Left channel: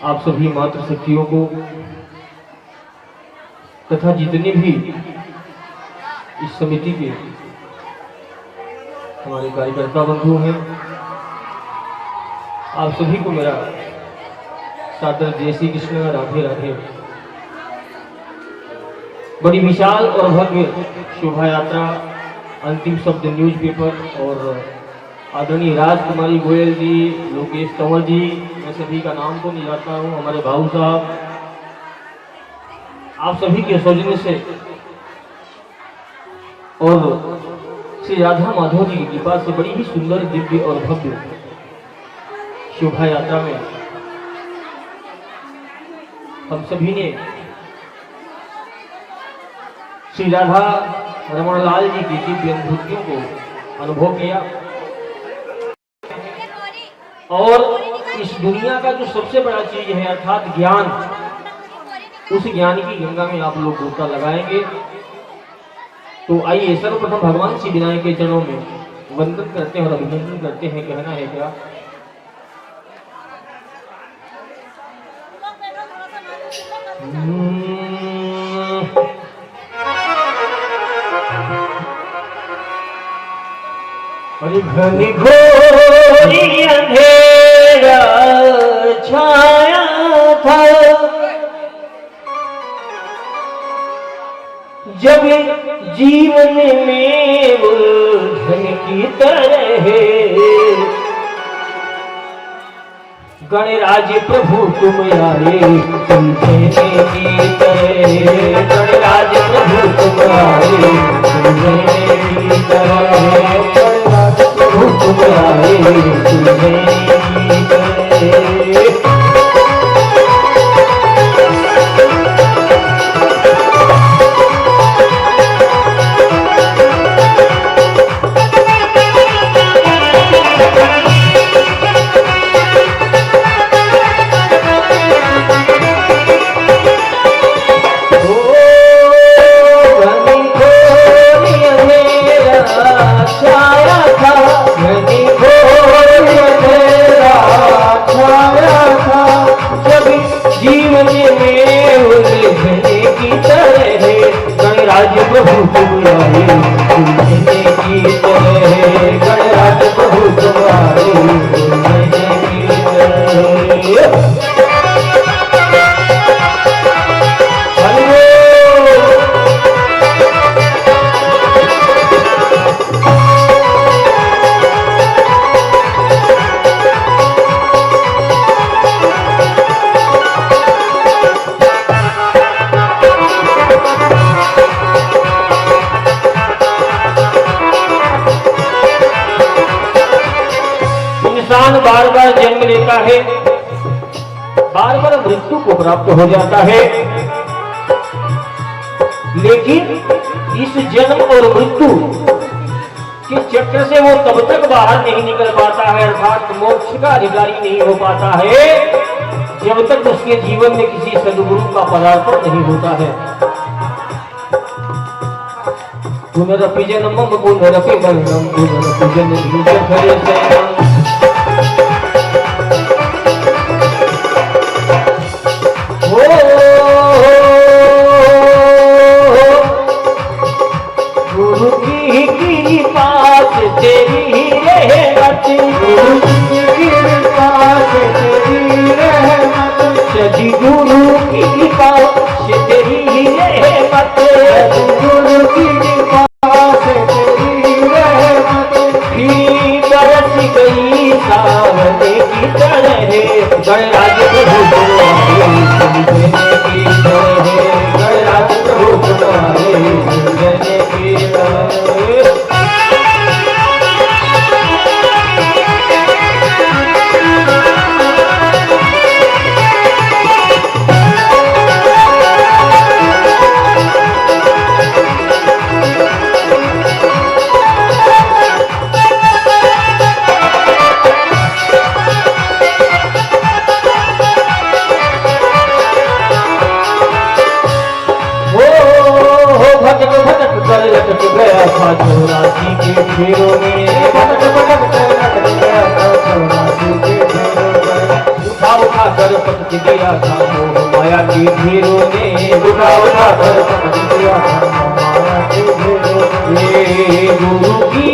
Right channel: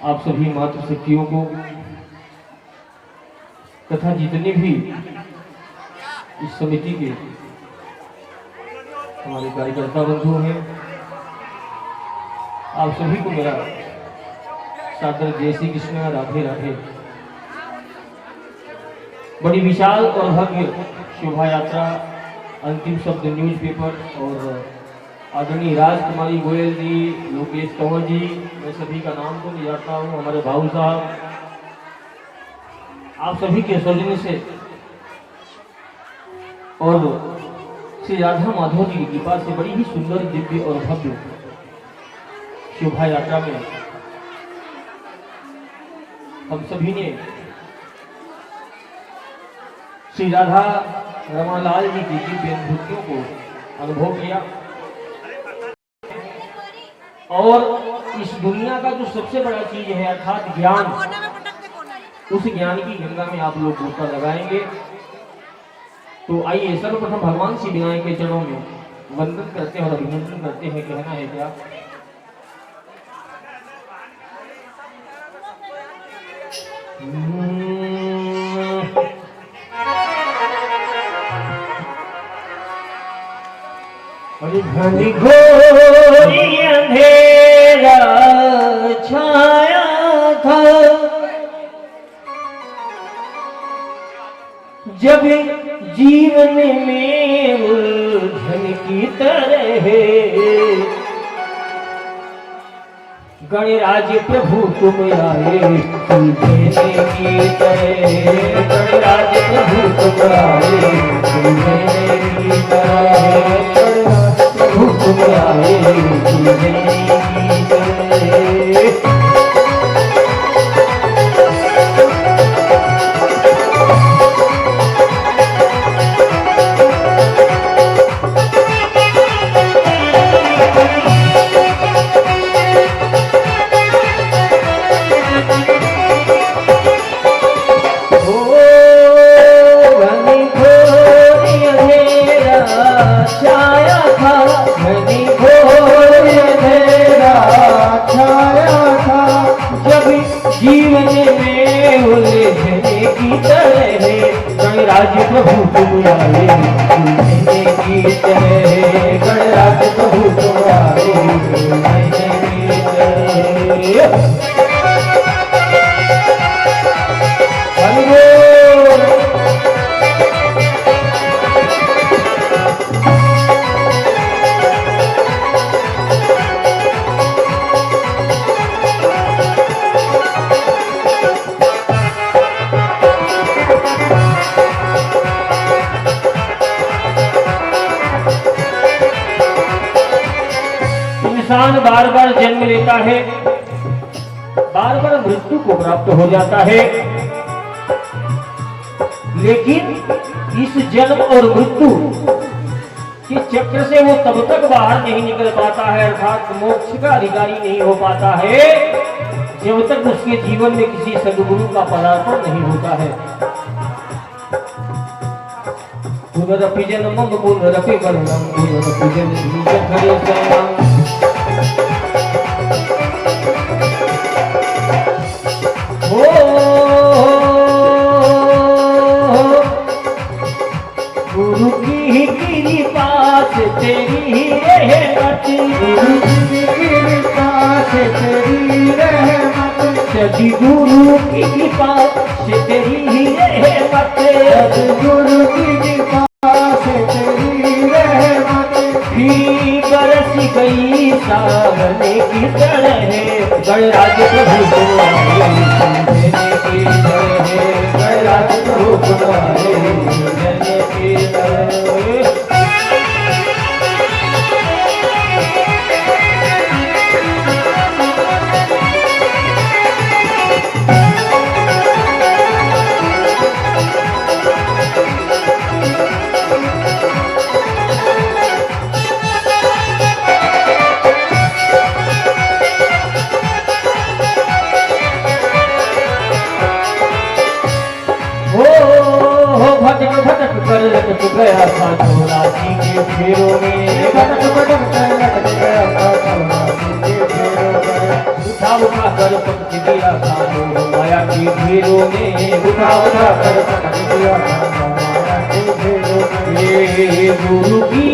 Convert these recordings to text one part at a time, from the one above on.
आप सभी मातृशक्तियों को तथा जितने भी इस समिति के हमारे कार्यकर्ता बंधु हैं, आप सभी को मेरा सादर जय श्री कृष्ण, राधे राधे। बड़ी विशाल और भव्य शोभा यात्रा, अंतिम शब्द न्यूज़पेपर और आदरणीय राजकुमारी गोयल जी, लोकेश कंवर जी, मैं सभी का नाम तो नहीं जानता हूँ, हमारे भाऊ साहब, आप सभी के सौजन्य से और श्री राधा माधव जी की कृपा से बड़ी ही सुंदर, दिव्य और भव्य शोभा यात्रा में हम सभी ने श्री राधा रमण लाल जी की दिव्य अनुभूतियों को अनुभव किया। और इस दुनिया का जो सबसे बड़ा चीज है अर्थात ज्ञान, उस ज्ञान की गंगा में आप लोग गोता लगाएंगे। तो आइए सर्वप्रथम भगवान श्री विनायक के चरणों में वंदन करते हैं और अभिनंदन करते हैं। कहना है क्या? घनी घोरी अंधेरा छाया था, जब जीवन में उलझन की तरह गणराज प्रभु तुम आए सुलझने की तरह, गणराज प्रभु तुम आए सुलझने की तरह, गणराज प्रभु तुम आए सुलझने की तरह। गणराज प्रभु तुम आए सुलझने की तरह, गणराज प्रभु तुम आए सुलझने की तरह। इंसान बार बार जन्म लेता है, बार बार मृत्यु को प्राप्त हो जाता है, लेकिन इस जन्म और मृत्यु के चक्र से वो तब तक बाहर नहीं निकल पाता है, अर्थात मोक्ष का अधिकारी नहीं हो पाता है, जब तक उसके जीवन में किसी सद्गुरु का पदार्पण नहीं होता है। पुनरपिजनम पुनरपिगणनम पुनरपिजन बीजफले शयनम। गुरु की कृपा से तेरी रहमत, गुरु की कृपा से तेरी रहमत, सजी गुरु की कृपा से तेरी रहमत, गुरु की कृपा से तेरी रहमत, फिर बरस गई सावन की तरह, गणराज प्रभु तुम आए सुलझने की तरह, गणराज प्रभु तुम आए सुलझने की तरह। भटक भटक कर लटक गया था झोला जी के फेरों में, भटक भटक कर लटक गया था झोला जी के फेरों में। उठा उठा कर पटक दिया था मोह माया की भीड़ों ने, उठा उठा कर पटक दिया था माया की भीड़ों ने। गुरु की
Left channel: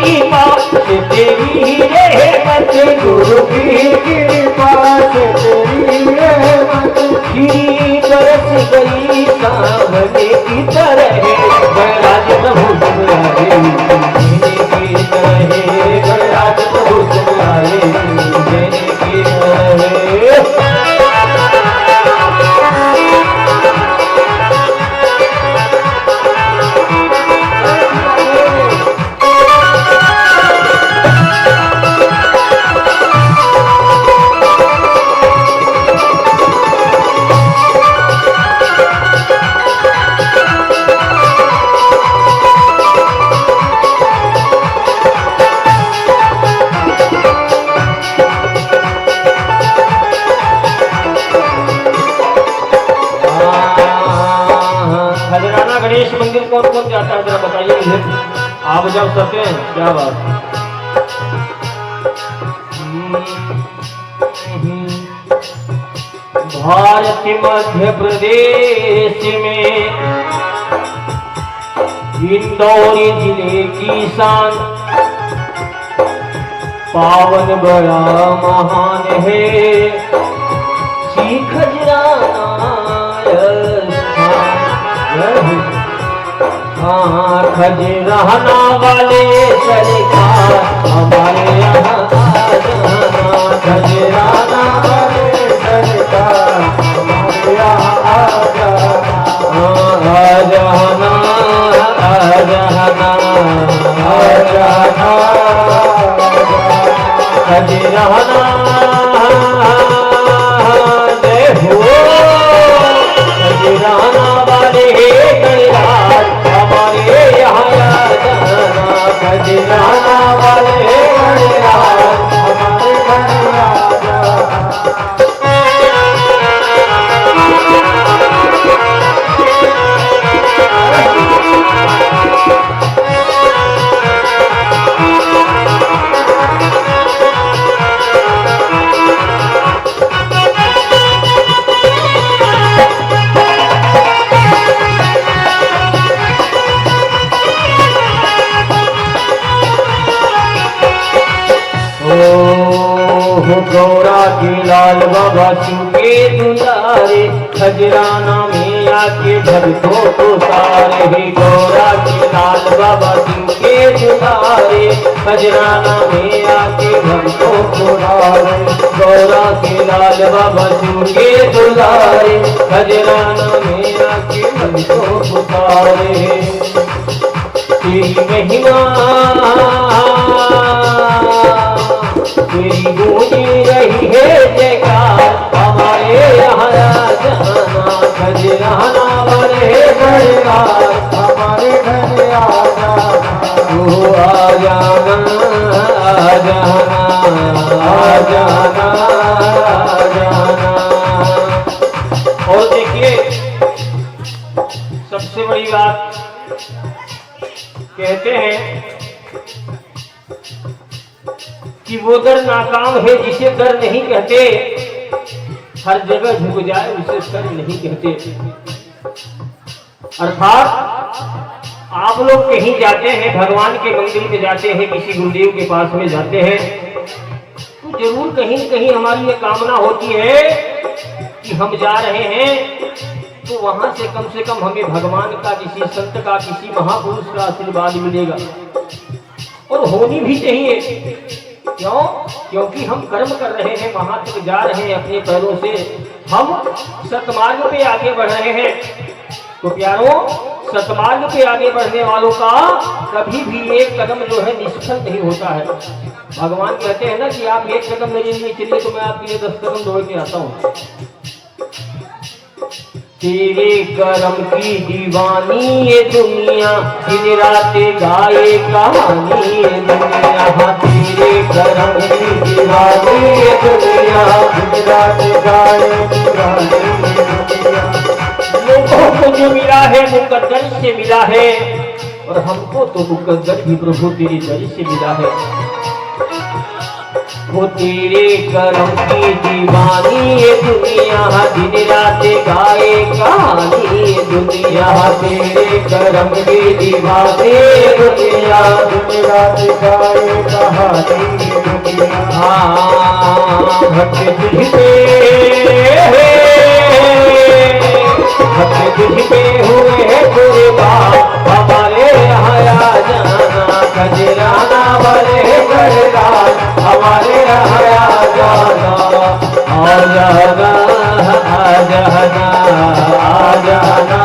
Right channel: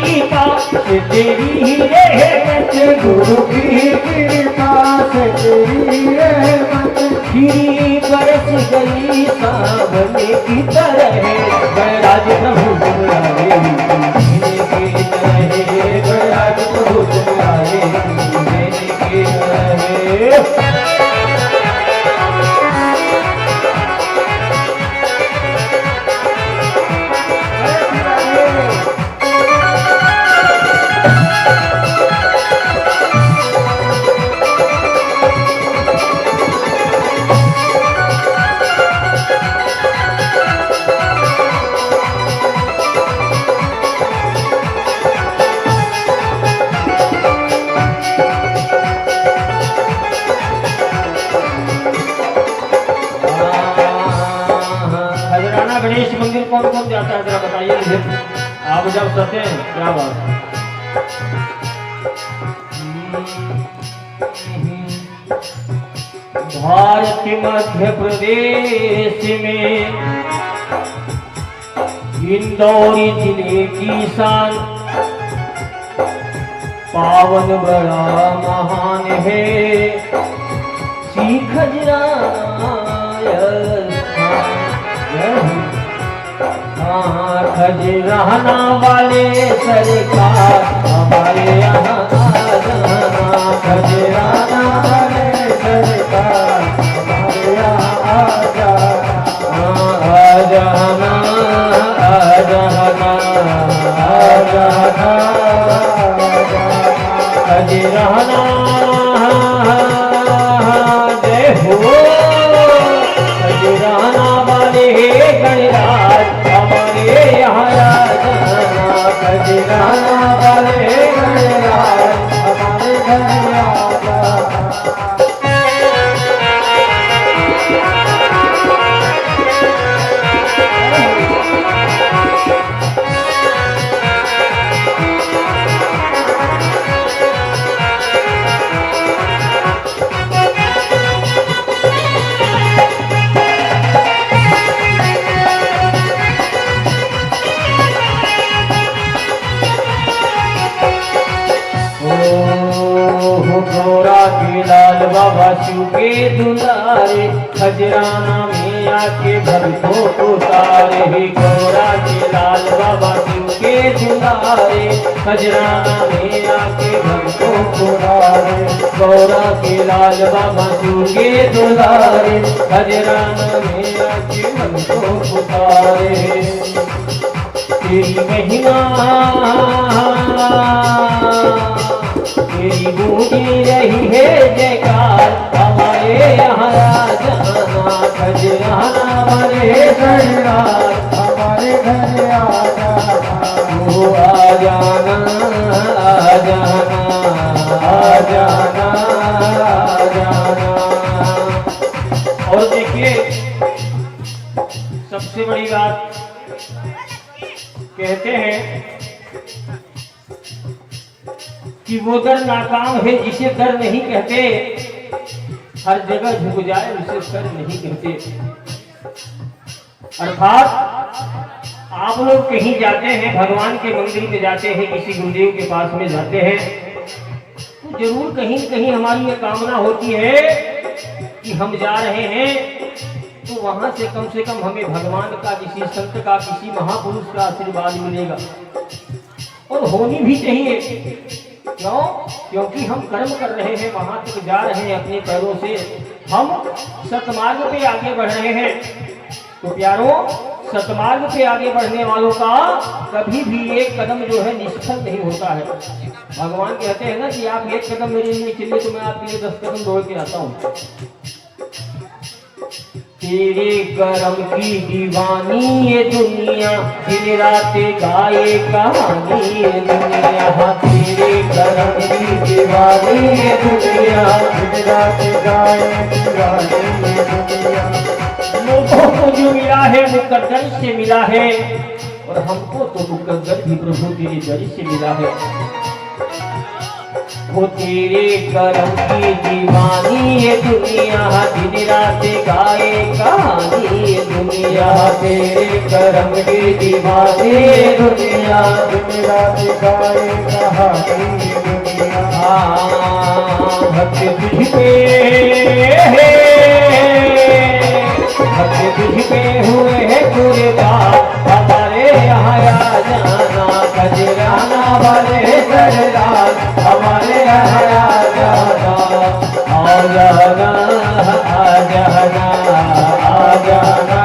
कृपा से तेरी रहमत, गुरु की कृपा से तेरी रहमत, गिरी बरस गई सावने की तरह, गणराज प्रभु तुम्हारे की तरह, गणराज प्रभु तुम्हारे की तरह। गणेश मंदिर कौन कौन जाता है जरा बताइए मुझे, आप जब सकते हैं क्या बात। भारत के मध्य प्रदेश में इंदौर जिले की शान पावन बड़ा महान है, श्री खजराना खजराना वाले सरकार हमारे यहाँ खजराना वाले सरकार हमारे यहाँ आ जाना, आ जाना, आ जाना, खजराना जय हो, खजराना वाले गणराज हमारे यहाँ आ जाना, खजराना वाले गणराज हमारे घर आ जाना। गौरा के लाल बाबा शिव के दुलारे, खजराना में आके भक्तों को तारे, गौरा के लाल बाबा शिव के दुलारे, खजराना में आके भक्तों को तारे, गौरा के लाल बाबा शिव के दुलारे, खजराना में आके भक्तों को तारे। तेरी महिमा तेरी गूंजी रही है जयकार हमारे यहाँ जाना, खजराना वाले परिवार हमारे घर आ जाना, तू आ जाना, आ जाना, आ जाना, आ जाना। और देखिए सबसे बड़ी बात कहते हैं कि वो दर नाकाम है जिसे दर नहीं कहते, हर जगह झुक जाए उसे सर नहीं कहते। अर्थात आप लोग कहीं जाते हैं, भगवान के मंदिर में जाते हैं, किसी गुरुदेव के पास में जाते हैं, तो जरूर कहीं कहीं हमारी ये कामना होती है कि हम जा रहे हैं तो वहां से कम हमें भगवान का, किसी संत का, किसी महापुरुष का आशीर्वाद मिलेगा। और होनी भी चाहिए। क्यों? क्योंकि हम कर्म कर रहे हैं, वहां तक जा रहे हैं अपने पैरों से, हम सतमार्ग पे आगे बढ़ रहे हैं। तो प्यारों, सतमार्ग पे आगे बढ़ने वालों का कभी भी एक कदम जो है निष्फल नहीं होता है। भगवान कहते हैं ना कि आप एक कदम मेरे लिए चलिए तो मैं आपके लिए 10 कदम दौड़ के आता हूँ। तेरे करम की दीवानी ये दुनिया, दिन रात गाए कहानी ये दुनिया, तेरे करम की दीवानी ये दुनिया, दिन रात गाए कहानी ये दुनिया। लोगों को जो मिला है मुकद्दर से मिला है, और हमको तो मुकद्दर भी प्रभु तेरे दर से मिला है। वो तेरे करम की दीवानी ये दुनिया, दिन रात गाए कहानी ये दुनिया। तेरे करम की दीवानी ये दुनिया, दिन रात गाए कहानी ये दुनिया। भक्त तुझ पे हुए हैं कुर्बान, हमारे यहाँ आ जाना खजराना वाले गरदान, हमारे यहाँ आ जाना आ जाना आ जाना आ जाना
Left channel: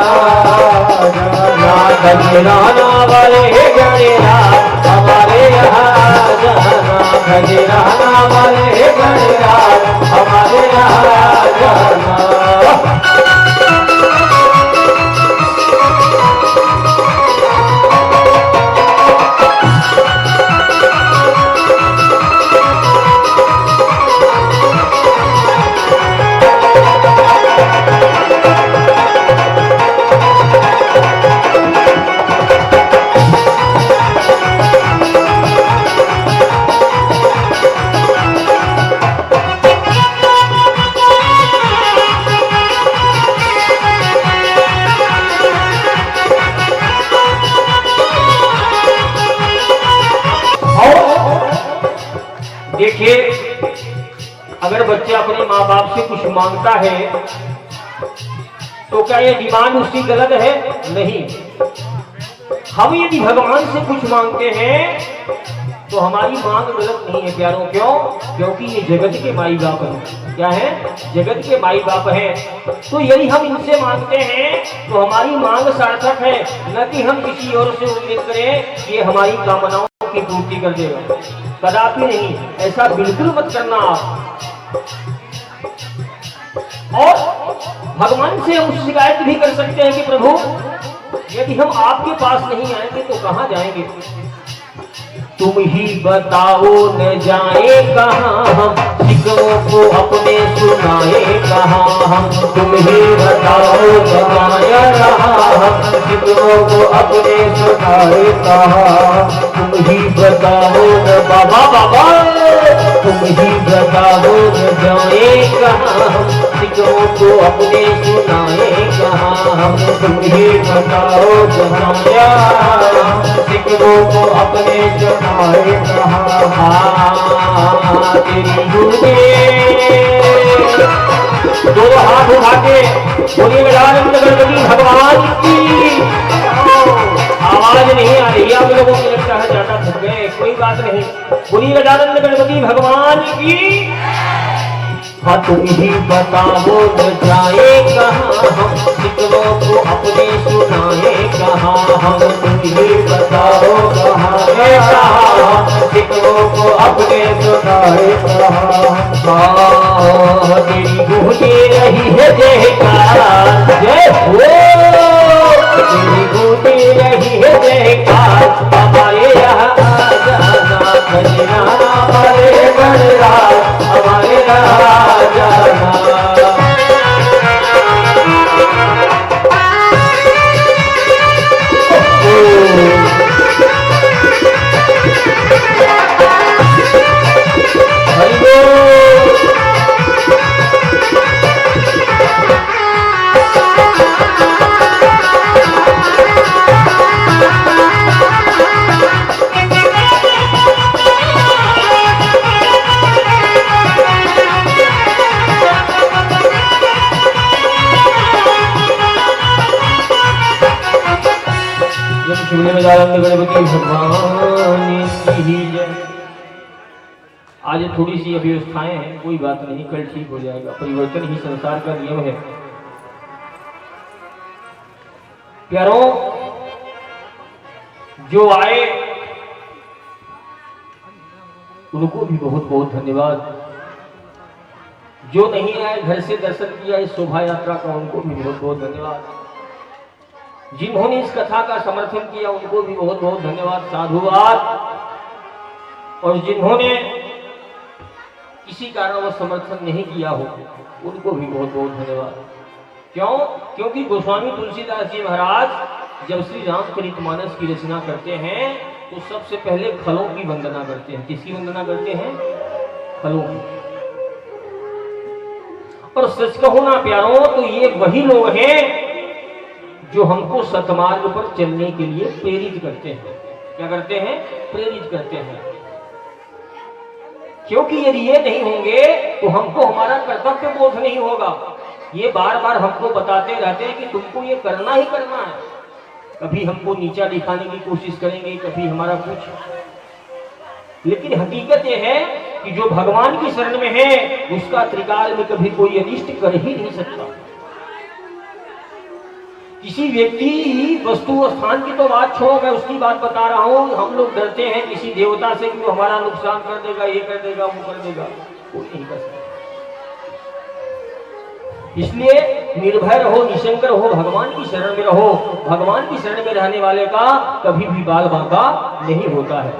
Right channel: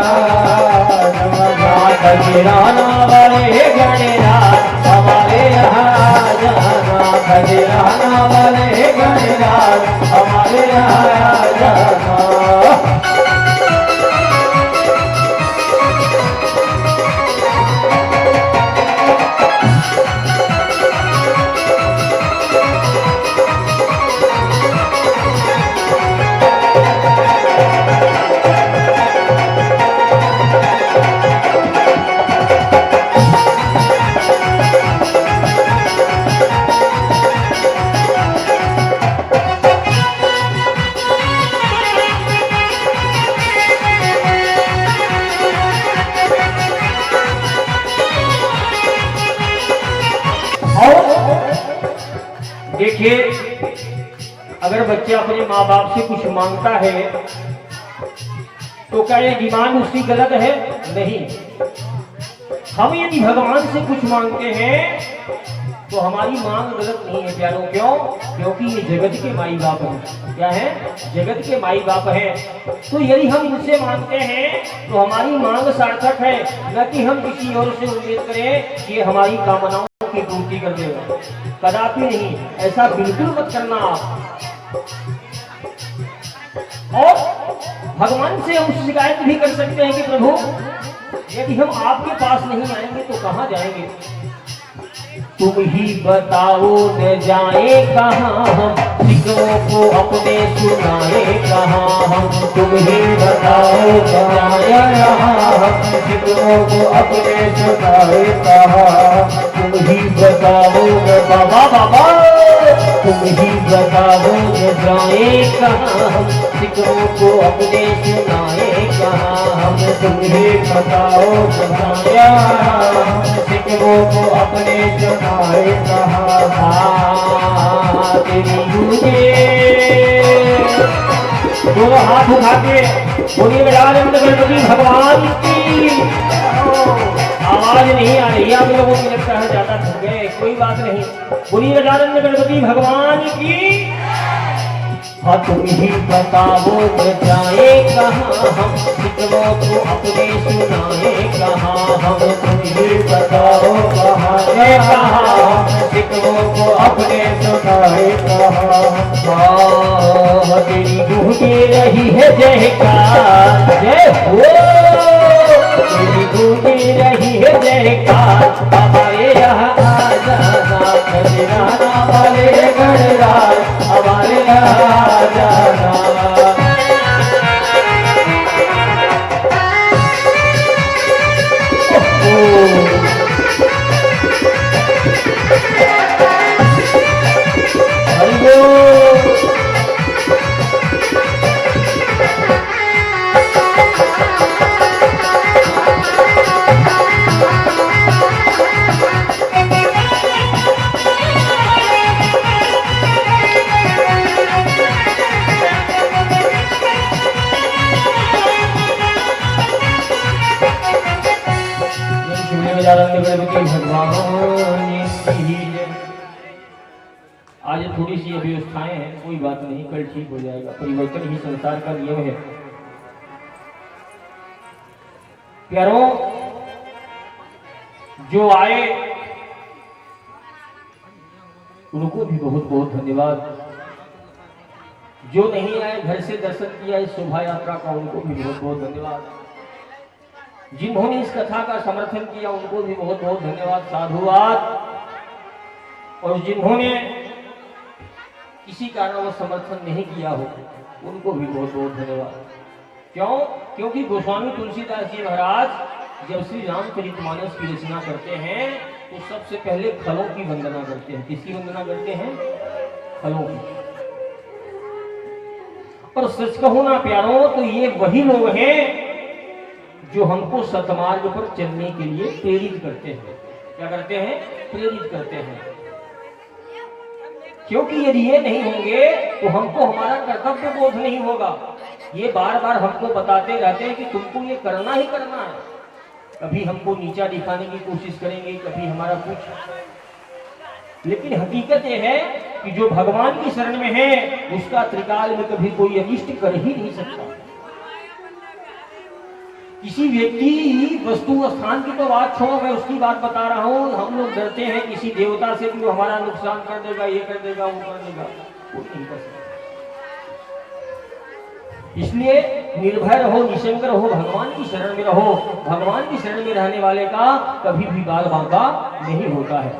खजराना वाले गरदान, हमारे यहाँ आ जाना खजराना वाले गरदान, हमारे यहाँ आ जाना। देखिए, अगर बच्चा अपने माँ बाप से कुछ मांगता है तो क्या ये डिमांड उसकी गलत है? नहीं। हम यदि भगवान से कुछ मांगते हैं तो हमारी मांग गलत नहीं है प्यारों। क्यों? क्योंकि ये जगत के माई बाप हैं। क्या है? जगत के माई बाप हैं। तो यदि हम इनसे मांगते हैं तो हमारी मांग सार्थक है, न कि हम किसी और से उम्मीद करें कि हमारी कामनाओं की पूर्ति कर दे। कदापि नहीं, ऐसा बिल्कुल मत करना आप। और भगवान से हम शिकायत भी कर सकते हैं कि प्रभु यदि हम आपके पास नहीं आएंगे तो कहां जाएंगे? तुम ही बताओ न जाए कहां हम, जिक्रों को अपने सुनाए कहां हम। तुम ही बताओ न जाए कहां हम, जिक्रों को अपने सुनाए कहां। तुम ही बताओ न बाबा बाबा, तुम ही बताओ न जाए कहां हम, जिक्रों को अपने सुनाए कहां हम। तुम ही बताओ न जाए जिक्रों को अपने सुनाए कहां। दोनों हाथ उठा के बोलिए गजानन गणपति भगवान की। आवाज नहीं आ रही, आप लोगों को लगता है ज्यादा थक गए, कोई बात नहीं। बोलिए गजानन गणपति भगवान की। हाँ, तुम ही बताओ न जाए कहां हम, जिक्रों को अपने सुनाए कहां हम। तुम ही बताओ कहां हम, जिक्रों को अपने सुनाए कहां। तेरी गूंजे रही है जयकार, जय हो। तेरी गूंजे रही है जयकार, हमारे यहाँ आ जाना खजराना वाले गणराज, हमारे यहाँ आ जाना। आज थोड़ी सी अव्यवस्थाएं हैं, कोई बात नहीं, कल ठीक हो जाएगा। परिवर्तन ही संसार का नियम है। प्यारों, जो आए उनको भी बहुत बहुत धन्यवाद। जो नहीं आए, घर से दर्शन किया इस शोभा यात्रा का, उनको भी बहुत बहुत धन्यवाद। जिन्होंने इस कथा का समर्थन किया उनको भी बहुत बहुत धन्यवाद, साधुवाद। और जिन्होंने किसी कारणवश समर्थन नहीं किया हो उनको भी बहुत बहुत धन्यवाद। क्यों? क्योंकि गोस्वामी तुलसीदास जी महाराज जब श्री रामचरितमानस की रचना करते हैं तो सबसे पहले खलों की वंदना करते हैं। किसकी वंदना करते हैं? फलों की। और सच कहो ना प्यारों, तो ये वही लोग हैं जो हमको सतमार्ग पर चलने के लिए प्रेरित करते हैं। क्या करते हैं? प्रेरित करते हैं। क्योंकि यदि ये नहीं होंगे तो हमको हमारा कर्तव्य बोध नहीं होगा। ये बार बार हमको बताते रहते हैं कि तुमको ये करना ही करना है। कभी हमको नीचा दिखाने की कोशिश करेंगे, कभी हमारा कुछ। लेकिन हकीकत ये है कि जो भगवान की शरण में है उसका त्रिकाल में कभी कोई अनिष्ट कर ही नहीं सकता। किसी व्यक्ति वस्तु स्थान की तो बात छोड़, मैं उसकी बात बता रहा हूं। हम लोग डरते हैं किसी देवता से कि वो हमारा नुकसान कर देगा, ये कर देगा, वो कर देगा। कोई नहीं कर सकता। इसलिए निर्भय रहो, निशंक रहो, भगवान की शरण में रहो। भगवान की शरण में रहने वाले का कभी भी बाल बांका नहीं होता है।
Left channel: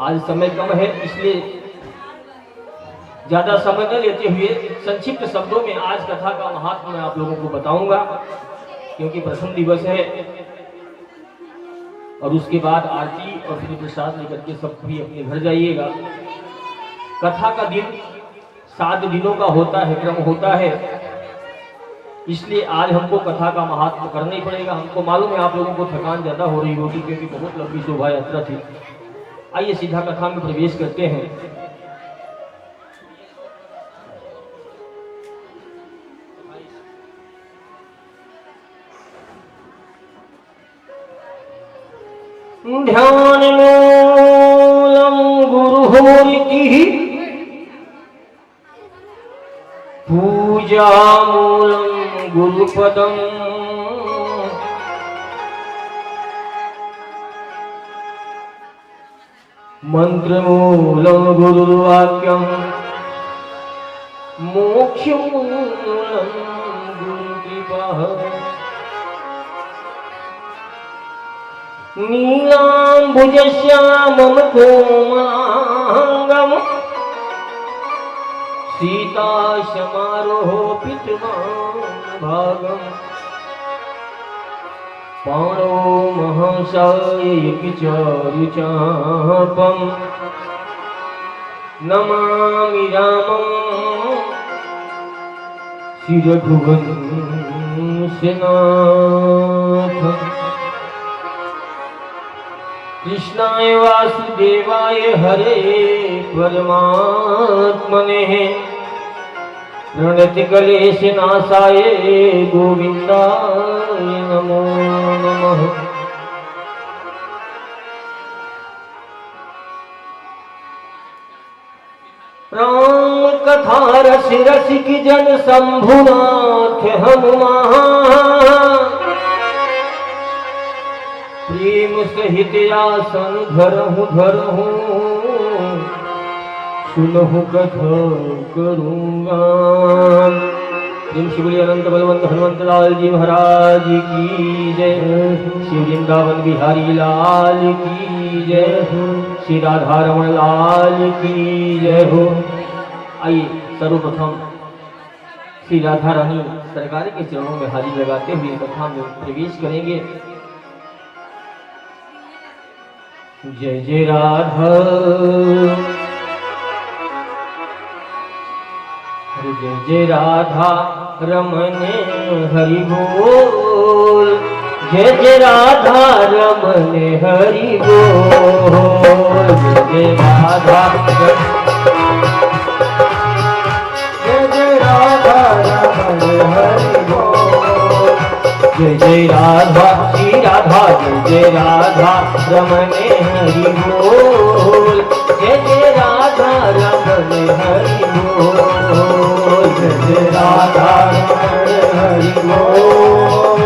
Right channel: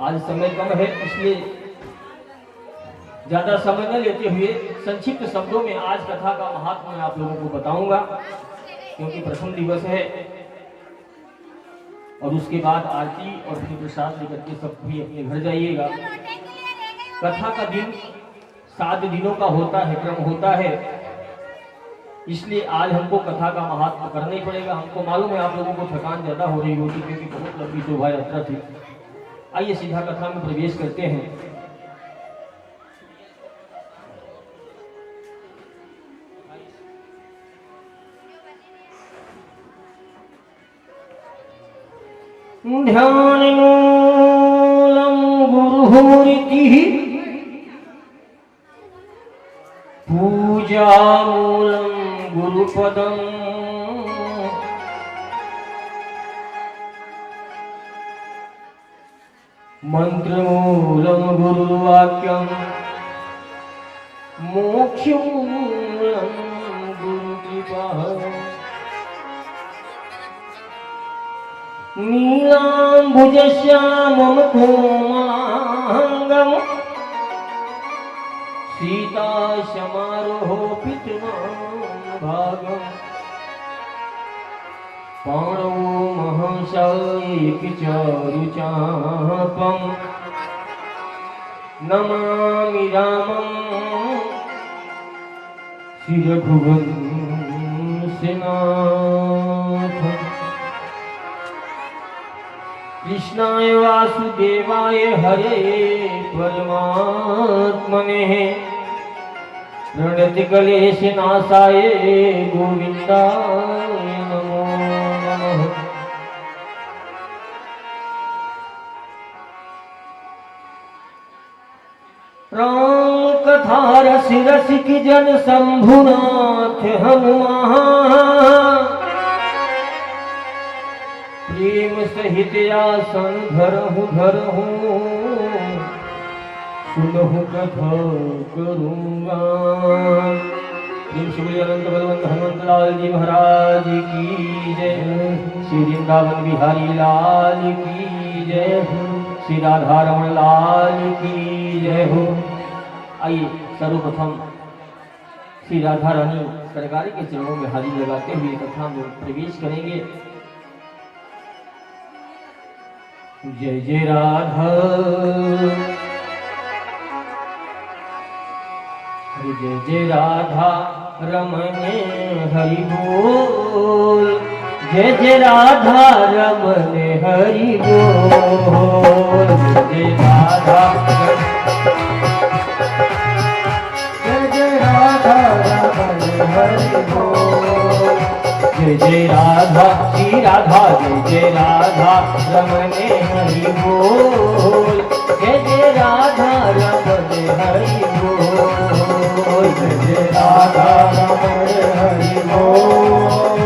आज समय कम है, इसलिए ज्यादा समय न लेते हुए संक्षिप्त शब्दों में आज कथा का महात्मा मैं आप लोगों को बताऊंगा, क्योंकि प्रथम दिवस है और उसके बाद आरती और फिर प्रसाद लेकर के सब भी अपने घर जाइएगा। कथा का दिन 7 दिनों का होता है, क्रम होता है। इसलिए आज हमको कथा का महात्मा करना ही पड़ेगा। हमको मालूम है आप लोगों को थकान ज्यादा हो रही होगी, क्योंकि बहुत लंबी शोभा यात्रा थी। आइए सीधा कथा में प्रवेश करते हैं। ध्यान मूलम गुरुरिति पूजा मूलम गुरुपदम मंत्र मूलम गुरुवाक्यम मोक्ष मूलम गुरुकृपा नीलाम्बुजश्यामं कोमांगं सीता समारोहोपितभागं पाणो महंसायेऽपि च रुचापं नमामि रामं श्रीरघुवंशनाथम्। कृष्णाय वासुदेवाय हरे परमात्मने प्रणतिक्लेशनाशाय गोविन्दाय नमो नमः। राम कथा रस रसिक जन शंभुनाथ हनुमान प्रेम सहित आसन धरहु सुनहु कथा करूंगा। श्री शिवली अनंत बलवंत हनुमंत लाल जी महाराज की जय। श्री वृंदावन बिहारी लाल की जय। श्री राधा रमन लाल की जय हो। आइए सर्वप्रथम श्री राधा रानी सरकार के चरणों में हाजिर लगाते हुए कथा में प्रवेश करेंगे। जय जय राधा, जय जय राधा रमन हरि बोल। जय जय राधा रमन हरि बोल। जय राधा, जय जय राधा रमन हरि बोल। जय जय राधा श्री राधा, जय जय राधा रमन हरि बोल। जय जय राधा रमन हरि बोल। जय जय राधा रमन हरि बोल।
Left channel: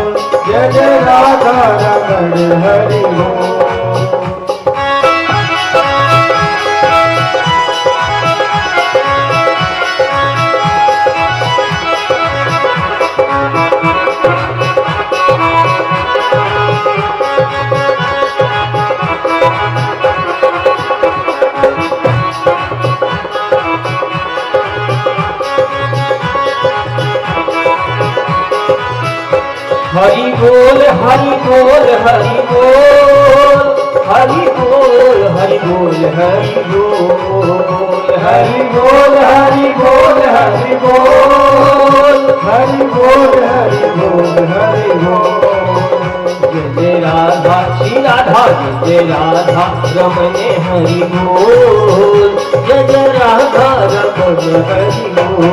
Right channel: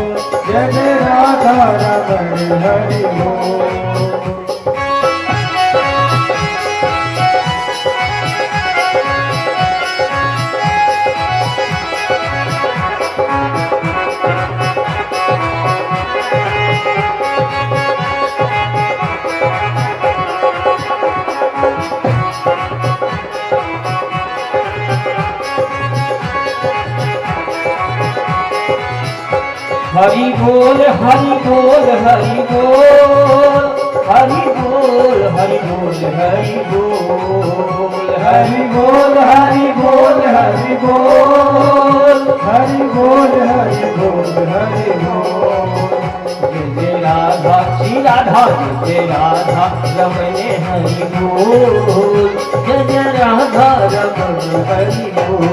जय जय राधा रमन हरि बोल। हरि बोल हरि बोल हरि बोल। हरि बोल हरि बोल हरि बोल हरि बोल हरि बोल हरि बोल हरि बोल हरि बोल हरि बोल जय राधा श्री राधा जय राधा रमण हरि बोल जय राधा रमण हरि बोल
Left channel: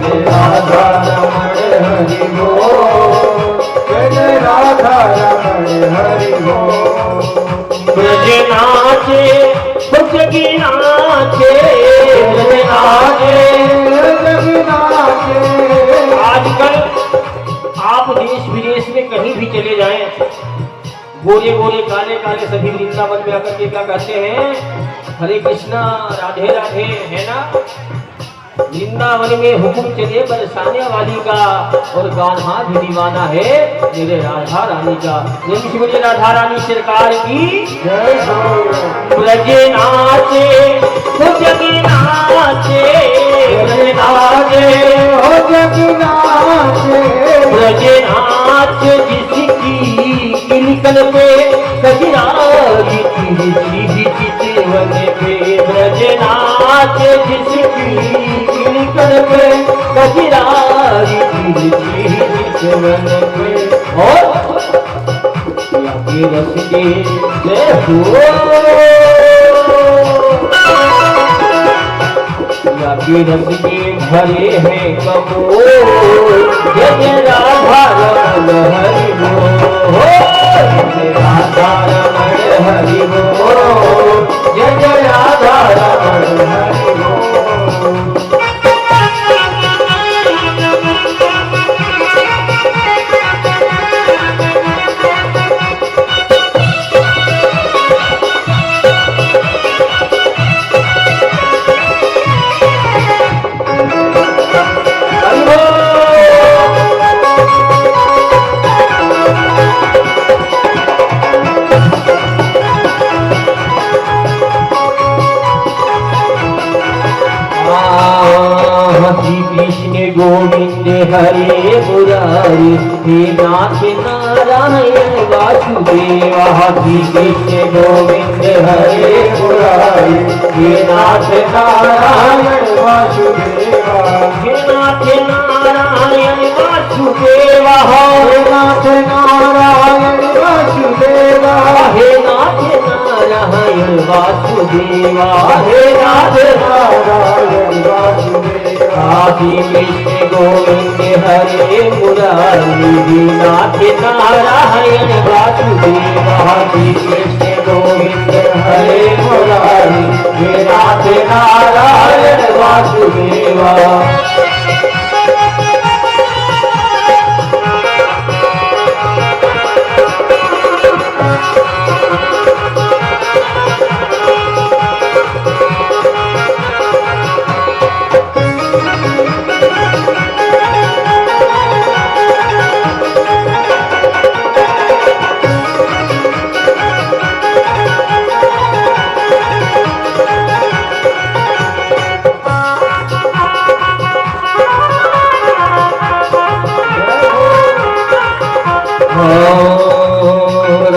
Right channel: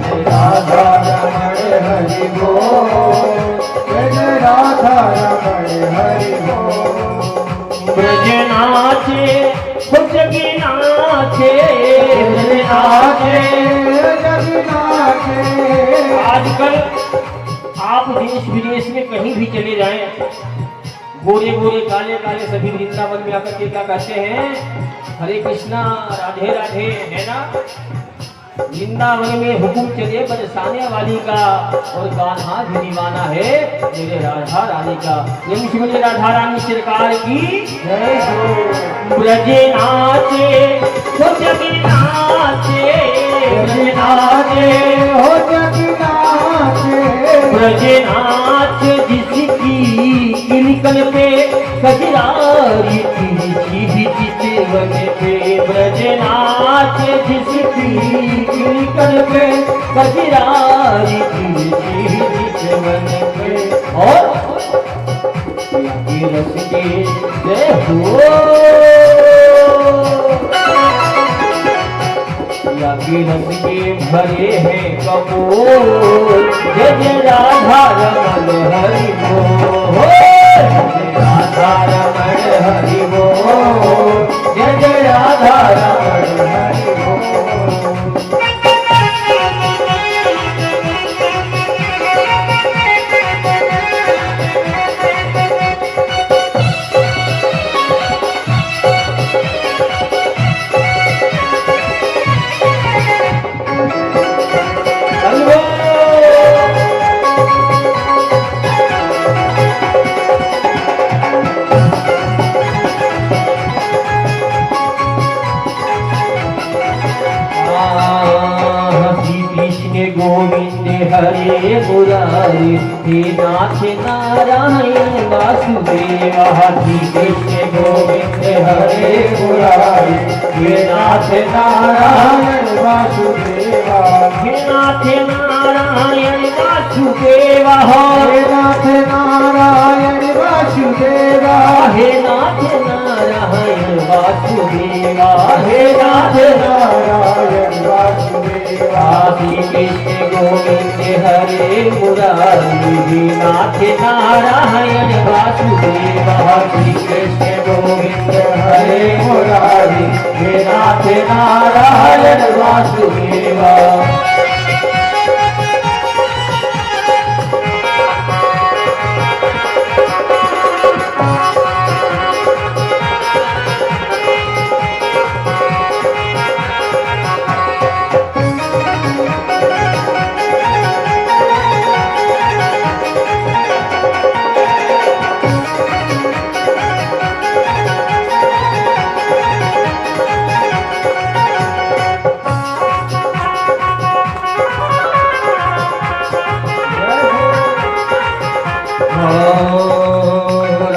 जय राधा रमण हरि बोल जय राधा रमण हरि बोल ब्रज नाचे जगी नाचे ब्रज नाचे जगी नाचे आजकल आप देश विदेश में कहीं भी चले जाएं, गोरे गोरे काले काले सभी वृंदावन में आकर के क्या कहते हैं, हरे कृष्णा राधे राधे, है ना। वृंदावन में हुकुम चले बरसाने वाली का और गाना भी दीवाना है मेरे राधा रानी का। मुझे राधा रानी सरकार की जय हो ब्रज नाचे तो जगी नाचे ब्रज नाचे हो जगी नाचे ब्रज नाच जिसकी किलकल पे कजरारी चितवन पे ब्रज नाच जिसकी किलकल पे कजरारी चितवन पे और लगे रस के जय हो लगे रस के भरे हैं कपोल जय राधा रमण हरि बोल जय राधा रमण हरि बोल जय राधा रमण हरि बोल गोविंद हरे मुरारी हे नाथ नारायण वासुदेवा हरि कृष्ण गोविंद हरे मुरारी हे नाथ नारायण वासुदेवा हे नाथ नारायण वासुदेवा हे नाथ नारायण वासुदेवा हे नाथ नारायण वासुदेवा हे नाथ नारायण वासुदेवा कृष्ण गोविंद हरे मुरारी हे नाथ नारायण वासुदेवा कृष्ण गोविंद हरे मुरारी हे नाथ नारायण वासुदेवा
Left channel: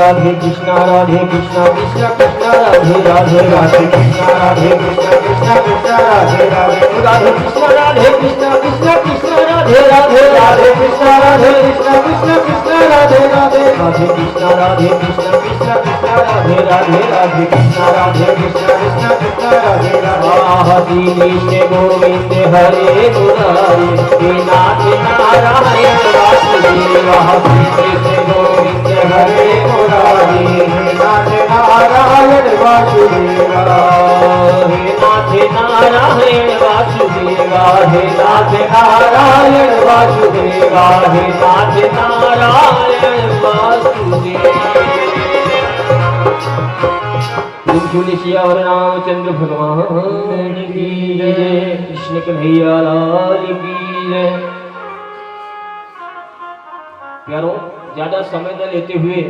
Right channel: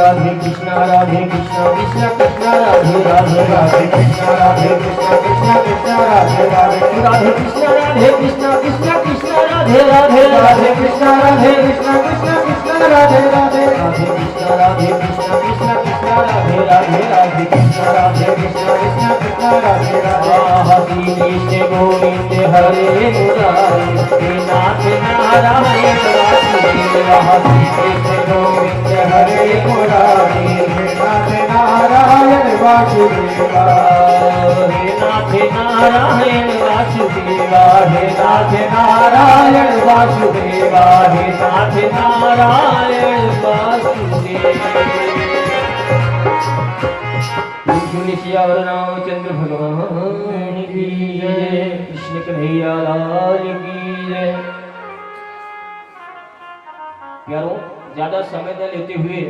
राधे कृष्णा कृष्णा कृष्णा राधे राधे राधे कृष्णा राधे कृष्णा कृष्णा कृष्णा राधे राधे राधे कृष्णा राधे कृष्णा कृष्णा कृष्णा राधे राधे राधे कृष्णा राधे कृष्णा कृष्णा कृष्णा राधे राधे राधे कृष्णा राधे कृष्णा कृष्णा कृष्णा राधे राधे राधे कृष्णा राधे कृष्णा कृष्णा कृष्णा राधे राधे हरि कृष्ण गोविंद हरे मुरारी हे नाथ नारायण वासुदेवा हरि कृष्ण गोविंद हरे मुरारी हे नाथ नारायण वासुदेवा हे नाथ नारायण वासुदेवा हे नाथ नारायण वासुदेवा हे नाथ नारायण वासुदेवा तुलसियावर रामचंद्र भगवान की जय कृष्ण कन्हैया लाल की जय। प्यारों ज्यादा समय न लेते हुए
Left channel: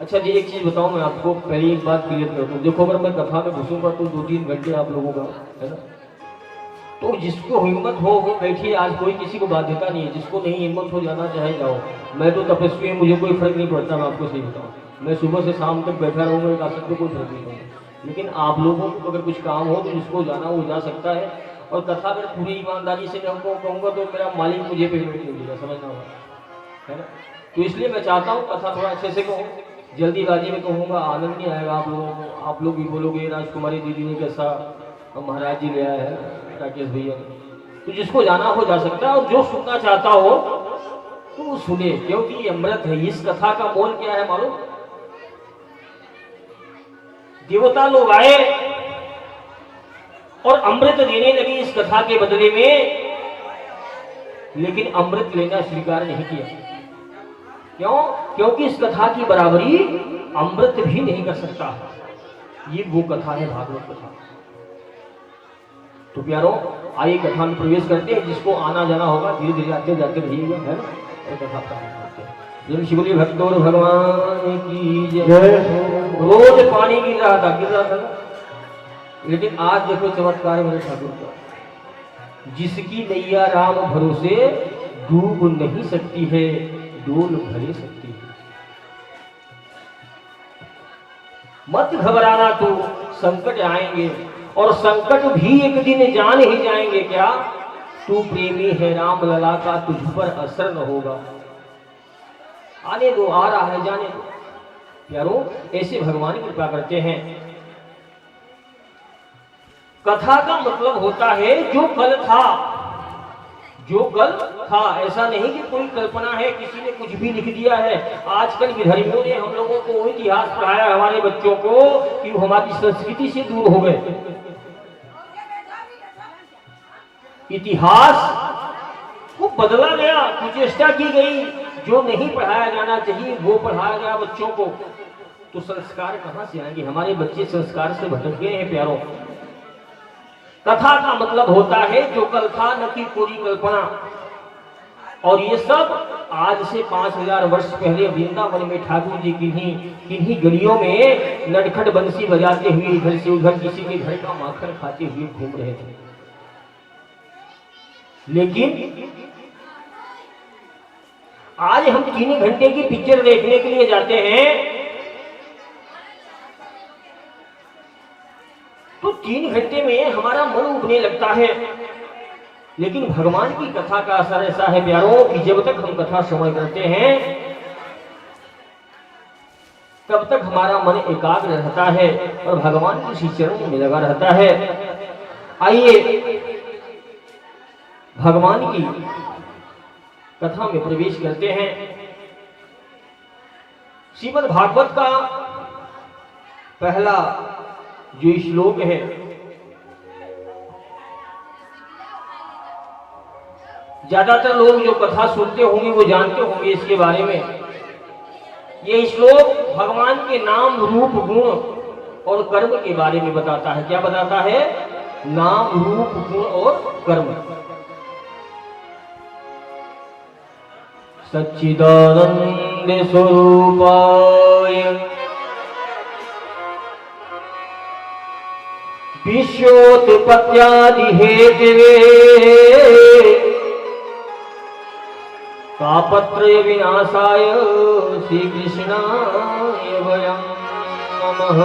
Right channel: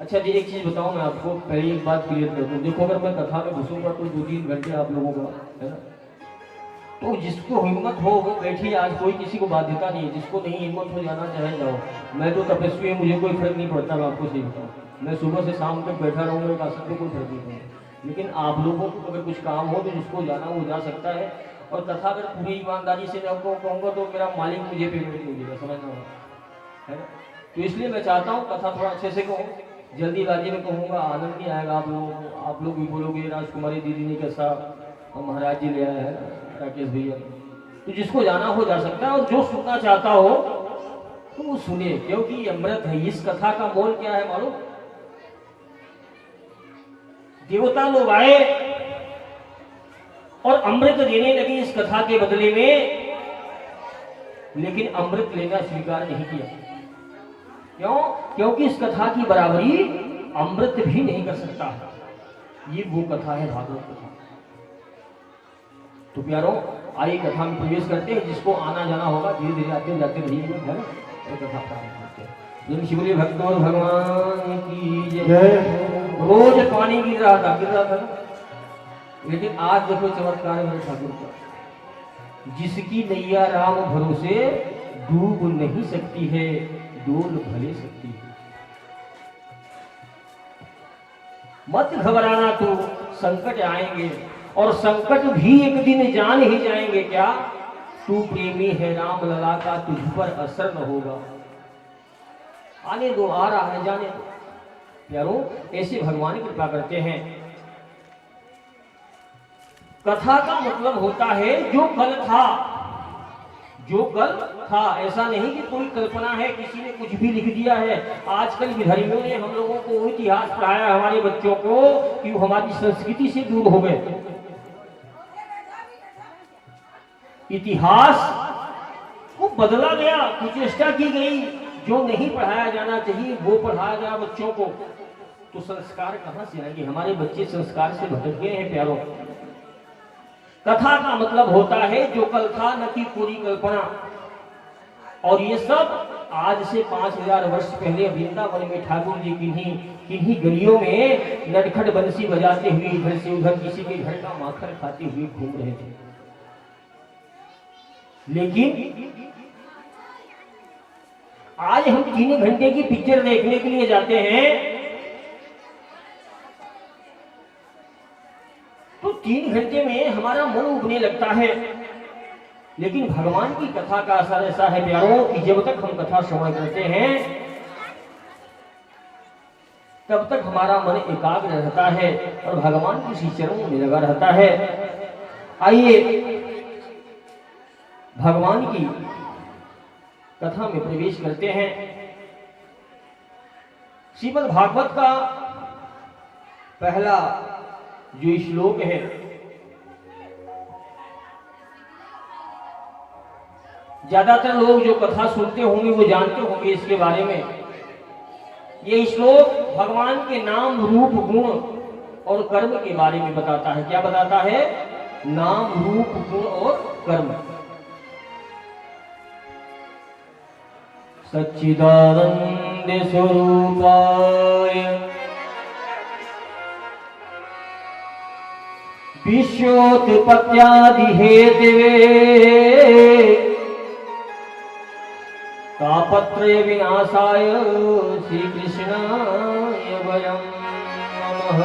अच्छा जी एक चीज बताऊं मैं आपको, पहले एक बात क्लियर कर दूं। देखो अगर मैं कथा में घुसूंगा तो 2-3 घंटे आप लोगों का है ना, तो जिसको हिम्मत हो वो बैठिए। आज कोई किसी को बाध्यता नहीं है, जिसको नहीं हिम्मत हो जाना चाहे जाओ। मैं तो तपस्वी हूँ, मुझे कोई फर्क नहीं पड़ता, मैं आपको सही बताऊँ। मैं सुबह से शाम तक बैठा रहूंगा एक आसन पे कोई फर्क नहीं पड़ेगा। लेकिन आप लोगों को अगर कुछ काम हो तो जिसको जाना हो जा सकता है। और कथा अगर पूरी ईमानदारी से मैं कहूँगा तो मेरा मालिक मुझे पेमेंट नहीं देगा, समझना होगा, है ना। तो इसलिए मैं चाहता हूँ कथा थोड़ा अच्छे से कहूँ, जल्दीबाजी में कहूँगा आनंद नहीं आएगा आप लोगों को। आप लोग भी बोलोगे राजकुमारी दीदी ने कैसा महाराज जी ले आया है राकेश भैया। तो जिसको जाना हो जा सकता है और जो सुनना चाहता हो तो वो सुने, क्योंकि ये अमृत है। इस कथा का मोल क्या है मालूम? देवता लोग आए और अमृत देने लगे इस कथा के बदले में, लेकिन अमृत लेना स्वीकार नहीं किया। क्यों? क्योंकि इस कथा की बराबरी अमृत भी नहीं कर सकता। ये वो कथा है भागवत कथा। तो प्यारों आइए कथा में प्रवेश करते हैं। जिसको आना जाना होगा धीरे धीरे आते जाते रहिएगा, है ना। और कथा प्रारंभ करते हैं। शिवली भक्तों भगवान की जय। रोज पानी गिर रहा था, लेकिन आज देखो चमत्कार मेरे ठाकुर का। जिसकी नैया राम भरोसे डूब नहीं सकती है, डोल भरे सकती है। मत घबराना तू, संकट आएंगे और संकट भी एक दिन जान ही जाएंगे। क्या तू प्रेमी है राम लला का, तुझ पर असर न होगा। आने दो, आ रहा है, जाने दो। प्यारों ऐसे भगवान कृपा करते हैं। कथा का मतलब होता है जो कल था, जो कल था। ऐसा नहीं कि कोई कल्पना है, किसी ने कुछ भी लिख दिया है। आजकल विधर्मियों ने हम लोगों को इतिहास पढ़ाया हमारे बच्चों को कि वो हमारी संस्कृति से दूर हो गए। इतिहास को बदला गया, कुचेष्टा की गई। जो नहीं पढ़ाया जाना चाहिए वो पढ़ाया गया बच्चों को। तो संस्कार कहां से आएंगे? हमारे बच्चे संस्कार से भटक गए हैं प्यारों। कथा का मतलब होता है जो कल था, न कि पूरी कल्पना। और ये सब आज से 5000 वर्ष पहले वृंदावन में ठाकुर जी किन्हीं गलियों में नटखट बंसी बजाते हुए इधर से उधर किसी के घर का माखन खाते हुए घूम रहे थे। लेकिन आज हम 3 घंटे की पिक्चर देखने के लिए जाते हैं तो 3 घंटे में हमारा मन उबने लगता है। लेकिन भगवान की कथा का असर ऐसा है प्यारों कि जब तक हम कथा श्रवण करते हैं तब तक हमारा मन एकाग्र रहता है और भगवान की श्री चरणों में लगा रहता है। आइए भगवान की कथा में प्रवेश करते हैं। श्रीमद् भागवत का पहला जो श्लोक है, ज्यादातर लोग जो कथा सुनते होंगे वो जानते होंगे इसके बारे में। ये श्लोक भगवान के नाम रूप गुण और कर्म के बारे में बताता है। क्या बताता है? नाम रूप गुण और कर्म। सच्चिदानंद स्वरूपाय विश्वोत्पत्त्यादि हेतवे तापत्रय विनाशाय श्री कृष्णाय वयं नमः।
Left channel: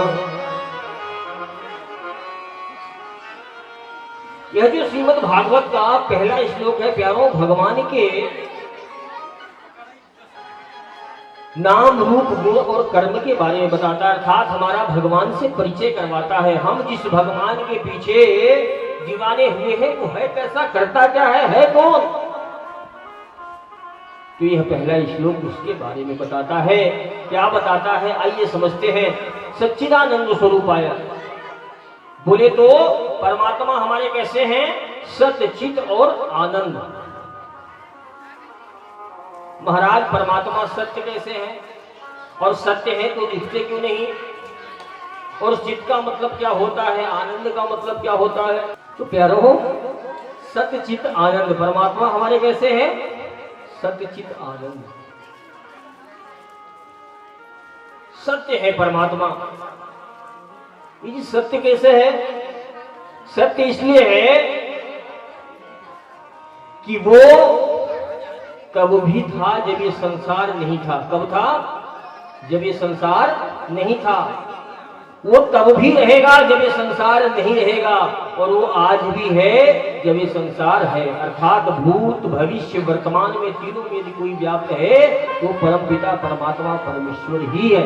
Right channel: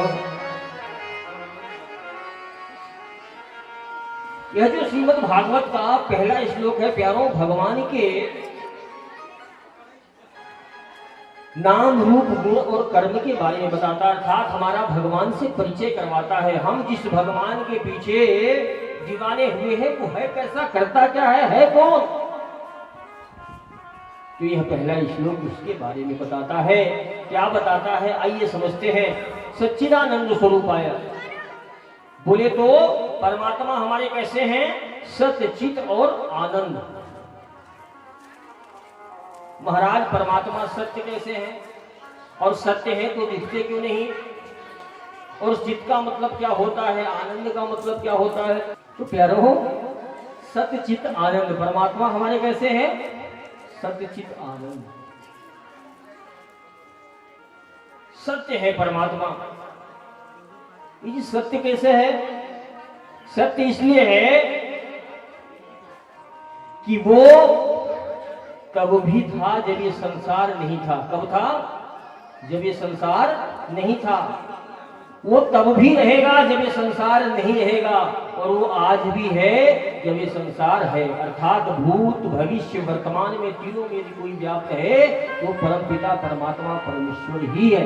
यह जो श्रीमद् भागवत का पहला श्लोक है प्यारों, भगवान के नाम रूप गुण और कर्म के बारे में बताता है, अर्थात हमारा भगवान से परिचय करवाता है। हम जिस भगवान के पीछे दीवाने हुए हैं वो है कैसा, करता क्या है कौन। तो यह पहला श्लोक उसके बारे में बताता है। क्या बताता है आइए समझते हैं। सच्चिदानंद स्वरूपाय, बोले तो परमात्मा हमारे कैसे हैं? सत्य चित और आनंद। महाराज परमात्मा सत्य कैसे हैं? और सत्य है तो दिखते क्यों नहीं? और चित्त का मतलब क्या होता है? आनंद का मतलब क्या होता है? तो प्यारों सत्य चित्त आनंद, परमात्मा हमारे कैसे हैं? सत्य चित्त आनंद। सत्य है परमात्मा। ये सत्य कैसे है? सत्य इसलिए है कि वो तब भी था जब ये संसार नहीं था। कब था? जब ये संसार नहीं था, वो तब भी रहेगा जब ये संसार नहीं रहेगा, और वो आज भी है जब ये संसार है। अर्थात भूत भविष्य वर्तमान में तीनों में यदि कोई व्याप्त है वो परम पिता परमात्मा परमेश्वर ही है।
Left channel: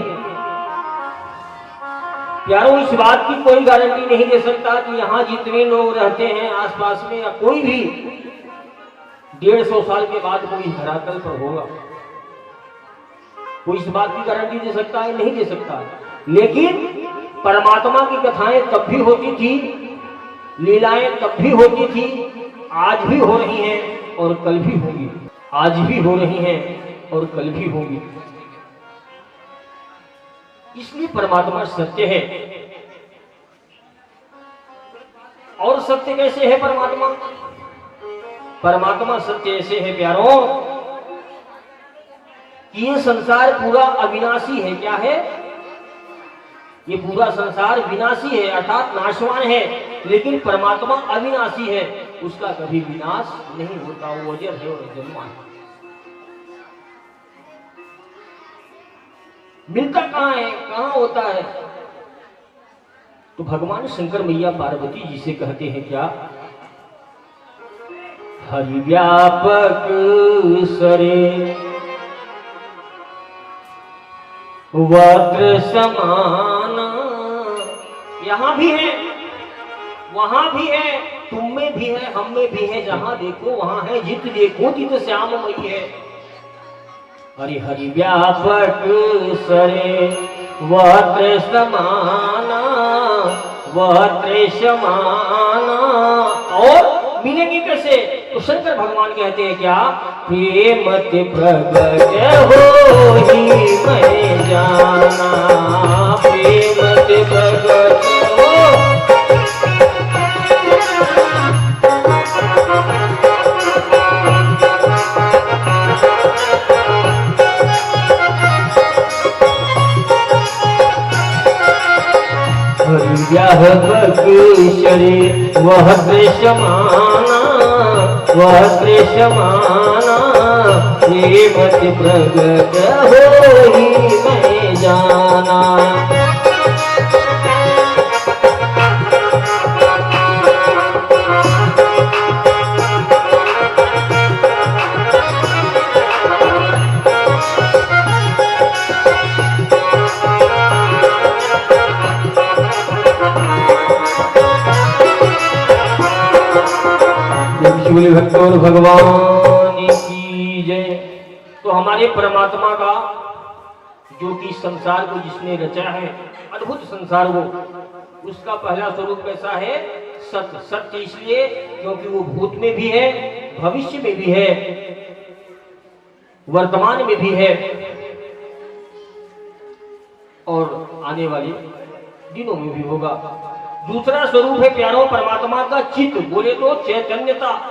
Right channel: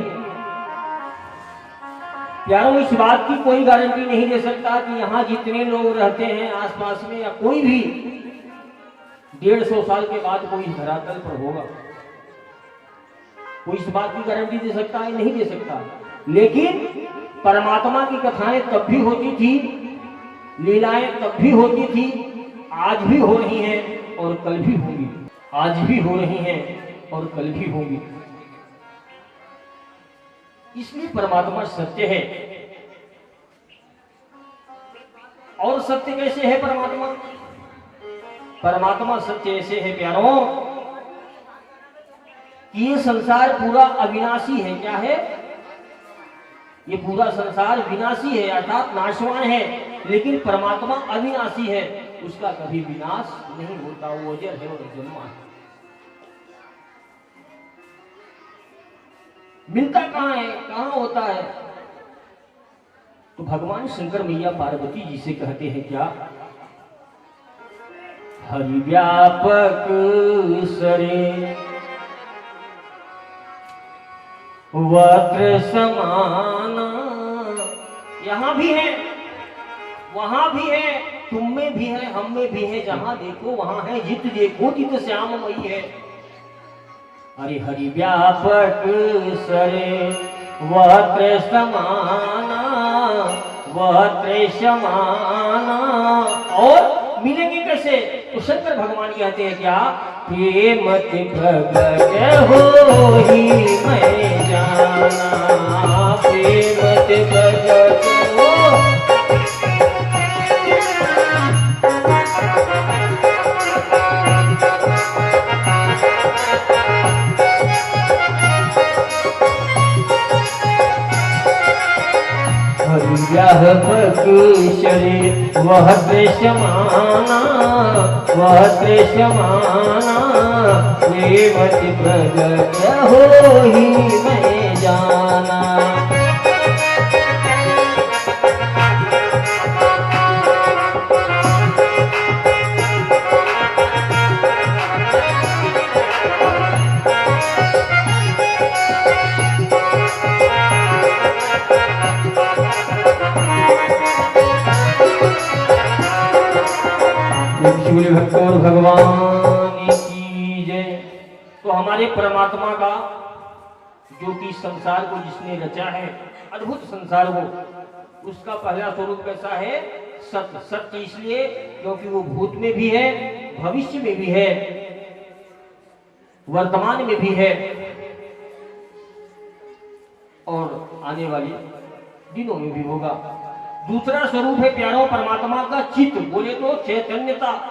प्यारों, इस बात की कोई गारंटी नहीं दे सकता कि यहाँ जितने लोग रहते हैं आसपास में, या कोई भी 150 साल के बाद कोई धरातल पर होगा। कोई इस बात की गारंटी दे सकता है? नहीं दे सकता। लेकिन परमात्मा की कथाएं तब भी होती थी, लीलाएं तब भी होती थी, आज भी हो रही हैं और कल भी होंगी। आज भी हो रही हैं और कल भी होंगी। इसलिए परमात्मा सत्य है। और सत्य कैसे है परमात्मा? परमात्मा सत्य ऐसे है प्यारों कि ये संसार पूरा अविनाशी है। क्या है? ये पूरा संसार विनाशी है, अर्थात नाशवान है, लेकिन परमात्मा अविनाशी है, उसका कभी विनाश नहीं होता। वो अजर है और अजन्मा है। मिलता कहाँ है, कहाँ होता है? तो भगवान शंकर मैया पार्वती जी से कहते हैं क्या? हरि व्यापक सरे वक्र समाना। यहां भी है, वहां भी है, तुम में भी है, हम में भी है। जहां देखो वहां है, जित देखो तित श्याममयी है। हरि हरि व्यापक सरे वक्र समाना, वक्र समाना। और मिलेंगे कैसे? तो शंकर भगवान कहते हैं क्या? प्रेम ते प्रगट होई मैं जाना, प्रेम ते प्रगट हो। व्यापक शरे वह दृश्यमाना, वह दृश्यमाना। प्रेमत प्रगट होई मैं जाना। भक्तों भगवान की जय। तो हमारे परमात्मा का, जो कि संसार को जिसने रचा है, अद्भुत संसार वो, उसका पहला स्वरूप कैसा है? सत्य। सत्य इसलिए क्योंकि वो भूत में भी है, भविष्य में भी है, वर्तमान में भी है, और आने वाले दिनों में भी होगा। दूसरा स्वरूप है प्यारों परमात्मा का चित्त, बोले तो चैतन्यता।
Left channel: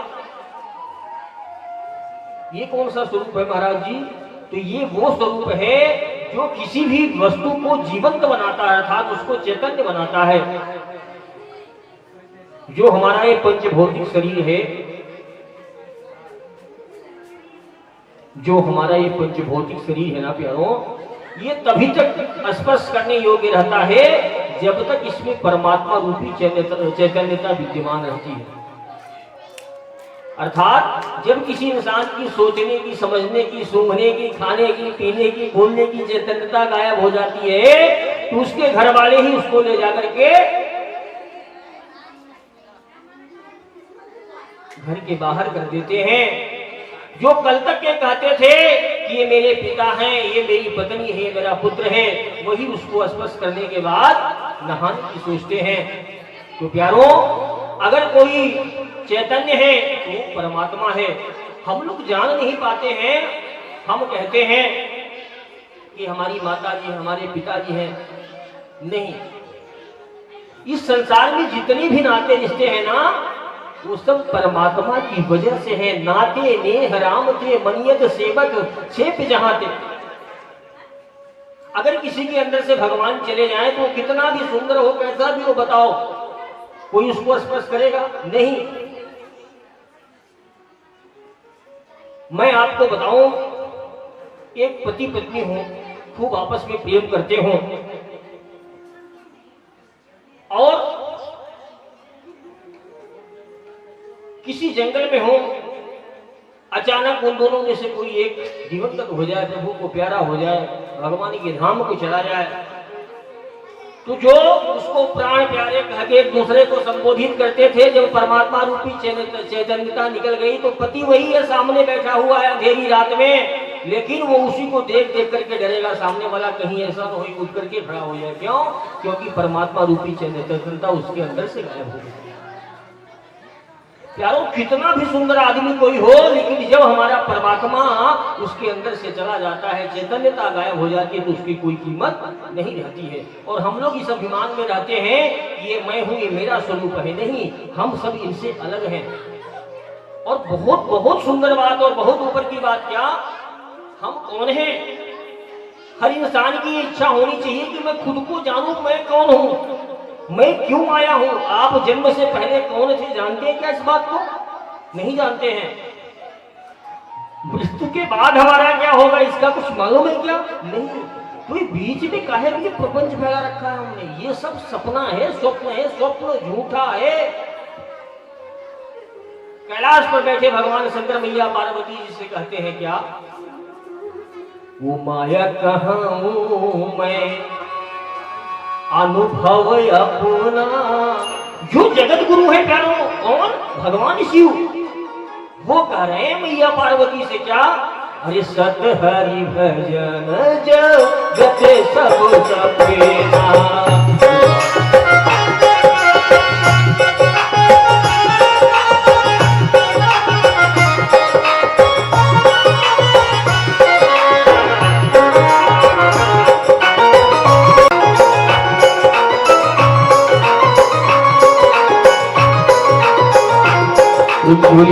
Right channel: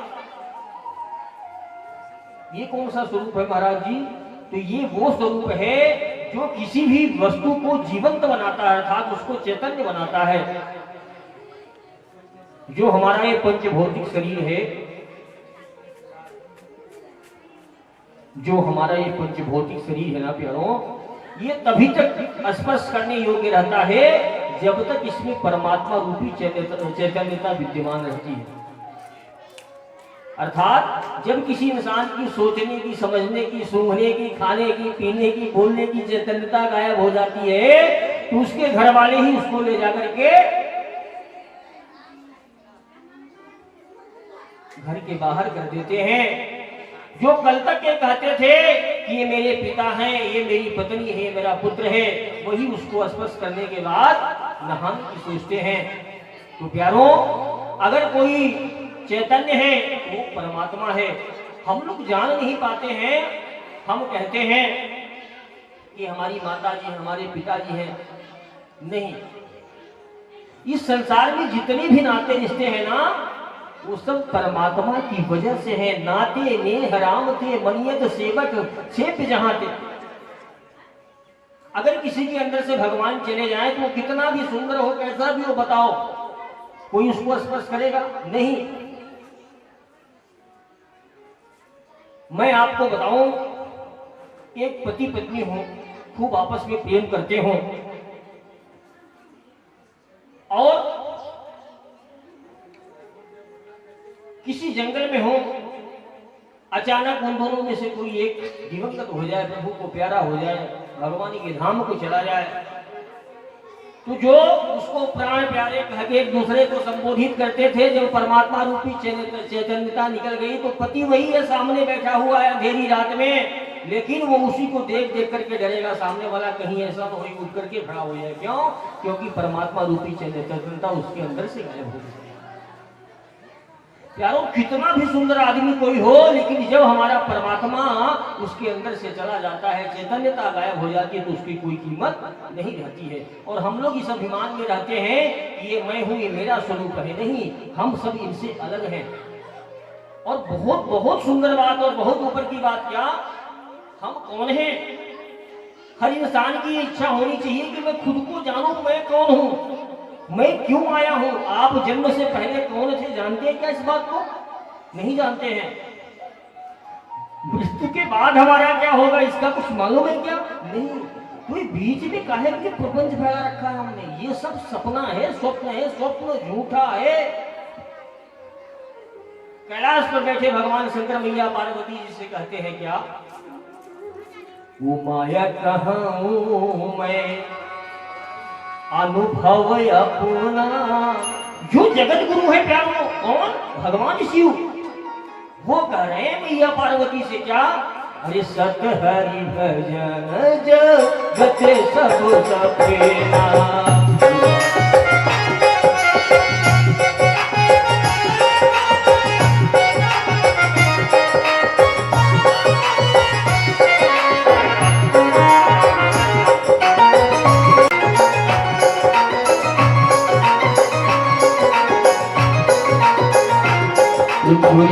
ये कौन सा स्वरूप है महाराज जी? तो ये वो स्वरूप है जो किसी भी वस्तु को जीवंत बनाता है, अर्थात उसको चैतन्य बनाता है। जो हमारा ये पंचभौतिक शरीर है, जो हमारा ये पंचभौतिक शरीर है ना प्यारों, ये तभी तक स्पर्श करने योग्य रहता है जब तक इसमें परमात्मा रूपी चैतन्यता विद्यमान रहती है। अर्थात जब किसी इंसान की सोचने की, समझने की, सूंघने की, खाने की, पीने की, बोलने की चैतन्यता गायब हो जाती है, तो उसके घर वाले ही उसको ले जाकर के घर के बाहर कर देते हैं। जो कल तक ये कहते थे कि ये मेरे पिता हैं, ये मेरी पत्नी है, मेरा पुत्र है, वही उसको स्पर्श करने के बाद नहाने की सोचते हैं। तो प्यारों, अगर कोई चैतन्य है तो परमात्मा है। हम लोग जान नहीं पाते हैं, हम कहते हैं कि हमारी माता जी, हमारे पिताजी हैं। नहीं, इस संसार में जितने भी नाते रिश्ते हैं ना, वो सब परमात्मा की वजह से है। नाते ने हराम थे मनियत सेवक सेप जहां थे। अगर किसी के अंदर से भगवान चले जाए तो कितना भी सुंदर हो, कैसा भी हो, बताओ कोई उसको स्पर्श करेगा? नहीं। मैं आपको बताऊं, एक पति पत्नी हो, खूब आपस में प्रेम करते हों और किसी जंगल में हो, अचानक उन दोनों में से कोई एक दिवंगत हो जाए, प्रभु को प्यारा हो जाए, भगवान के धाम को चला जाए, तो जो उसको प्राण प्यारे कह के एक दूसरे को संबोधित करते थे, जब परमात्मा रूपी चैतन्यता निकल गई तो पति वही है, सामने बैठा हुआ है अंधेरी रात में, लेकिन वो उसी को देख देख करके डरेगा, सामने वाला कहीं ऐसा न हो उठ करके खड़ा हो जाए। क्यों? क्योंकि परमात्मा रूपी चैतन्यता उसके अंदर से गायब हो गई। यारो कितना भी सुंदर आदमी कोई हो, लेकिन जब हमारा परमात्मा उसके अंदर से चला जाता है, चैतन्यता गायब हो जाती है, तो उसकी कोई कीमत नहीं रहती है। और हम लोग इस अभिमान में रहते हैं कि ये मैं हूं, ये मेरा स्वरूप है। नहीं, हम सब इनसे अलग हैं। और बहुत बहुत सुंदर बात और बहुत ऊपर की बात, क्या हम कौन हैं? हर इंसान की इच्छा होनी चाहिए कि मैं खुद को जानूं, मैं कौन हूं, मैं क्यों आया हूं। आप जन्म से पहले कौन थे, जानते हैं क्या इस बात को? नहीं जानते हैं। मृत्यु के बाद हमारा क्या होगा, इसका कुछ मालूम है क्या? नहीं। कोई बीच में काहे कि प्रपंच फैला रखा है हमने, ये सब सपना है, स्वप्न है, स्वप्न झूठा है। कैलाश पर बैठे भगवान शंकर मैया पार्वती जी से कहते हैं क्या, वो माया कहाँ हूं मैं, अनुभव अपना। जो जगत गुरु है प्यारो, कौन? भगवान शिव। वो कह रहे हैं मैया पार्वती से क्या, अरे सत हरि भजन जगत सब सपेना।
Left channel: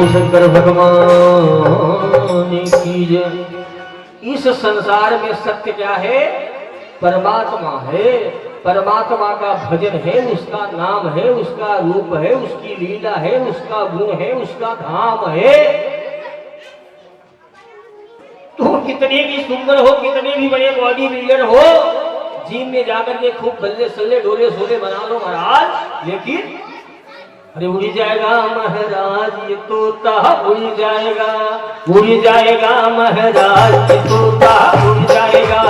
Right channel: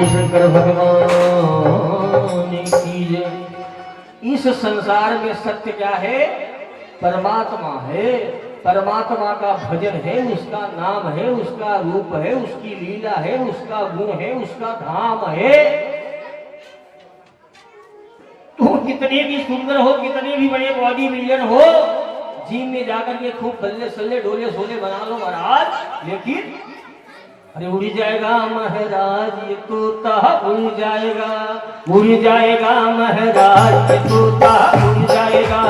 शंकर भगवान की जय। इस संसार में सत्य क्या है? परमात्मा है। परमात्मा का भजन है, उसका नाम है, उसका रूप है, उसकी लीला है, उसका गुण है, उसका धाम है। तो कितने भी सुंदर हो, कितने भी बड़े बॉडी बिल्डर हो, जिम में जाकर के खूब बल्ले सल्ले डोले सोले बना लो महाराज, लेकिन अरे उड़ जाएगा महाराज ये तोता, उड़ जाएगा, उड़ जाएगा महाराज ये तोता, उड़ जाएगा,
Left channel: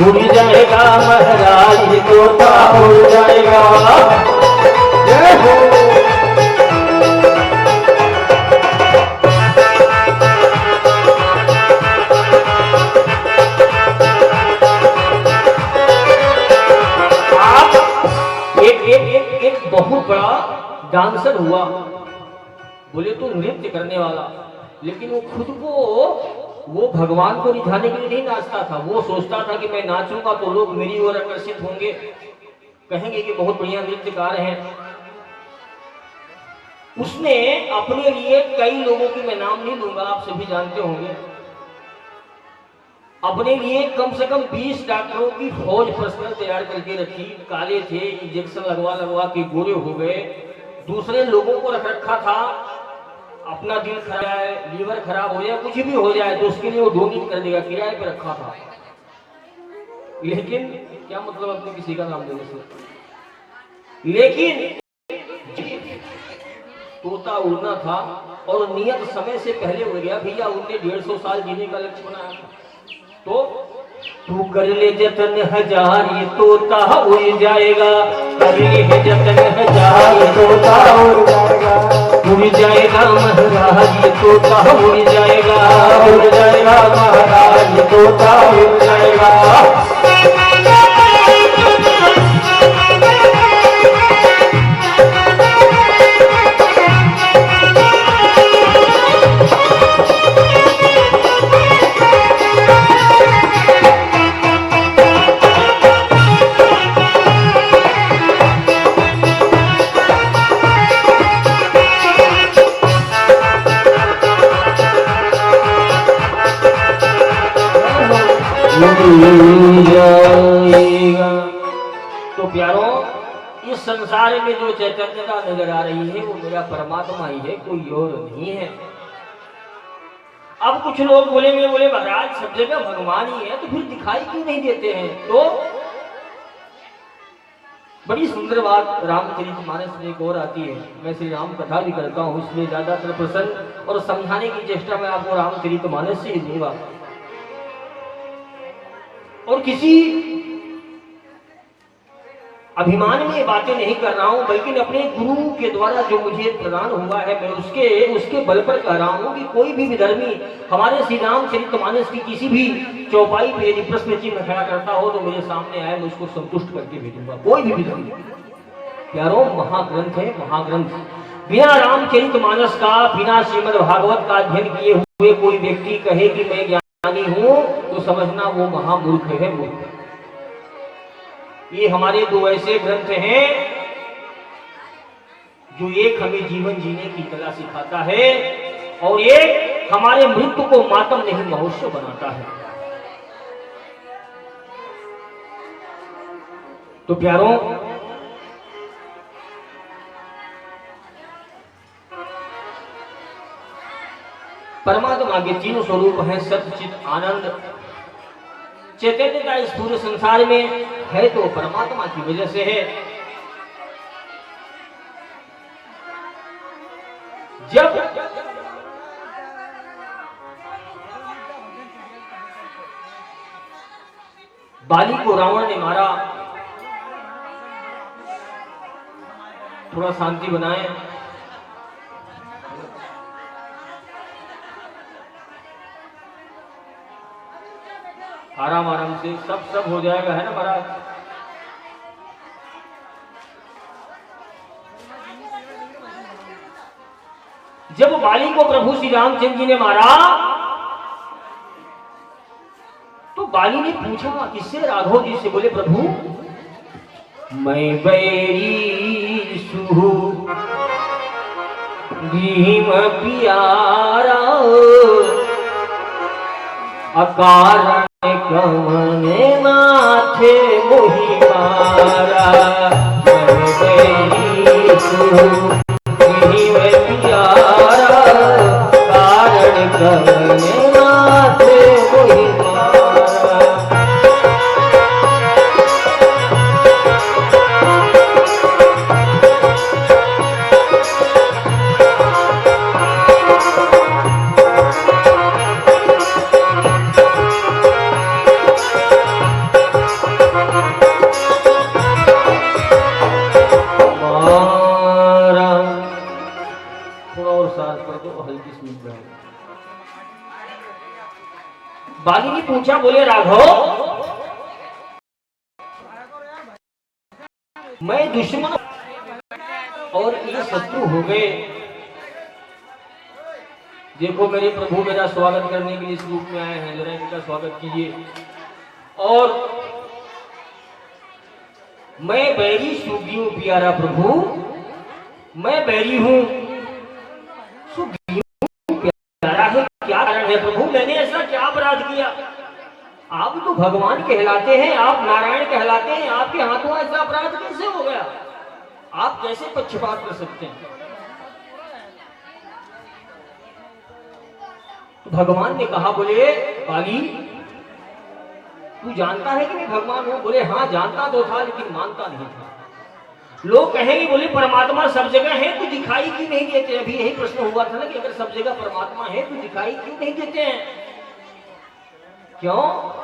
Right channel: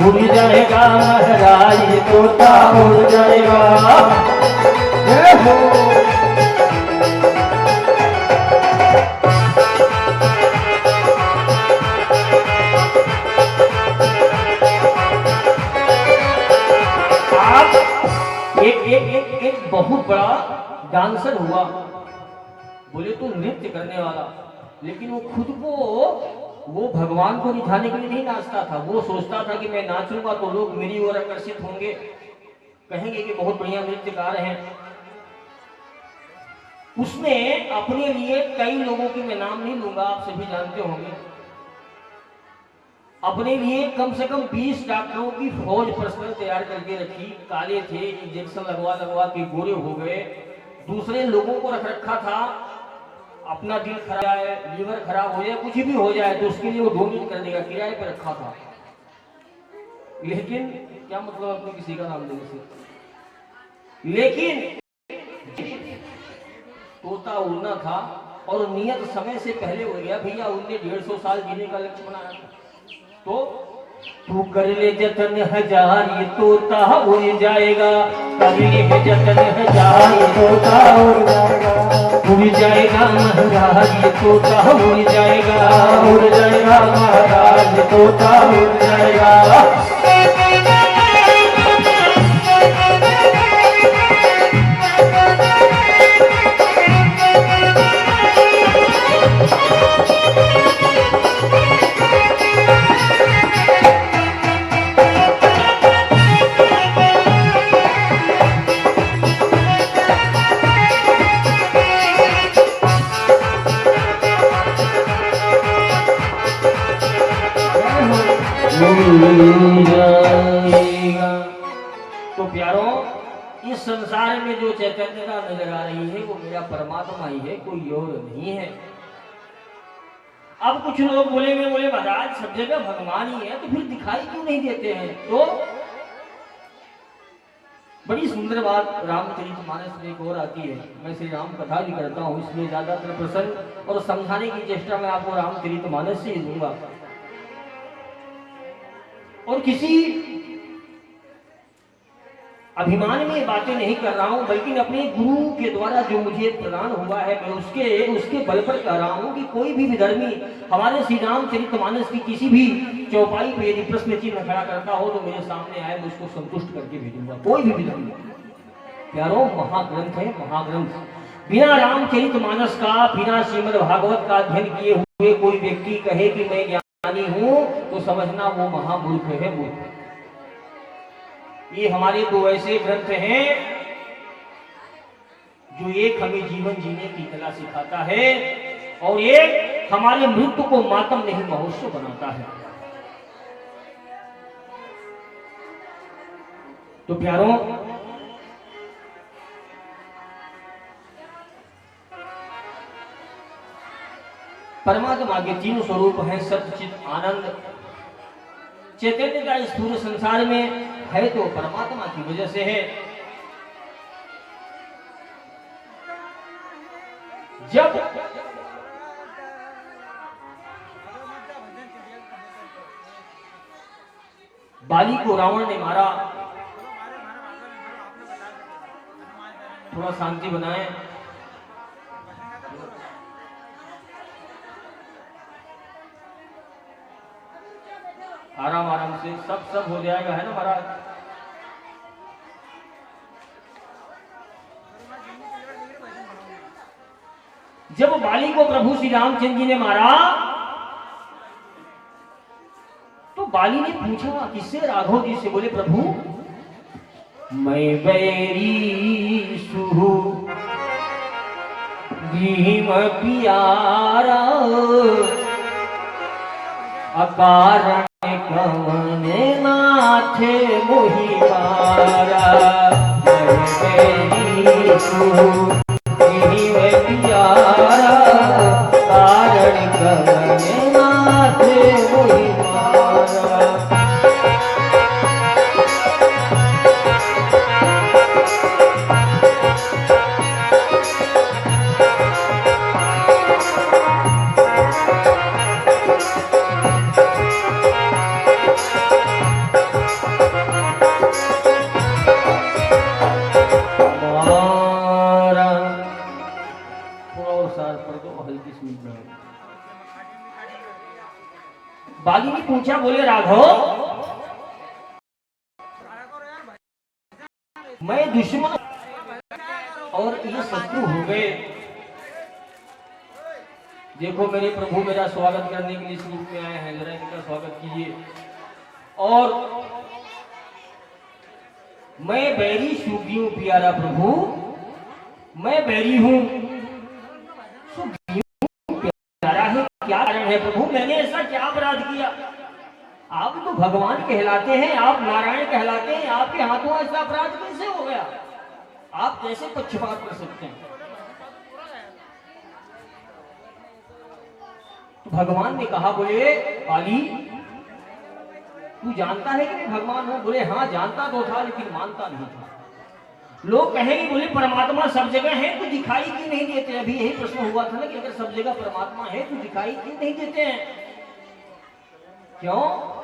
उड़ जाएगा महाराज ये तोता, उड़ जाएगा। जय हो। आप एक बहुत बड़ा डांसर हुआ, बोले तो नृत्य करने वाला, लेकिन वो खुद को वो भगवान को रिझाने के लिए नहीं नाचता था। वो सोचता था कि मैं नाचूंगा तो लोग मेरी ओर आकर्षित होंगे, कहेंगे कि बहुत बढ़िया नृत्यकार हैं। उसने अपने लिए कई लोगों की, मैं नाम नहीं लूंगा, आप सभी जानते होंगे, अपने लिए कम से कम 20 डॉक्टरों की फौज पर्सनल तैयार करके रखी। काले थे, इंजेक्शन लगवा लगवा के गोरे हो गए। दूसरे लोगों को रख रखा था, अपना दिल खराब है, लीवर खराब हो जाए, कुछ भी हो जाए तो उसके लिए वो डोनेट कर देगा, किराए पर रखा था। लेकिन क्या मतलब अपने किसी का नाम लेने से। लेकिन तोता उड़ना था और नियत समय से पहले उड़ गया। भैया उनने 150 साल जीने का लक्ष्य बनाया था। तो तू कर ले जतन हजार ये तोता उड़ जाएगा, कर ले जतन हजार ये तोता उड़ जाएगा, उड़ जाएगा महाराज ये तोता उड़ जाएगा, उड़ जाएगा महाराज ये तोता उड़ जाएगा। तो प्यारों, इस संसार में जो चैतन्यता नजर आ रही है वो मेरा परमात्मा ही है, कोई और नहीं है। अब कुछ लोग बोलेंगे, बोले महाराज सब जगह भगवान ही है तो फिर दिखाई क्यों नहीं देते हैं? तो बड़ी सुंदर बात रामचरितमानस में एक और आती है। मैं श्री राम कथा भी करता हूँ, इसलिए ज्यादातर प्रसंग और समझाने की चेष्टा मैं आपको रामचरितमानस से ही दूंगा। और किसी अभिमान में ये बातें नहीं कर रहा हूं, बल्कि अपने गुरु के द्वारा जो मुझे प्रदान हुआ है, मैं उसके बल पर कह रहा हूं कि कोई भी विधर्मी हमारे श्री रामचरितमानस की किसी भी चौपाई पे यदि प्रश्न चिन्ह खड़ा करता हो तो मेरे सामने आए, मैं उसको संतुष्ट करके भेजूंगा। कोई भी विधर्मी। प्यारो, महाग्रंथ है, महाग्रंथ। बिना रामचरितमानस का, बिना श्रीमद् भागवत का अध्ययन किए हुए कोई व्यक्ति कहे कि मैं ज्ञानी हूं तो समझना वो महामूर्ख है, मूर्ख। ये हमारे दो ऐसे ग्रंथ हैं जो एक हमें जीवन जीने की कला सिखाता है और एक हमारे मृत्यु को मातम नहीं महोत्सव बनाता है। तो प्यारों, परमात्मा के तीन स्वरूप हैं, सत्य, चित, आनंद। चैतन्य का इस पूरे संसार में है तो परमात्मा की वजह से है। जब बाली को रावण ने मारा, थोड़ा शांति बनाए। आराम आराम से, सब हो जाएगा, है ना महाराज? जब बाली को प्रभु श्री रामचंद्र जी ने मारा तो बाली ने पूछा किससे? राघव जी से। बोले प्रभु, मैं बैरी सुहु भीम प्यारा, अकारण कमने माथे मोहि मारा। मैं बैरी सुहु भीम प्यारा, कारण कमने माथे मोहि मारा। बाली ने पूछा, बोले राघव, मैं दुश्मन और ये शत्रु हो गए। देखो मेरे प्रभु मेरा स्वागत करने के लिए इस रूप में आए हैं, जरा इनका स्वागत कीजिए। और मैं बैरी सूगी हूं प्यारा प्रभु, मैं बैरी हूं, प्यारा है। क्या कारण है प्रभु? मैंने ऐसा क्या अपराध किया? आप तो भगवान कहलाते हैं, आप नारायण कहलाते हैं, आपके हाथों ऐसा अपराध कैसे हो गया? आप कैसे पक्षपात कर सकते हैं? तो भगवान ने कहा, बोले बाली, तू जानता है कि मैं भगवान हूं? बोले हाँ जानता तो था, लेकिन मानता नहीं था। लोग कहेंगे, बोले परमात्मा सब जगह है तो दिखाई क्यों नहीं देते? अभी यही प्रश्न हुआ था ना कि अगर सब जगह परमात्मा है तो दिखाई क्यों नहीं देते हैं? क्यों?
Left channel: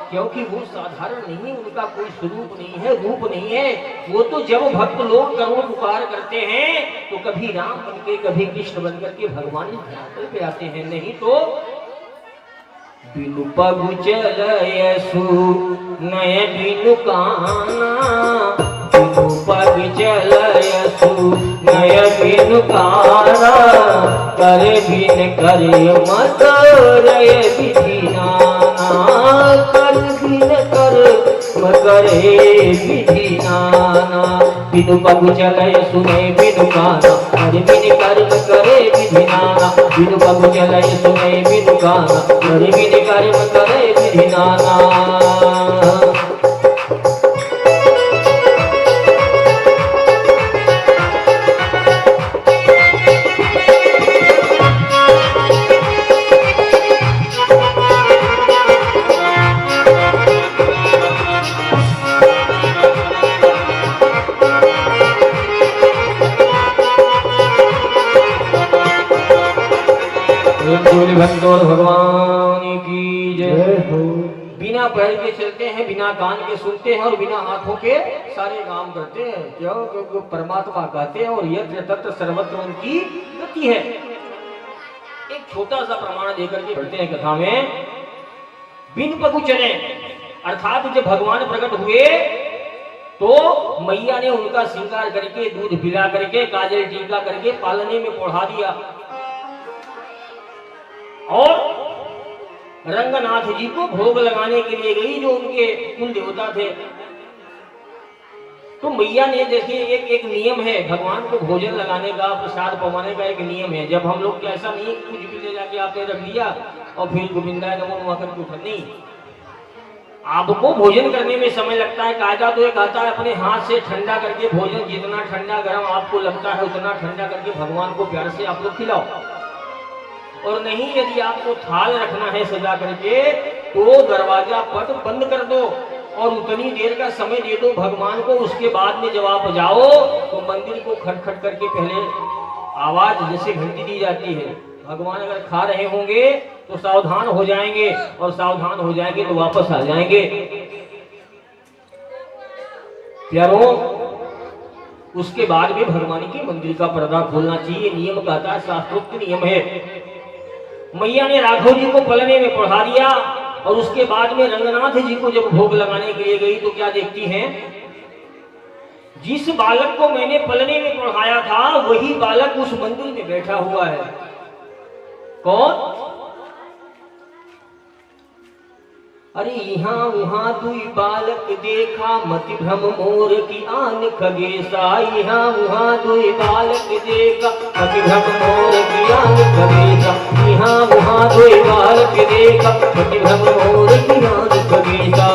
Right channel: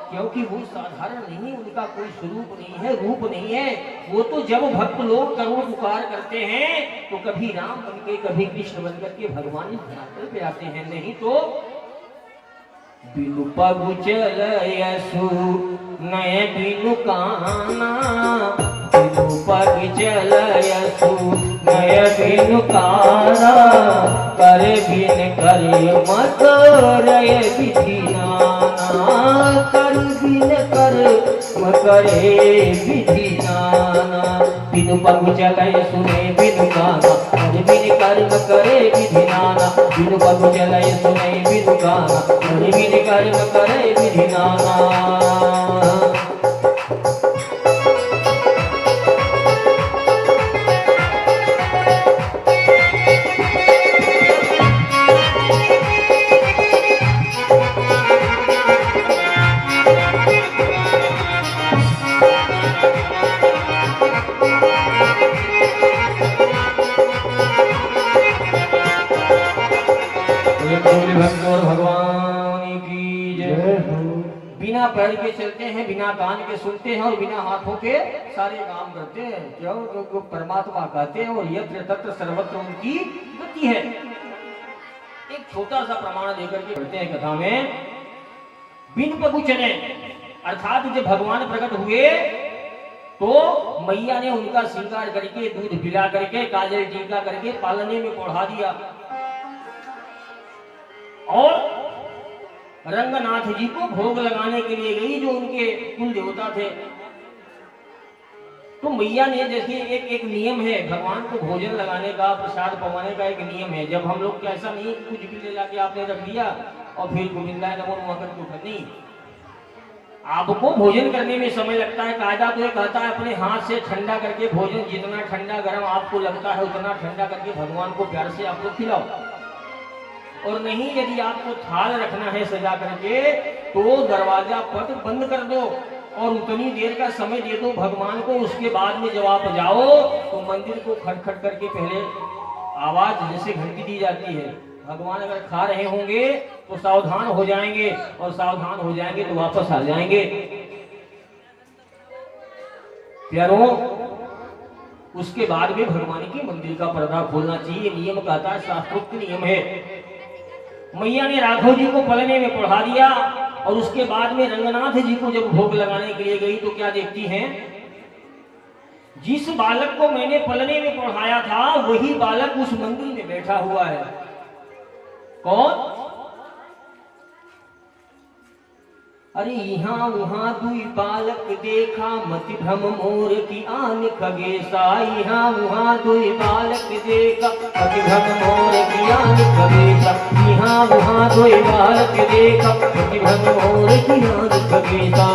क्योंकि वो साधारण नहीं, उनका कोई स्वरूप नहीं है, रूप नहीं है। वो तो जब भक्त लोग करुण पुकार करते हैं तो कभी राम बनके, कभी कृष्ण बनकर के भगवान धरातल पे आते हैं। नहीं तो बिनु पगु चलयसु नय बिनु काना, बिनु पग चलयसु नय बिनु काना, करे बिन करे मत रय विधिनाना, कर बिन कर करे विधिनाना। बिनु पग चलयसु नय बिनु काना, करे बिन कर्म करे विधिनाना। बिनु पग चलयसु नय बिनु काना, करे बिन कर्म करे विधिनाना। भक्तों भगवान की जय। बिना पैर के चलते हैं, बिना कान के सुनते हैं और बिना हाथों के सारे काम करते हैं। क्यों? क्योंकि परमात्मा कहते हैं और यत्र तत्र सर्वत्र उनकी गति है। एक छोटा सा प्रमाण देकर के पढ़ते हैं कथा में। बिन पगु चले, अर्थात जब भगवान प्रकट हुए तो मैया ने उनका श्रृंगार करके, दूध पिला करके, काजल टीका करके पालने में पढ़ा दिया और रंगनाथ जी को भोग लगाने के लिए गई, जो उनके कुल देवता थे। तो मैया ने, देखिए एक नियम है भगवान को भोजन लगाने का, प्रसाद पवाने का एक नियम है। जब हम लोग के ऐसा नहीं कुछ भी ले जाके आपने रख लिया और फिर गोविंदा नमो नमः करके उठा, नहीं। आपको भोजन करने में समय लगता है। कायदा तो ये कहता है अपने हाथ से ठंडा करके भोजन, जितना ठंडा गर्म आपको लगता है उतना ठंडा करके भगवान को प्यार से आप लोग खिलाओ। और नहीं, यदि आपको थाल रखना है सजा करके तो दरवाजा पट बंद कर दो और उतनी देर का समय दे दो भगवान को। उसके बाद में जब आप जाओ तो मंदिर को खटखट करके पहले आवाज जैसे घंटी दी जाती है, भगवान अगर खा रहे होंगे तो सावधान हो जाएंगे और सावधान हो जाएंगे तो वापस आ जाएंगे। प्यारों, उसके बाद में भगवान के मंदिर का पर्दा खोलना चाहिए, नियम कहता है, शास्त्रोक्त नियम है। मैया ने राघव जी को पलने में पढ़ा दिया और उसके बाद में रंगनाथ जी को जब भोग लगाने के लिए गई तो क्या देखती हैं, जिस बालक को मैंने पलने में पढ़ाया था वही बालक उस मंदिर में बैठा हुआ है। कौन? अरे यहाँ वहाँ दुई बालक देखा, मति भ्रम मोर की आन खगेसा। यहाँ वहाँ दुई बालक देखा, मति भ्रम मोर की आन खगेसा। यहाँ वहाँ दुई बालक देखा, मति भ्रम मोर की आन खगेसा।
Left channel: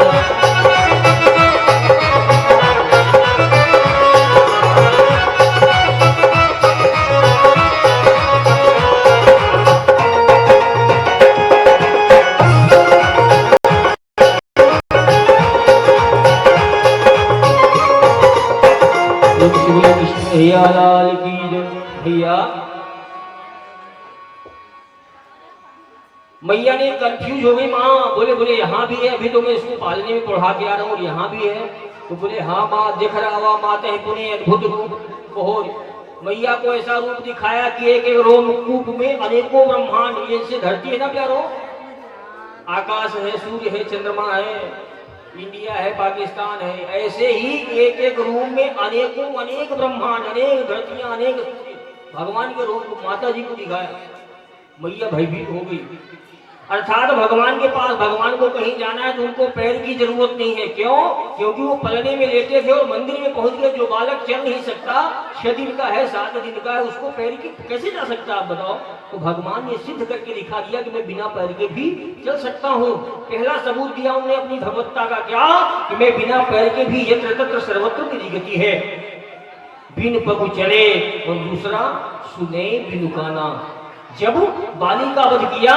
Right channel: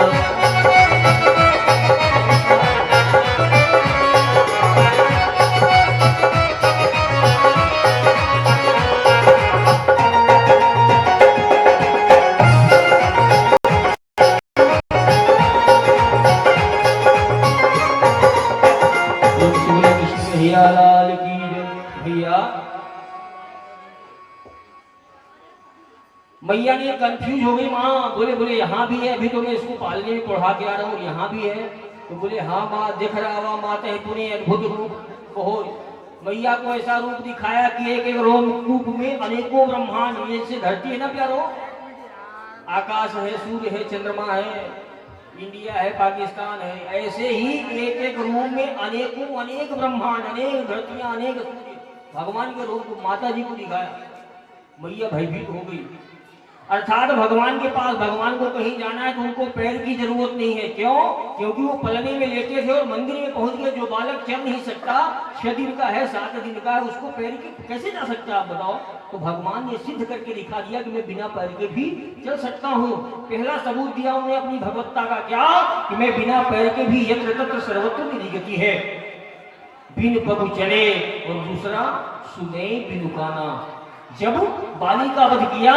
भैया लाल की जय। भैया, मैया ने कंफ्यूज हो गई। माँ बोले यहाँ भी है, अभी तो मैं इसको पालने में पढ़ा के आ रहा हूँ, यहाँ भी है। तो बोले हाँ माँ, दिख रहा हुआ माता है पुण्य अद्भुत रूप। कहो, मैया को ऐसा रूप दिखाया कि एक एक रोमकूप में अनेकों ब्रह्मांड, जैसे धरती है ना प्यारो, आकाश है, सूर्य है, चंद्रमा है, इंडिया है, पाकिस्तान है, ऐसे ही एक एक रूम में अनेकों अनेक ब्रह्मांड, अनेक धरतियां, अनेक भगवान के रूप माता जी को दिखाया। मैया भयभीत हो गई। अर्थात भगवान के पास, भगवान को कहीं जाना है तो उनको पैर की जरूरत नहीं है। क्यों? क्योंकि वो पलने में लेटे थे और मंदिर में पहुंच गए। जो बालक चल नहीं सकता, 6 दिन का है, 7 दिन का है, उसको पैर की कैसे जा सकता, आप बताओ। तो भगवान ने सिद्ध करके दिखा दिया कि मैं बिना पैर के भी चल सकता हूँ। पहला सबूत दिया उन्होंने अपनी भगवत्ता का, क्या कि मैं बिना पैर के भी यत्र तत्र सर्वत्र मेरी गति है, बिन पगु चले। और दूसरा, सुने बिनु काना। जब बाली का वध किया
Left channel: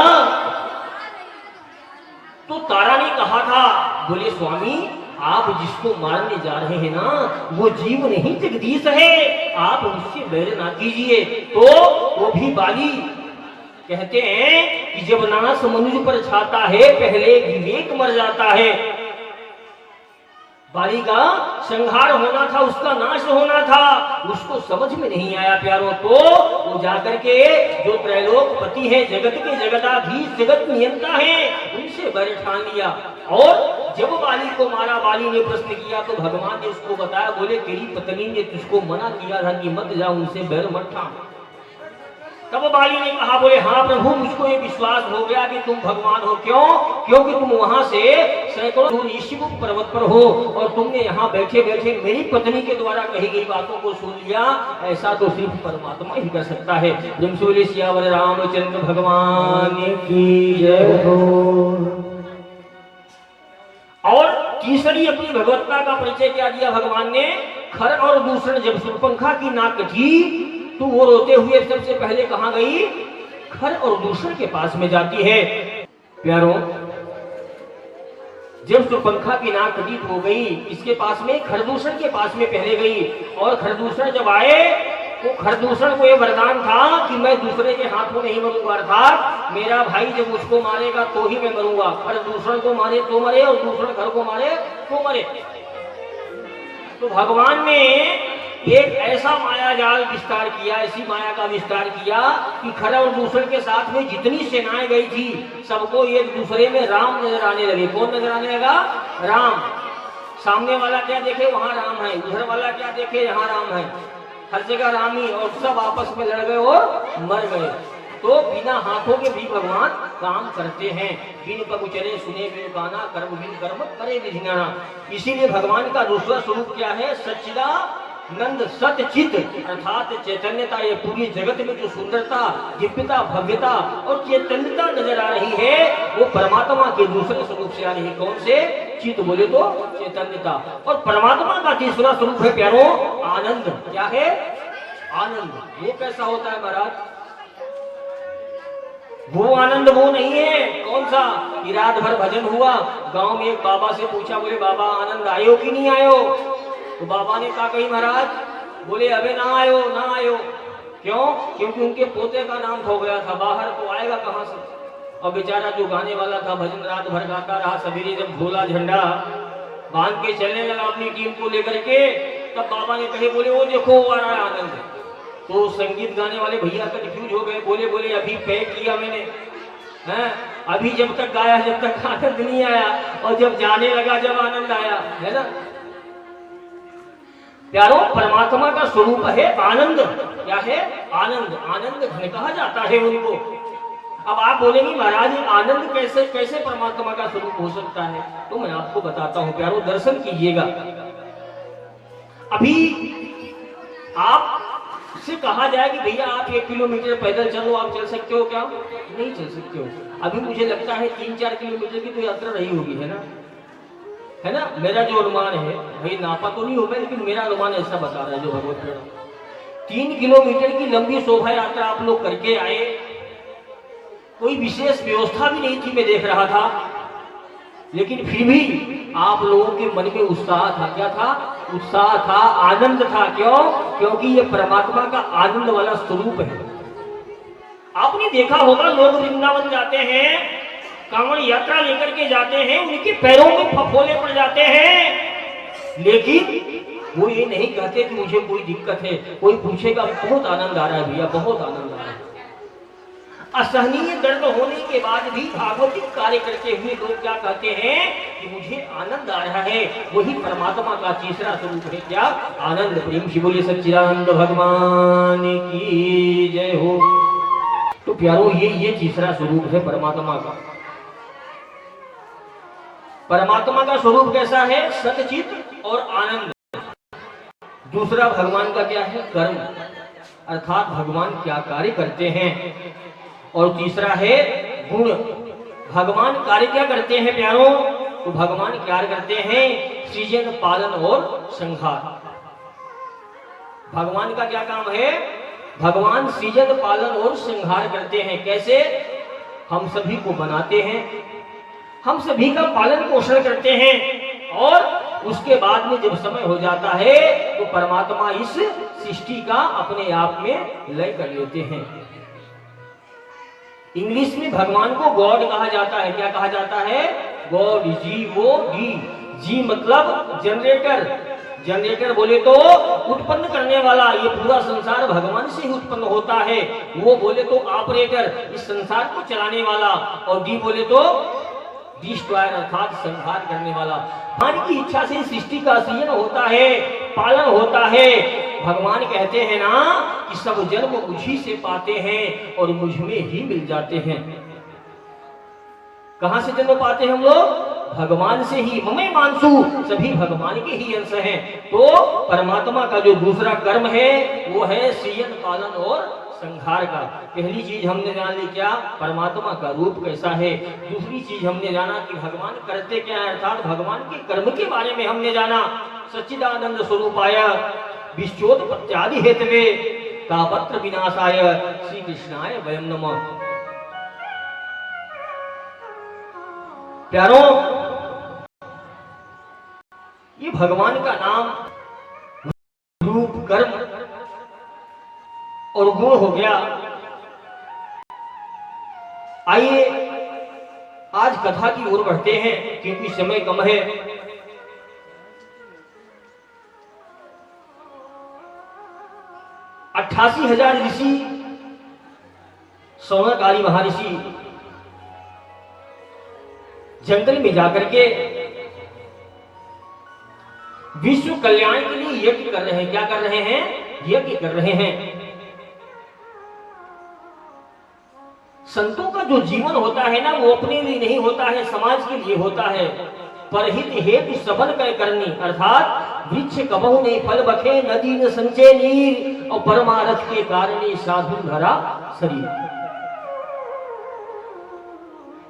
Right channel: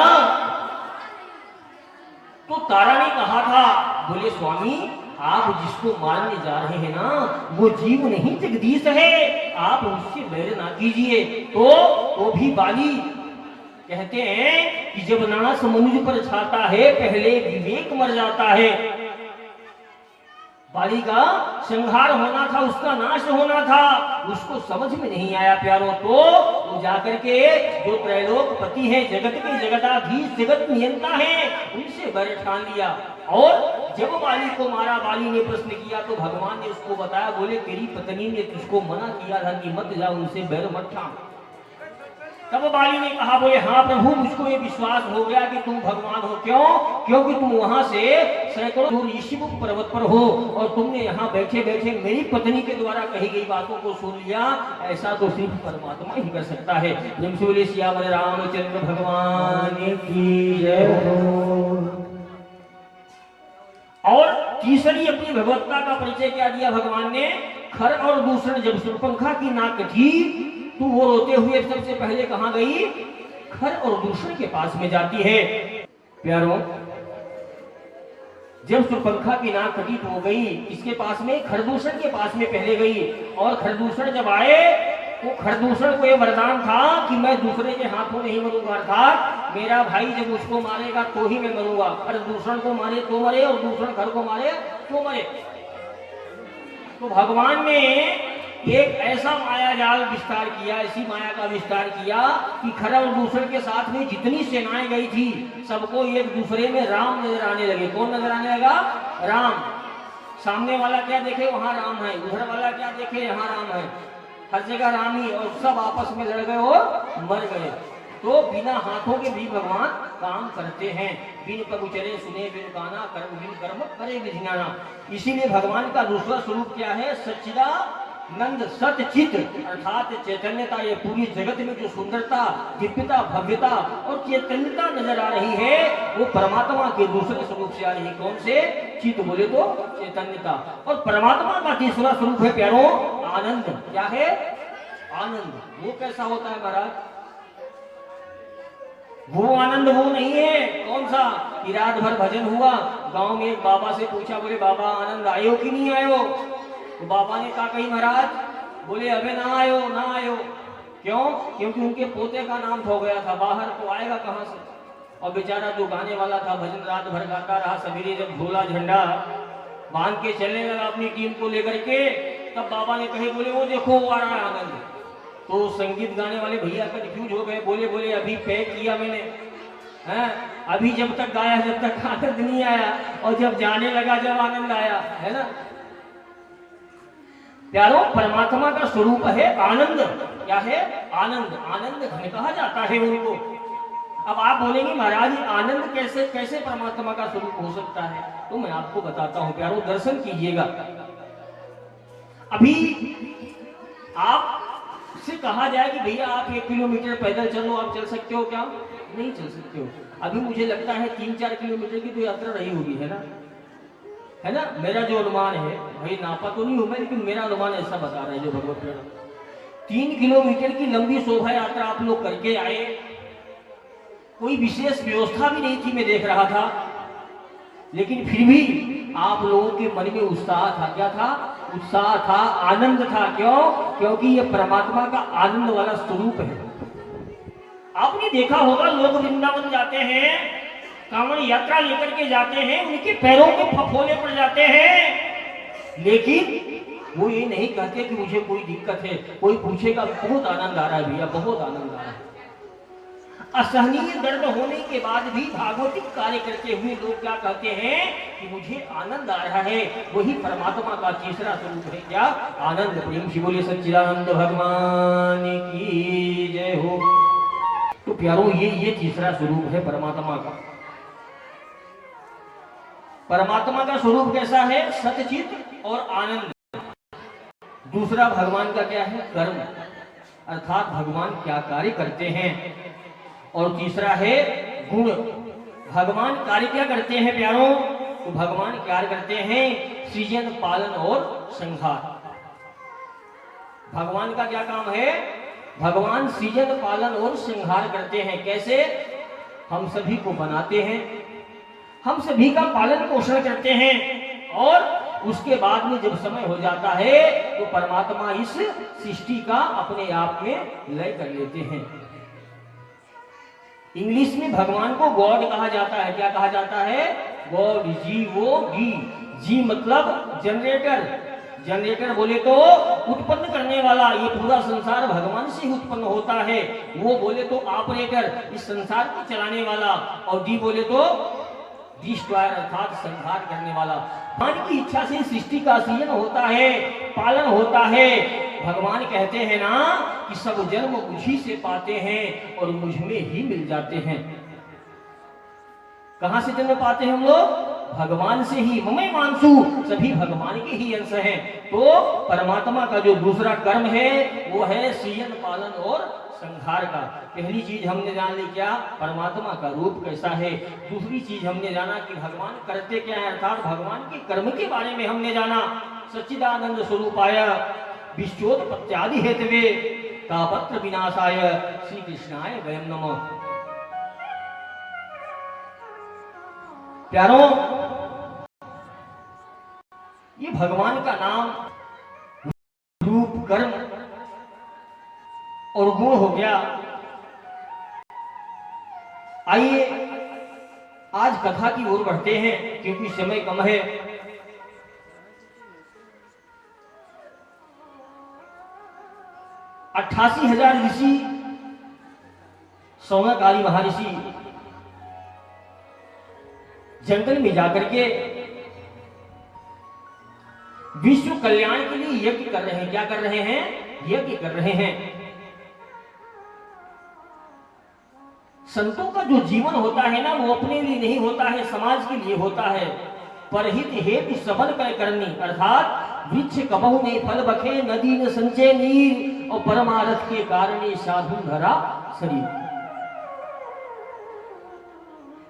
तो तारा ने कहा था, बोले स्वामी आप जिसको मारने जा रहे हैं ना वो जीव नहीं जगदीश है, आप उससे बैर ना कीजिए। तो वो भी बाली कहते हैं कि जब नाश मनुष्य पर छाता है पहले विवेक मर जाता है। बाली का संहार होना था, उसका नाश होना था, उसको समझ में नहीं आया प्यारों। तो वो जाकर के जो त्रैलोकपति है, जगत के जगताधीश, जगत नियंता है, उनसे बैर ठान लिया। और जब बाली को मारा, बाली ने प्रश्न किया तो भगवान ने उसको बताया, बोले तेरी पत्नी ने तुझको मना किया था कि मत जा, उनसे बैर मत ठान। तब बाली ने कहा, बोले हाँ प्रभु, मुझको ये विश्वास हो गया कि तुम भगवान हो। क्यों? क्योंकि तुम वहां से सैकड़ों दूर ऋषिमुख पर्वत पर हो और तुमने यहाँ बैठे बैठे मेरी पत्नी के द्वारा कही गई बातों को सुन लिया। ऐसा तो सिर्फ परमात्मा ही कर सकता है। जमसोली सियावर रामचंद्र भगवान की जय हो। और तीसरी अपनी भगवत्ता का परिचय क्या दिया भगवान ने? खर और दूषण। जब शूर्पणखा की नाक कटी तो वो रोते हुए सबसे पहले कहां गई? खर और दूषण के पास में जाती है। प्यारों, जब शूर्पणखा की नाक कटी तो हो गई, इसके पास में खरदूषण के पास में पहले गई। और खरदूषण जब आए वो खरदूषण को ये वरदान था कि मैं दूसरे के हाथों नहीं मरूंगा, अर्थात मेरा भाई जब उसको मारेगा तो ही मैं मरूंगा। खरदूषण को मारे तो मरे और दूसरे घर को मारे तो मरे। तो भगवान ने एक ऐसा माया जाल विस्तार किया, ऐसी माया का विस्तार किया कि खर और दूषण के साथ में जितनी सेनाएं गई थी सबको एक दूसरे में राम नजर आने लगे। कौन नजर आने लगा? राम। सामने वाला क्या देखे वहां राम है, दूसरा वाला क्या देखे यहाँ राम है, हर जगह राम ही, और सब आपस में लड़ गए और मर गए। तो बिना हाथों के भी भगवान काम करते हैं। बिन पगु चले सुने बिन गाना, कर्म बिन कर्म करे विज्ञाना। इसीलिए भगवान का दूसरा स्वरूप क्या है? सच्चिदानंद सतचित, अर्थात चैतन्यता। ये पूरी जगत में जो सुंदरता, दिव्यता, भव्यता और चैतन्यता नजर आ रही है वो परमात्मा के दूसरे स्वरूप से आ रही है। कौन से? चित बोले तो चैतन्यता। और परमात्मा का तीसरा स्वरूप है प्यारो आनंद। क्या है? आनंद। वो कैसा होता है महाराज? वो आनंद वो नहीं है। कौन सा? कि रात भर भजन हुआ, गांव में एक बाबा से पूछा, बोले बाबा आनंद आयो कि नहीं आयो? तो बाबा ने कहा कहीं महाराज? बोले अबे ना आयो, ना आयो। क्यों? क्योंकि उनके पोते का नाम खो गया था, बाहर तो आएगा कहां से। और बेचारा जो गाने वाला था भजन रात भर गाता रहा, सवेरे जब झोला झंडा बांध के चलने लगा अपनी टीम को लेकर के, तब बाबा ने कहे, बोले वो देखो वो आ रहा है आनंद। तो संगीत गाने वाले भैया कंफ्यूज हो गए, बोले बोले अभी पैक किया मैंने, हैं? अभी जब तक गाया जब तक आनंद नहीं आया, और जब जाने लगा जब आनंद आया, है ना प्यारो? परमात्मा का स्वरूप है आनंद। क्या है? आनंद। आनंद घन कहा जाता है उनको। अब आप बोलेंगे महाराज आनंद कैसे कैसे परमात्मा का स्वरूप हो सकता है? तो मैं आपको बताता हूं प्यारो, दर्शन कीजिएगा। अभी आप से कहा जाए कि भैया आप 1 किलोमीटर पैदल चलो, आप चल सकते हो क्या? नहीं चल सकते हो। अभी मुझे लगता है 3-4 किलोमीटर की तो यात्रा रही होगी, है ना? है ना? मेरा जो अनुमान है, भाई नापा तो नहीं होगा लेकिन मेरा अनुमान ऐसा बता रहा है जो भगवत 3 किलोमीटर की लंबी शोभा यात्रा आप लोग करके आए। कोई विशेष व्यवस्था भी नहीं थी, मैं देख रहा था, लेकिन फिर भी आप लोगों के मन में उत्साह था। क्या था? उत्साह था, आनंद था। क्यों? क्योंकि ये परमात्मा का आनंद वाला स्वरूप है। आपने देखा होगा लोग वृंदावन जाते हैं, कांवड़ यात्रा लेकर के जाते हैं, उनके पैरों में फफोले पड़ जाते हैं, लेकिन वो ये नहीं कहते कि मुझे कोई दिक्कत है। कोई पूछेगा बहुत आनंद आ रहा है भैया, बहुत आनंद आ रहा है। असहनीय दर्द होने के बाद भी भागवतिक कार्य करते हुए लोग क्या कहते हैं कि मुझे आनंद आ रहा है। वही परमात्मा का तीसरा स्वरूप है। क्या? आनंद। प्रेम से बोलिए सच्चिदानंद भगवान की जय हो। तो प्यारो ये तीसरा स्वरूप है परमात्मा का। परमात्मा का स्वरूप कैसा है? सतचित और आनंद। दूसरा भगवान का क्या है? कर्म, अर्थात भगवान क्या कार्य करते हैं। और तीसरा है गुण। भगवान कार्य क्या करते हैं प्यारों? तो भगवान क्या करते हैं? सृजन, पालन और संहार। भगवान का क्या काम है? भगवान सृजन, पालन और संहार करते हैं। कैसे? हम सभी को बनाते हैं, हम सभी का पालन पोषण करते हैं, और उसके बाद में जब समय हो जाता है तो परमात्मा इस सृष्टि का अपने आप में लय कर लेते हैं। इंग्लिश में भगवान को गॉड कहा जाता है। क्या कहा जाता है? गॉड। G-O-D। जी मतलब जनरेटर। जनरेटर बोले तो उत्पन्न करने वाला। ये पूरा संसार भगवान से ही उत्पन्न होता है। वो बोले तो ऑपरेटर, इस संसार को चलाने वाला। और डी बोले तो डिस्ट्रॉयर, अर्थात संहार करने वाला। भगवान की इच्छा से सृष्टि का सृजन होता है, पालन होता है। भगवान कहते हैं ना कि सब जन्म मुझी से पाते हैं और मुझ में ही मिल जाते हैं। कहां से जन्म पाते हैं हम लोग? भगवान से ही। ममे मानसु, सभी भगवान के ही अंश हैं। तो परमात्मा का जो दूसरा कर्म है वो है सृजन, पालन और संहार का। पहली चीज हमने जान ली क्या? परमात्मा का रूप कैसा है। दूसरी चीज हमने जाना कि भगवान करते क्या है, अर्थात भगवान के कर्म के बारे में हमने जाना। सच्चिदानंद स्वरूपाय विश्वोत्पत्त्यादि हेतवे तापत्र विनाशाय श्री कृष्णाय वयं नमः। प्यारों, ये भगवान का नाम, रूप, कर्म और गुण हो गया। आइए आज कथा की ओर बढ़ते हैं क्योंकि समय कम है। 88,000 ऋषि, सौनकादि महर्षि जंगल में जाकर के विश्व कल्याण के लिए यज्ञ कर रहे हैं। क्या कर रहे हैं? यज्ञ कर रहे हैं। संतों का जो जीवन होता है ना, वो अपने लिए नहीं होता है, समाज के लिए होता है। परहित हेतु सबन कै करनी, अर्थात वृक्ष कबहु नहीं फल बखे, नदी न संचय नीर, और परमारथ के कारण साधु धरा शरीर।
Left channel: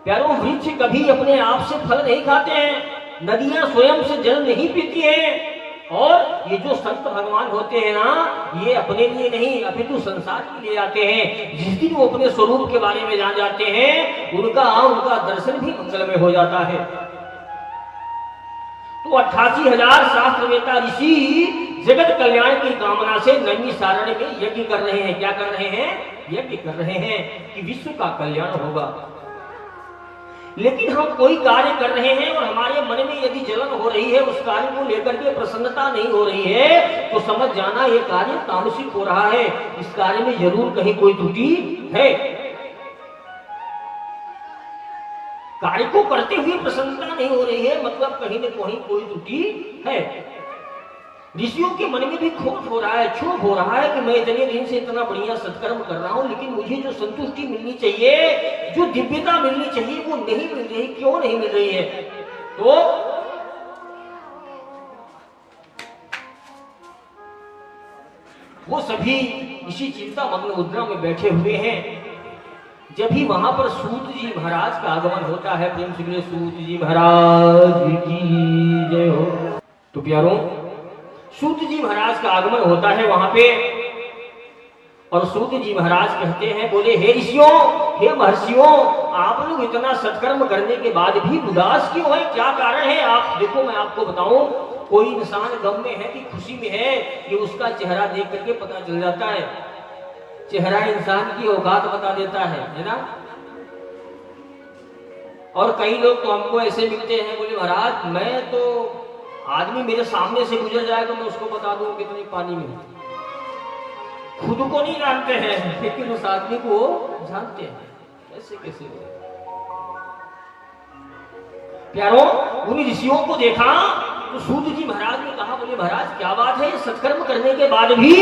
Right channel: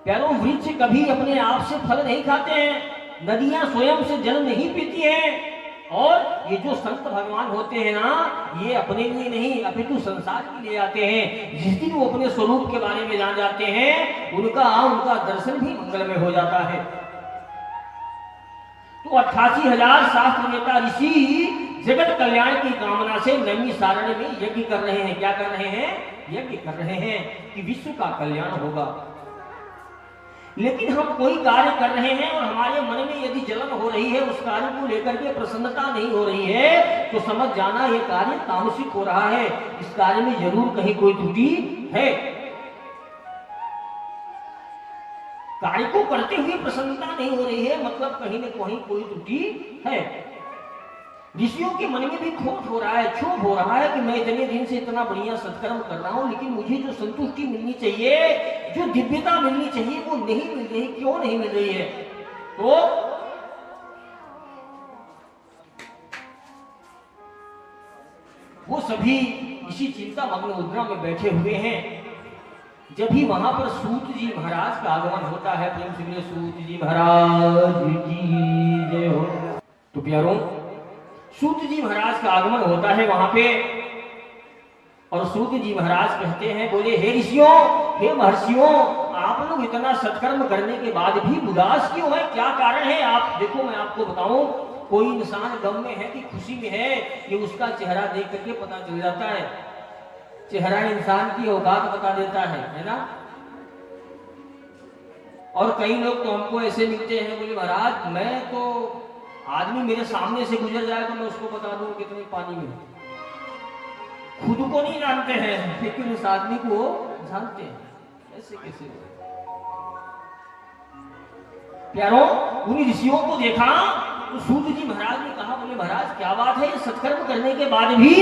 प्यारो, वृक्ष कभी अपने आप से फल नहीं खाते हैं, नदियां स्वयं से जल नहीं पीती हैं, और ये जो संत भगवान होते हैं ना, ये अपने लिए नहीं अपितु संसार के लिए आते हैं। जिस दिन वो अपने स्वरूप के बारे में जान जाते हैं, उनका दर्शन भी मंगलमय हो जाता है। तो 88,000 शास्त्रवेता ऋषि जगत कल्याण की कामना से नैमिषारण्य में यज्ञ कर रहे हैं। क्या कर रहे हैं? यज्ञ कर रहे हैं कि विश्व का कल्याण होगा। लेकिन हम कोई कार्य कर रहे हैं और हमारे मन में यदि जलन हो रही है, उस कार्य को लेकर के प्रसन्नता नहीं हो रही है, तो समझ जाना यह कार्य तामसिक हो रहा है। इस कार्य में जरूर कहीं कोई त्रुटि है। कार्य को करते हुए प्रसन्नता नहीं हो रही है, मतलब कहीं न कहीं कोई त्रुटि है। ऋषियों के मन में भी खोट हो रहा है, क्षोभ हो रहा है कि मैं इतने दिन से इतना बढ़िया सत्कर्म कर रहा हूं, लेकिन मुझे जो संतुष्टि मिलनी चाहिए, जो दिव्यता मिलनी चाहिए, वो नहीं मिल रही। क्यों नहीं मिल रही है? तो वो सभी इसी चिंता मग्न मुद्रा में बैठे हुए हैं। जब भी वहां पर सूत जी महाराज का आगमन होता है, प्रेम से सूत जी महाराज की जय हो। तो प्यारों, सूत जी महाराज का आगमन होता है वहां पे, और सूत जी महाराज कहते हैं, बोले हे ऋषियों, हे महर्षियों, आप लोग इतना सत्कर्म करने के बाद भी उदास क्यों है? क्या कारण है? आप देखो, मैं आपको बताऊं, कोई इंसान गम में है कि खुशी में है, ये उसका चेहरा देख करके पता चल जाता है। चेहरा इंसान की औकात बता देता है ना। और कई लोग तो हमको ऐसे मिलते हैं, बोले महाराज, मैं तो आदमी मेरे सामने से गुजर जाए तो मैं उसको बता दूं कितने पानी में। खुद को नहीं जानते हैं, लेकिन उस आदमी को जानते हैं। कैसे कैसे प्यारों, उन ऋषियों को देखा तो सूत जी महाराज ने कहा, बोले महाराज क्या बात है, सत्कर्म करने के बाद भी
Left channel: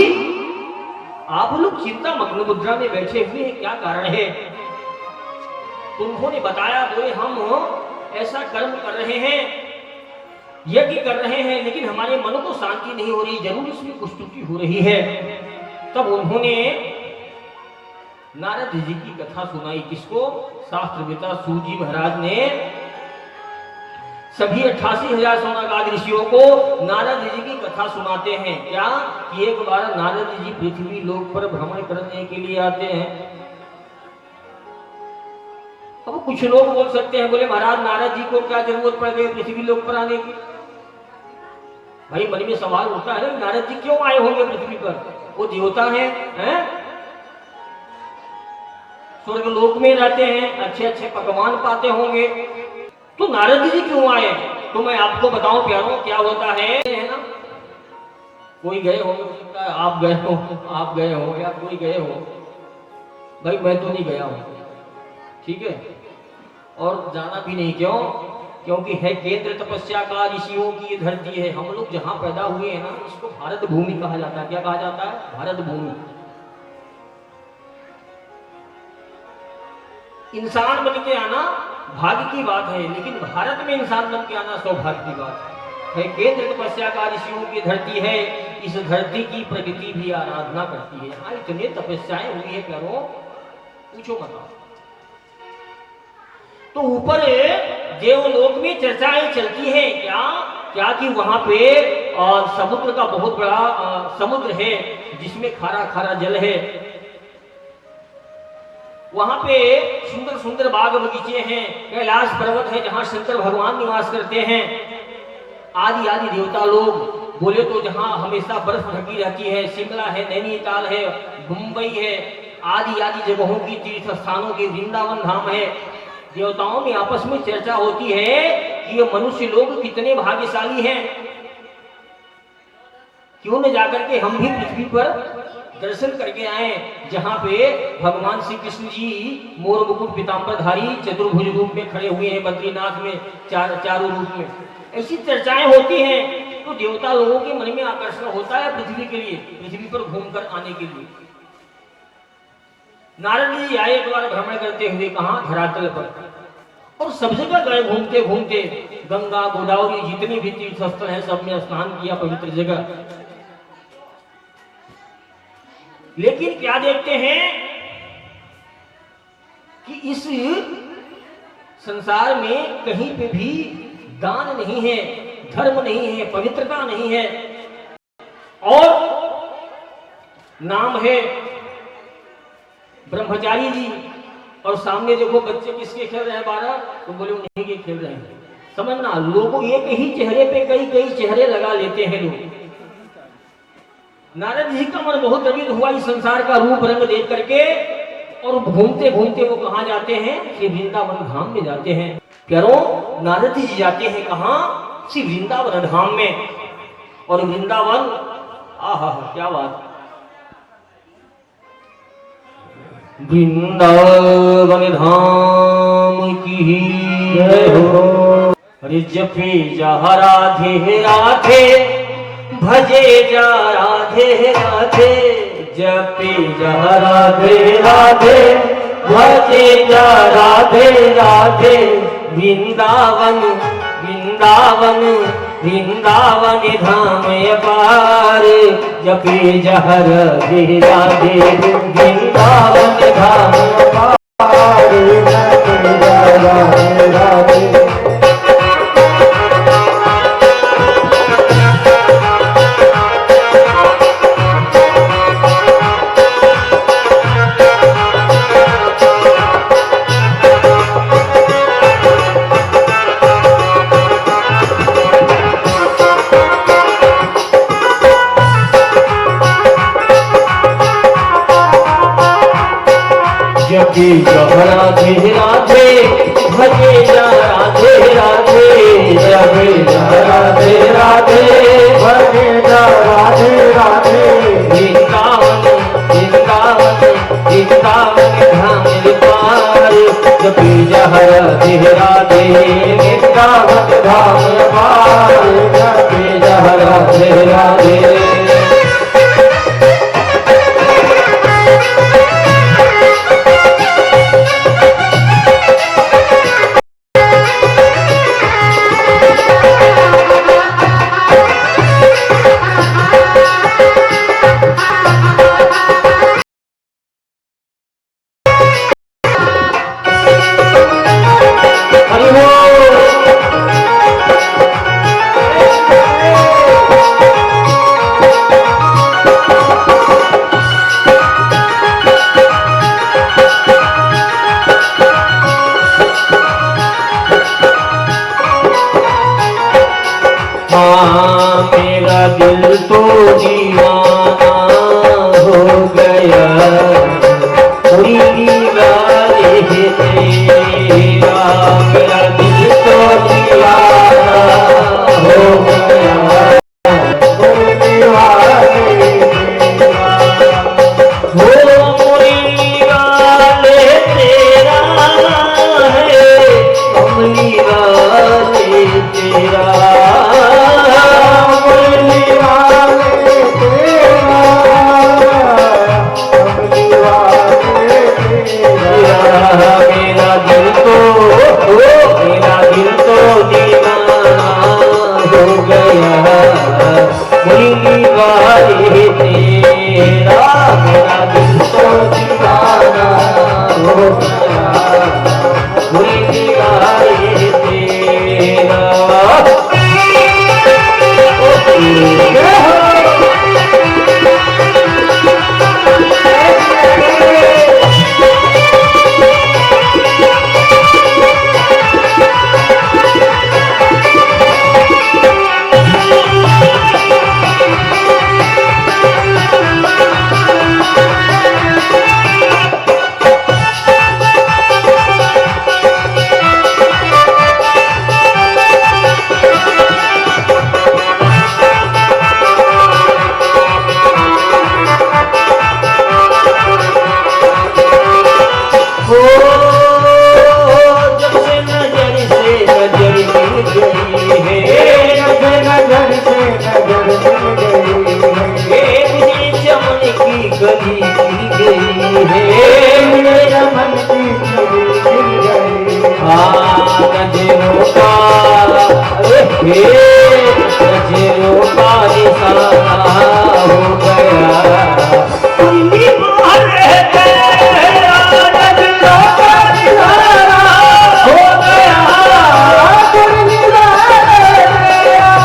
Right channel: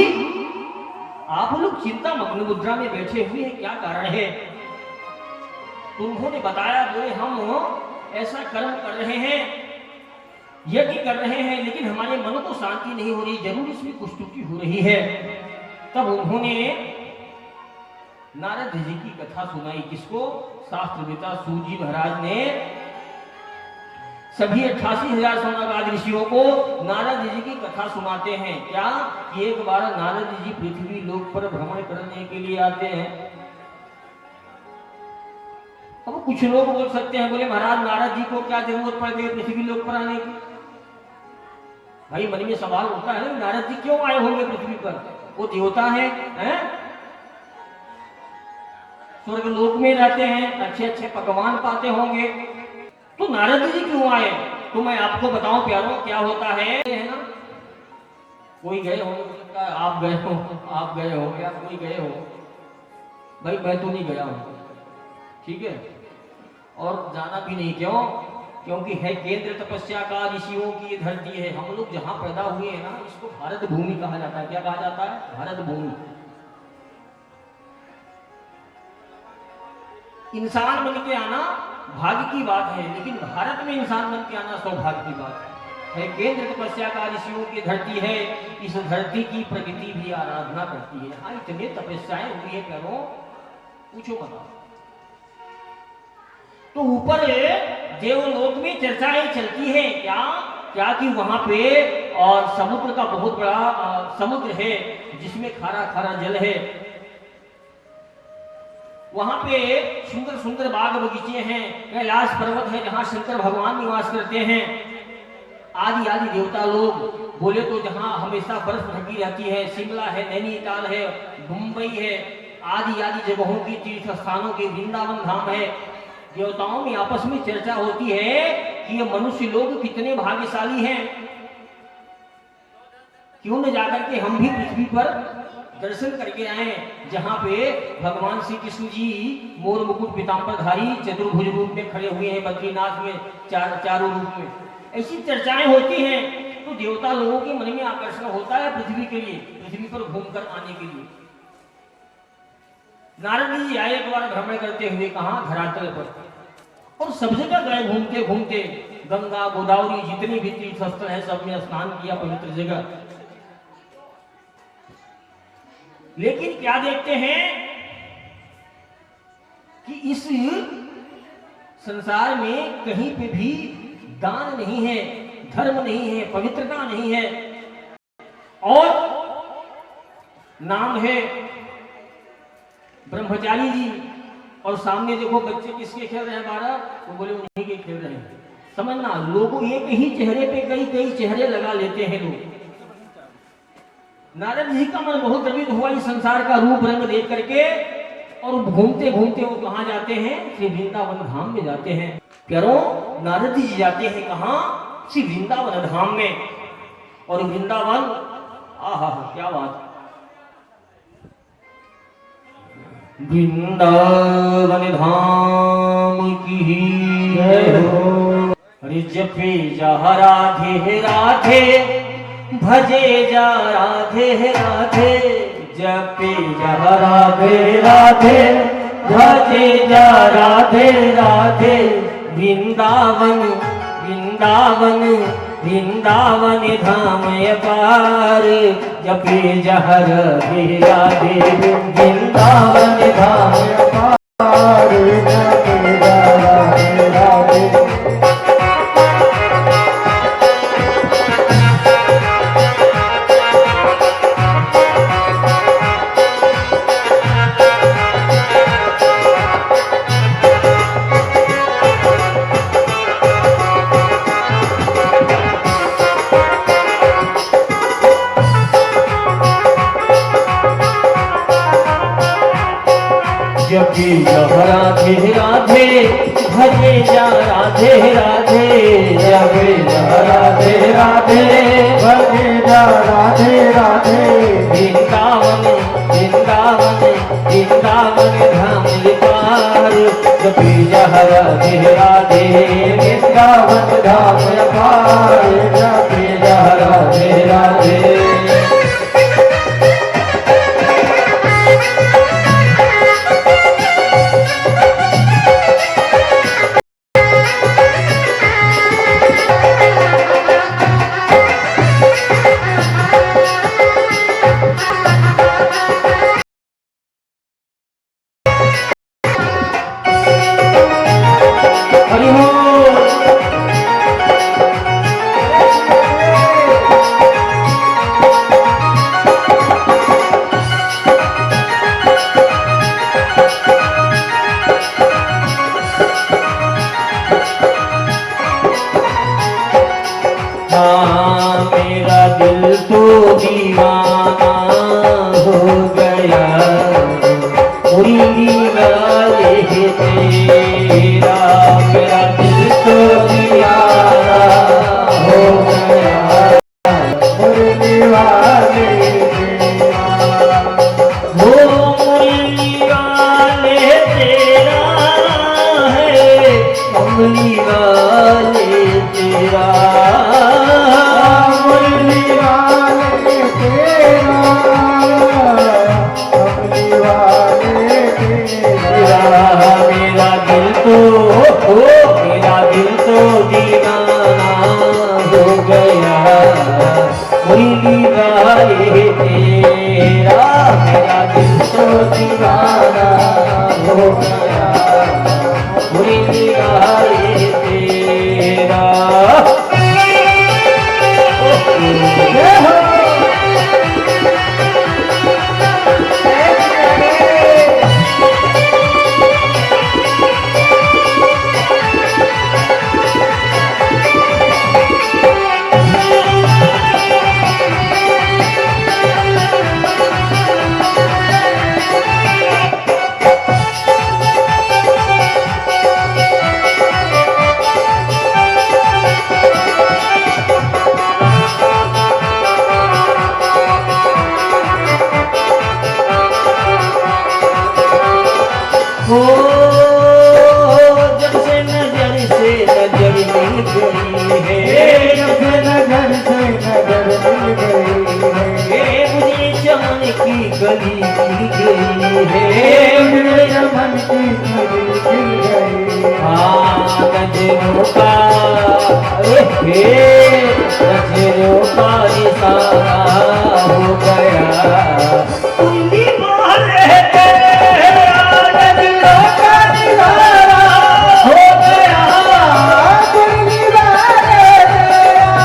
आप लोग चिंता मग्न मुद्रा में बैठे हुए हैं, क्या कारण है? तो उन्होंने बताया, बोले हम ऐसा कर्म कर रहे हैं, यज्ञ कर रहे हैं, लेकिन हमारे मन को शांति नहीं हो रही, जरूर इसमें कुछ त्रुटि हो रही है। तब उन्होंने नारद जी की कथा सुनाई। किसको? शास्त्रवेता सूत जी महाराज ने सभी 88,000 सौनकादि ऋषियों को नारद जी की कथा सुनाते हैं। क्या कि एक बार नारद जी पृथ्वी लोक पर भ्रमण करने के लिए आते हैं। अब कुछ लोग बोल सकते हैं, बोले महाराज, नारद जी को क्या जरूरत पड़ गई पृथ्वी लोक पर आने की? भाई मन में सवाल उठता है, नारद जी क्यों आए होंगे पृथ्वी पर? वो देवता हैं? स्वर्ग लोक में रहते हैं, अच्छे अच्छे पकवान पाते होंगे, तो नारद जी क्यों आए? तो मैं आपको बताऊं प्यारों, क्या होता है ना, कोई गए हो सकता है, आप गए हो या कोई गए हो, भाई मैं तो नहीं गया हूं, ठीक है, और जाना भी नहीं। क्यों? क्योंकि है केंद्र तपस्या का, ऋषियों की धरती है। हम लोग जहां पैदा हुए हैं ना, इसको भारत भूमि कहा जाता है। क्या कहा जाता है? भारत भूमि। इंसान बन के आना भाग्य की बात है, लेकिन भारत में इंसान बन के आना सौभाग्य की बात है। केंद्र तपस्या का, ऋषियों की धरती है। इस धरती की प्रकृति भी आराधना करती है। हाँ, इतने तपस्याएं हुई है, करो पूछो बताओ। तो ऊपर देवलोक में चर्चाएं चलती है, क्या कि वहां पे और समुद्र का बहुत बड़ा समुद्र है, जिसमें खारा खारा जल है। वहां पे सुंदर सुंदर बाग बगीचे हैं, कैलाश पर्वत है जहां शंकर भगवान निवास करते हैं। आदि आदि देवता लोग बोले तो जहाँ हमेशा बर्फ ढकी रहती है, शिमला है, नैनीताल है, मुंबई है, आदि आदि जगहों की तीर्थ स्थानों के वृंदावन धाम है। देवताओं में आपस में चर्चा होती है कि ये मनुष्य लोग कितने भाग्यशाली हैं, क्यों न जाकर के हम भी पृथ्वी पर दर्शन करके आए, जहाँ पे भगवान श्री कृष्ण जी मोर मुकुट पीताम्बरधारी चतुर्भुज रूप में खड़े हुए हैं, बद्रीनाथ में चारों रूप में। ऐसी चर्चाएं होती हैं तो देवता लोगों के मन में आकर्षण होता है पृथ्वी के लिए, पृथ्वी पर घूमकर आने के लिए। नारद जी आए एक बार भ्रमण करते हुए, कहा धरातल पर, और सब जगह गए घूमते घूमते, गंगा गोदावरी जितने भी तीर्थ स्थल है सब में स्नान किया, पवित्र जगह। लेकिन क्या देखते हैं कि इस संसार में कहीं पे भी दान नहीं है, धर्म नहीं है, पवित्रता नहीं है, और नाम है ब्रह्मचारी जी, और सामने देखो बच्चे किसके खेल रहे हैं 12, तो बोले उन्हीं के खेल रहे हैं। समझना, लोग एक ही चेहरे पे कई कई चेहरे लगा लेते हैं लोग। नारद जी का मन बहुत द्रवित हुआ इस संसार का रूप रंग देख करके, और घूमते घूमते वो कहाँ जाते हैं, श्री वृंदावन धाम में जाते हैं। प्यारों, नारद जी जाते हैं कहाँ, श्री वृंदावन धाम में। और वृंदावन, आहा क्या बात, वृंदावन धाम की जय हो। अरे जपे जा राधे राधे, भजे जा राधे राधे, जपे जा राधे राधे, भजे जा राधे राधे। वृंदावन वृंदावन वृंदावन धाम अपार, जपे जा राधे राधे, वृंदावन धाम अपार, जपे जा राधे राधे। जपे जा राधे राधे, भजे जा राधे राधे, जपे जा राधे राधे, भजे जा राधे राधे। वृंदावन वृंदावन वृंदावन धाम पार, जपे जा राधे राधे, वृंदावन धाम पार, जपे जा राधे राधे। मेरा दिल तो दीवाना हो गया, वाले तेरा, मेरा दिल तो दीवाना हो गया, वाले तेरा है, कमली वाले तेरा। मेरा दिल तो दीवाना हो गया, मुरली वाले तेरा, मेरा दिल तो दीवाना हो गया, मुरली वाले तेरा। गई है, नजर से नजर मिल गई है, ये मुझे चमन की गली मिल गई है, मेरे मन की गली मिल गई नजरों का नजरों का निशाना हो गया, कुंडी मारे तेरा नजरों का निशाना हो गया, कुंडी मारे तेरा।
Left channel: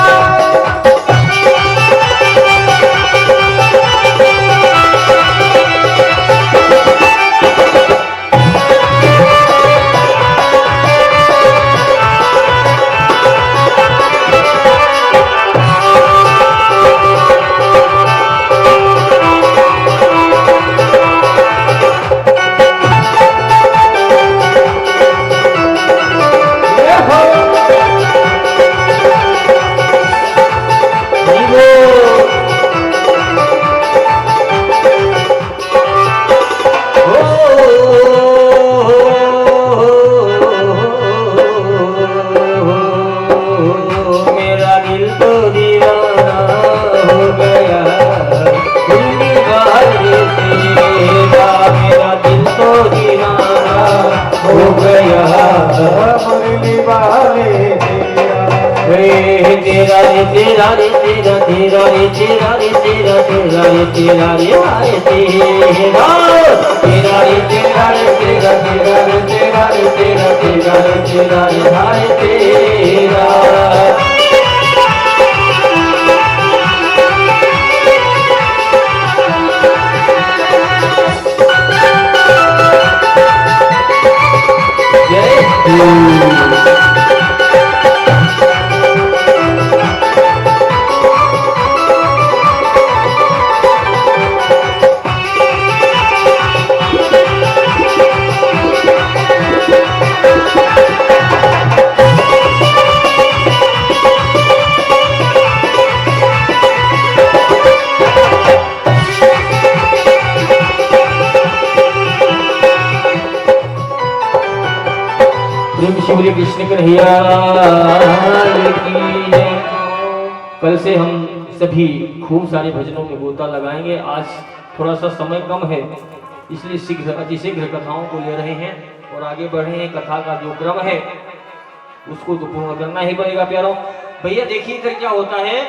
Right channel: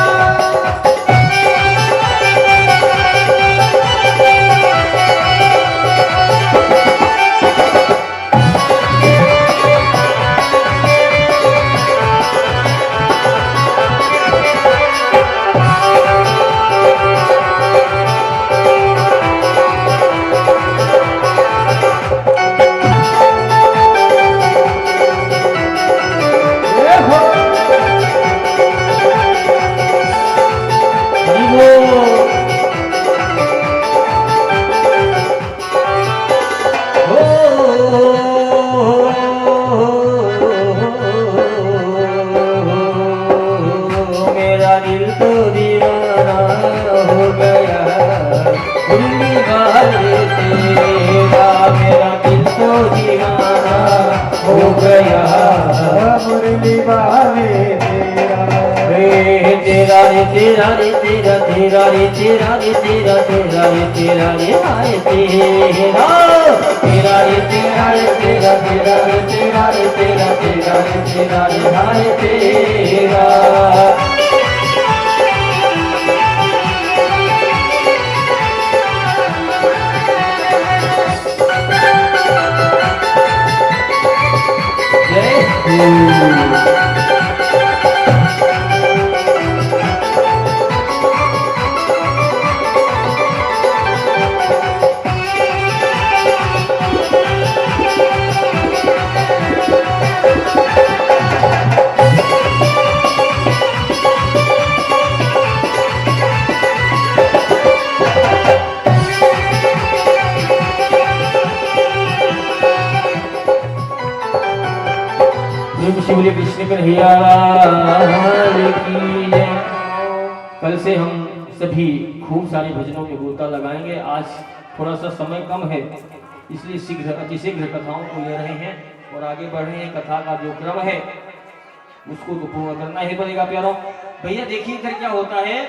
मेरा दिल तो दीवाना हो गया, कुंडी मारे तेरा, मेरा दिल तो दीवाना हो गया, मुरली वाले तेरा। रे तेरा रे तेरा रे तेरा तेरा रे तेरा रे तेरा तेरा रे तेरा रे हाय तेरा, तेरा रे तेरा रे तेरा तेरा रे तेरा रे तेरा तेरा रे तेरा रे हाय तेरा। जय श्री शिवली कृष्ण कन्हैया की जय। कल से हम सभी खूब सारे भजनों के गोता लगाएंगे। आज थोड़ा सा समय कम है, इसलिए शीघ्र अतिशीघ्र कथाओं को ले रहे हैं और आगे बढ़ रहे हैं। कथा का जो क्रम है उसको तो पूर्ण करना ही पड़ेगा प्यारों। भैया देखिए फिर क्या होता है,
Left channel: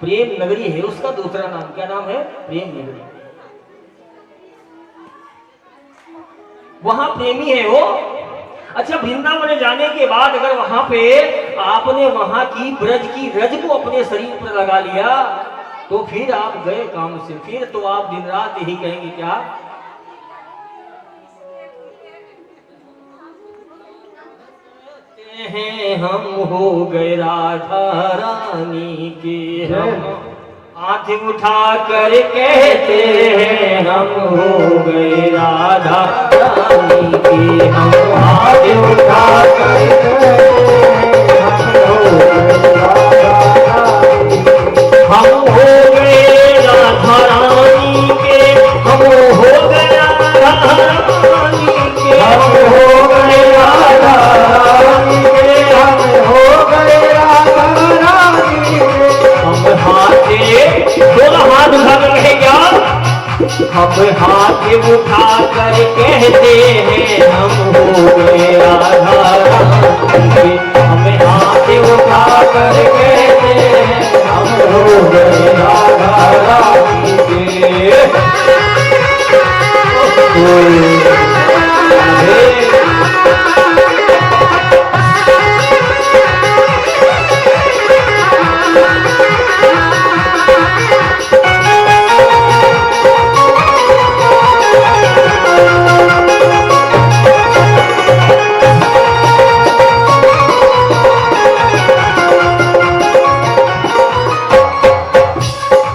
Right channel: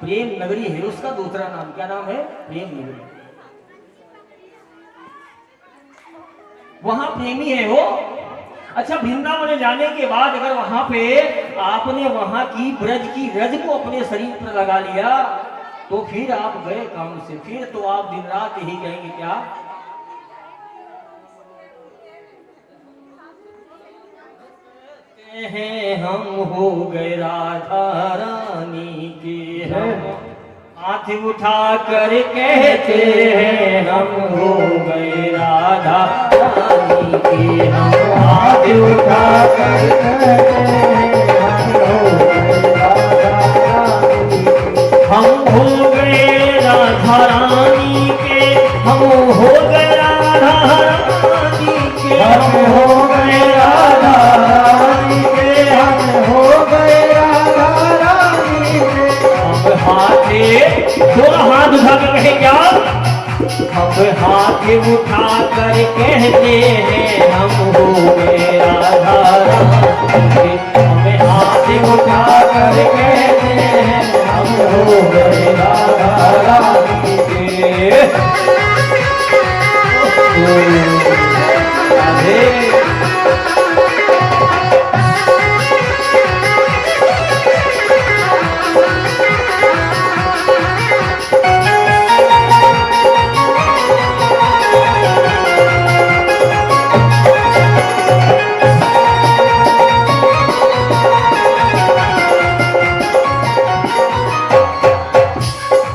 प्रेम नगरी है उसका दूसरा नाम, क्या नाम है? प्रेम नगरी। वहां प्रेमी है वो। अच्छा, वृंदावन जाने के बाद अगर वहां पे आपने वहां की ब्रज की रज को अपने शरीर पर लगा लिया तो फिर आप गए काम से, फिर तो आप दिन रात यही कहेंगे क्या? हैं हम हो गए राधा रानी के, हम हाथ उठा कर कहते हैं हम हो गए राधा रानी के, हम हाथ उठा कर कहते हैं हम हो गए राधा रानी के, हम हो गए राधा रानी के, हम हो गए राधा रानी के, हम हो गए राधा रानी के। हम हाथ उठा कर कहेगा, हम हाथ उठा कर कहते हैं हम हो गए राधा रानी के, हम हाथ उठा कर कहते हैं हम हो गए राधा रानी के।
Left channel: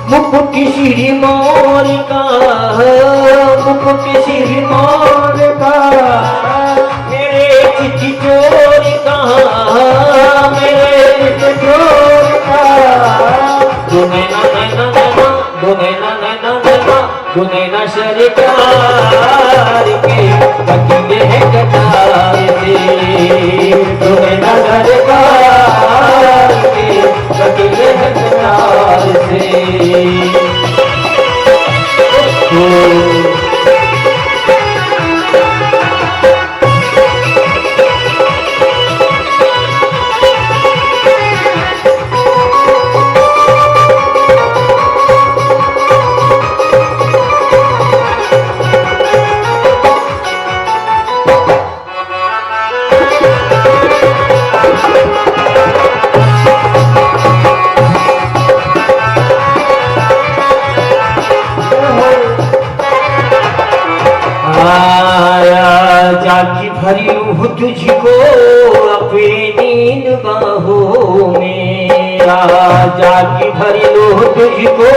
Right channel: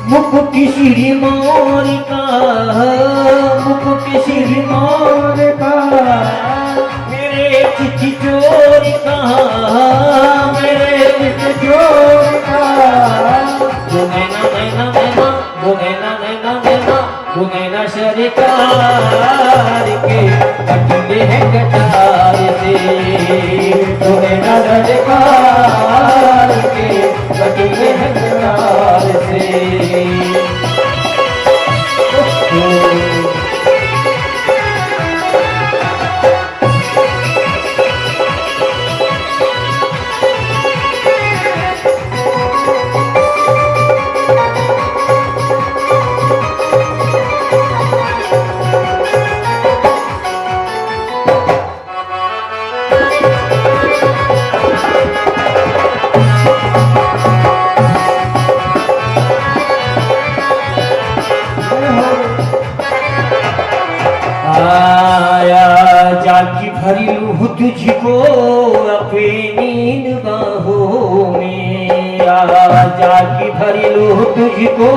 मुकुट श्री मोर का, मुकुट श्री मोर का, मेरे चिट्ठी चोर का, मेरे चिट्ठी चोर का। दो नैना नैना नैना, दो नैना नैना नैना, दो नैना सरकार के बचते हैं कतार से, दो नैना सरकार जागी भरी रूह तुझको अपनी बाहों में, जागी भरी रूह तुझको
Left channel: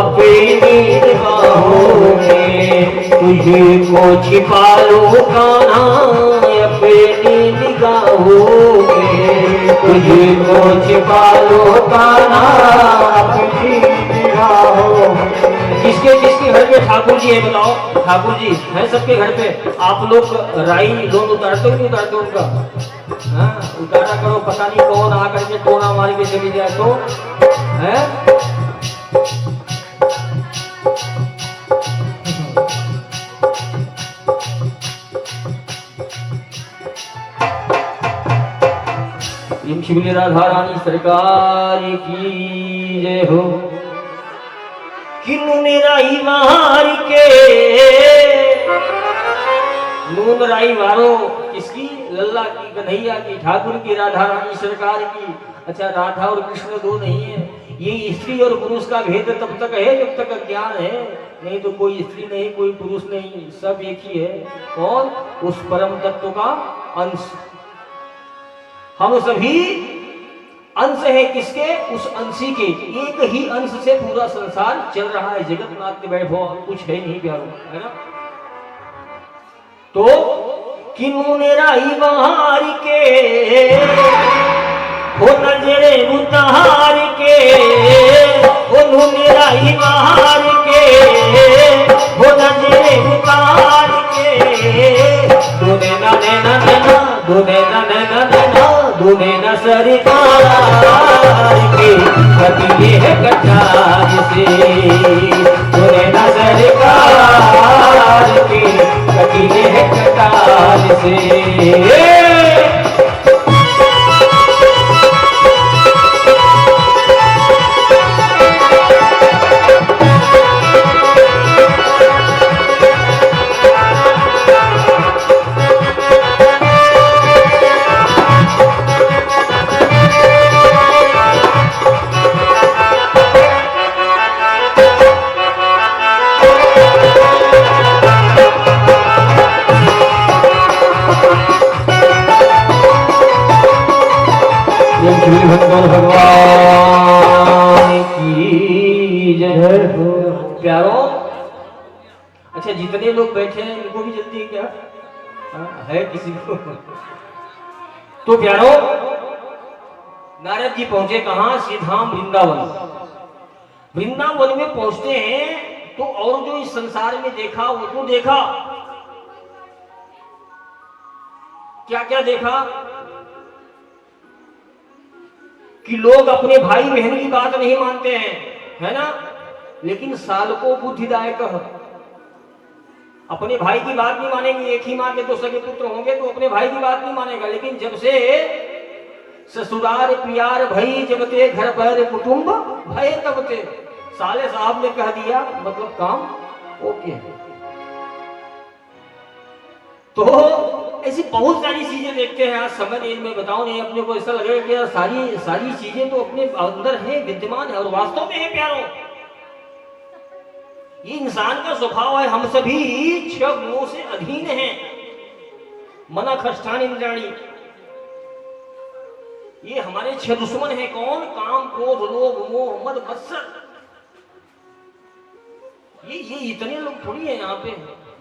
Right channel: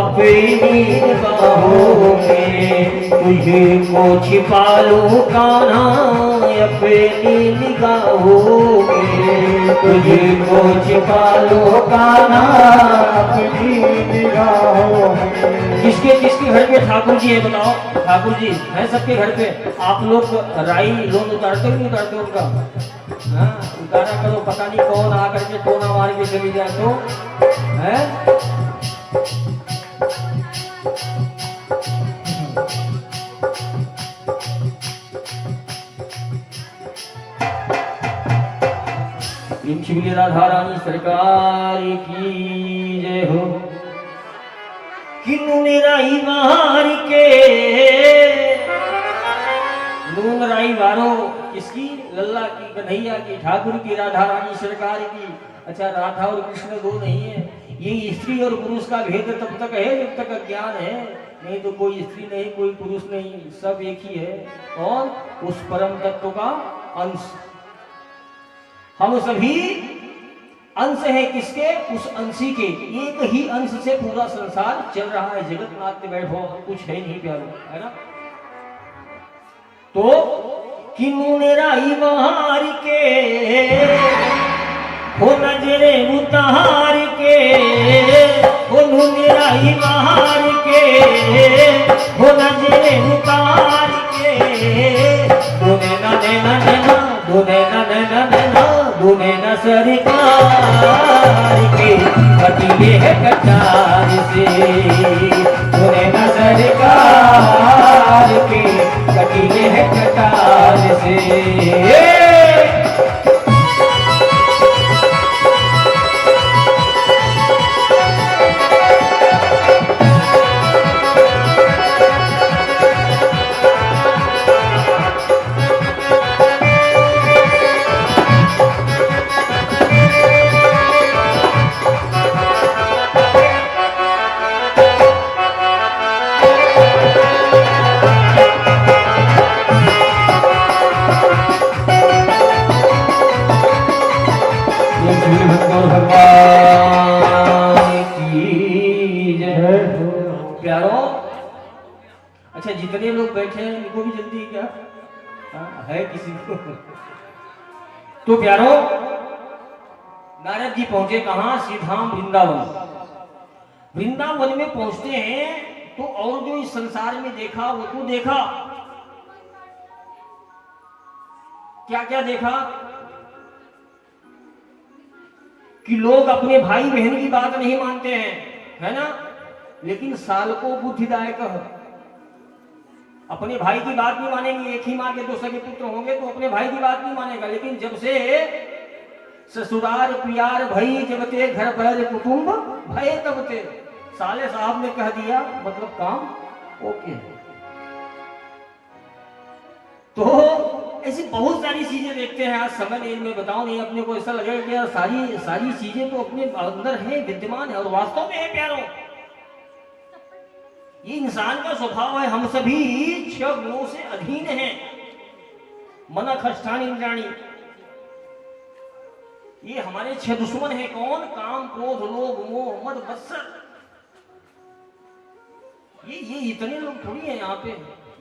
अपनी बाहों में, तुझको छिपा लो कान्हा अपनी निगाहों में, तुझको छिपा लो कान्हा अपनी निगाहों में। किसके किसके घर पे ठाकुर जी है बताओ? ठाकुर जी है सबके घर पे। आप लोग राई लोग उतारते हो नहीं उतारते उनका? हाँ उतारा करो, पता नहीं कौन आकर के टोना मार के चली जाए तो है। श्री राधा रानी सरकार की जय हो। कि नून राई मार के, नून राई वारो किसकी? लल्ला की, कन्हैया की, ठाकुर की, राधा रानी सरकार की। अच्छा राधा और कृष्ण दो नहीं है, ये स्त्री और पुरुष का भेद तब तक है जब तक ज्ञान है, नहीं तो कोई स्त्री नहीं कोई पुरुष नहीं, सब एक ही है। कौन? उस परम तत्व का अंश। हम सभी अंश है किसके? उस अंशी के। एक ही अंश से पूरा संसार चल रहा है। जगत नाथ के बैठो कुछ है नहीं प्यारो, है ना? तो कि नून राई बहार के हो नजरे उतार के, हो नून राई बहार के हो नजरे उतार के, दूने ना नैना नैना दूने ना नैना नैना दूने ना सरकार के कटिए है कटार से, दूने ना सरकार के कटिए है कटार से। भगवान की जय हो। प्यारो अच्छा जितने लोग बैठे हैं इनको भी जल्दी है क्या? है किसी को? तो प्यारो नारद जी पहुंचे कहां? श्रीधाम वृंदावन। वृंदावन में पहुंचते हैं तो और जो इस संसार में देखा वो तो देखा, क्या क्या देखा? कि लोग अपने भाई बहन की बात नहीं मानते हैं, है ना? लेकिन साल को बुद्धिदायक अपने भाई की बात नहीं मानेंगे। एक ही माँ के दो सगे पुत्र होंगे तो अपने भाई की बात नहीं मानेगा। लेकिन जब से ससुराल प्यार भई जब ते घर पर कुटुंब भय तब ते, साले साहब ने कह दिया मतलब काम ओके। तो ऐसी बहुत सारी चीजें देखते हैं। आज समय नहीं में बताओ नहीं, अपने को ऐसा लगेगा कि यार सारी सारी चीजें तो अपने अंदर है, विद्यमान है और वास्तव में है प्यारो। ये इंसान का स्वभाव है। हम सभी 6 गुणों से अधीन हैं। मन खष्ठान इंद्राणी, ये हमारे 6 दुश्मन हैं। कौन? काम क्रोध लोभ मोह मद मत्सर। ये इतने लोग थोड़ी है यहाँ पे,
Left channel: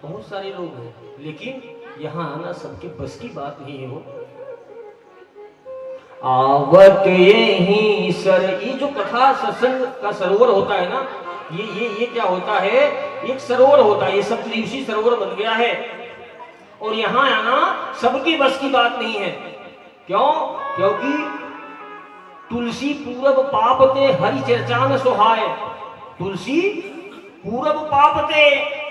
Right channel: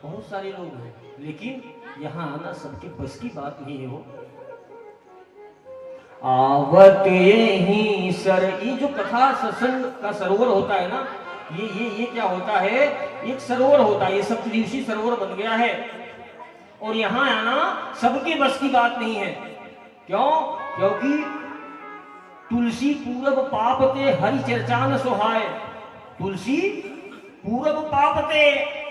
बहुत सारे लोग हैं। लेकिन यहाँ आना सबके बस की बात नहीं हो। आवत यही सर, ये जो कथा सत्संग का सरोवर होता है ना, ये क्या होता है? एक सरोवर होता है, ये सप्तऋषि सरोवर बन गया है। और यहाँ आना सबकी बस की बात नहीं है। क्यों? क्योंकि तुलसी पूरब पाप ते हरि चर्चा न सोहाय। तुलसी पूरब पाप ते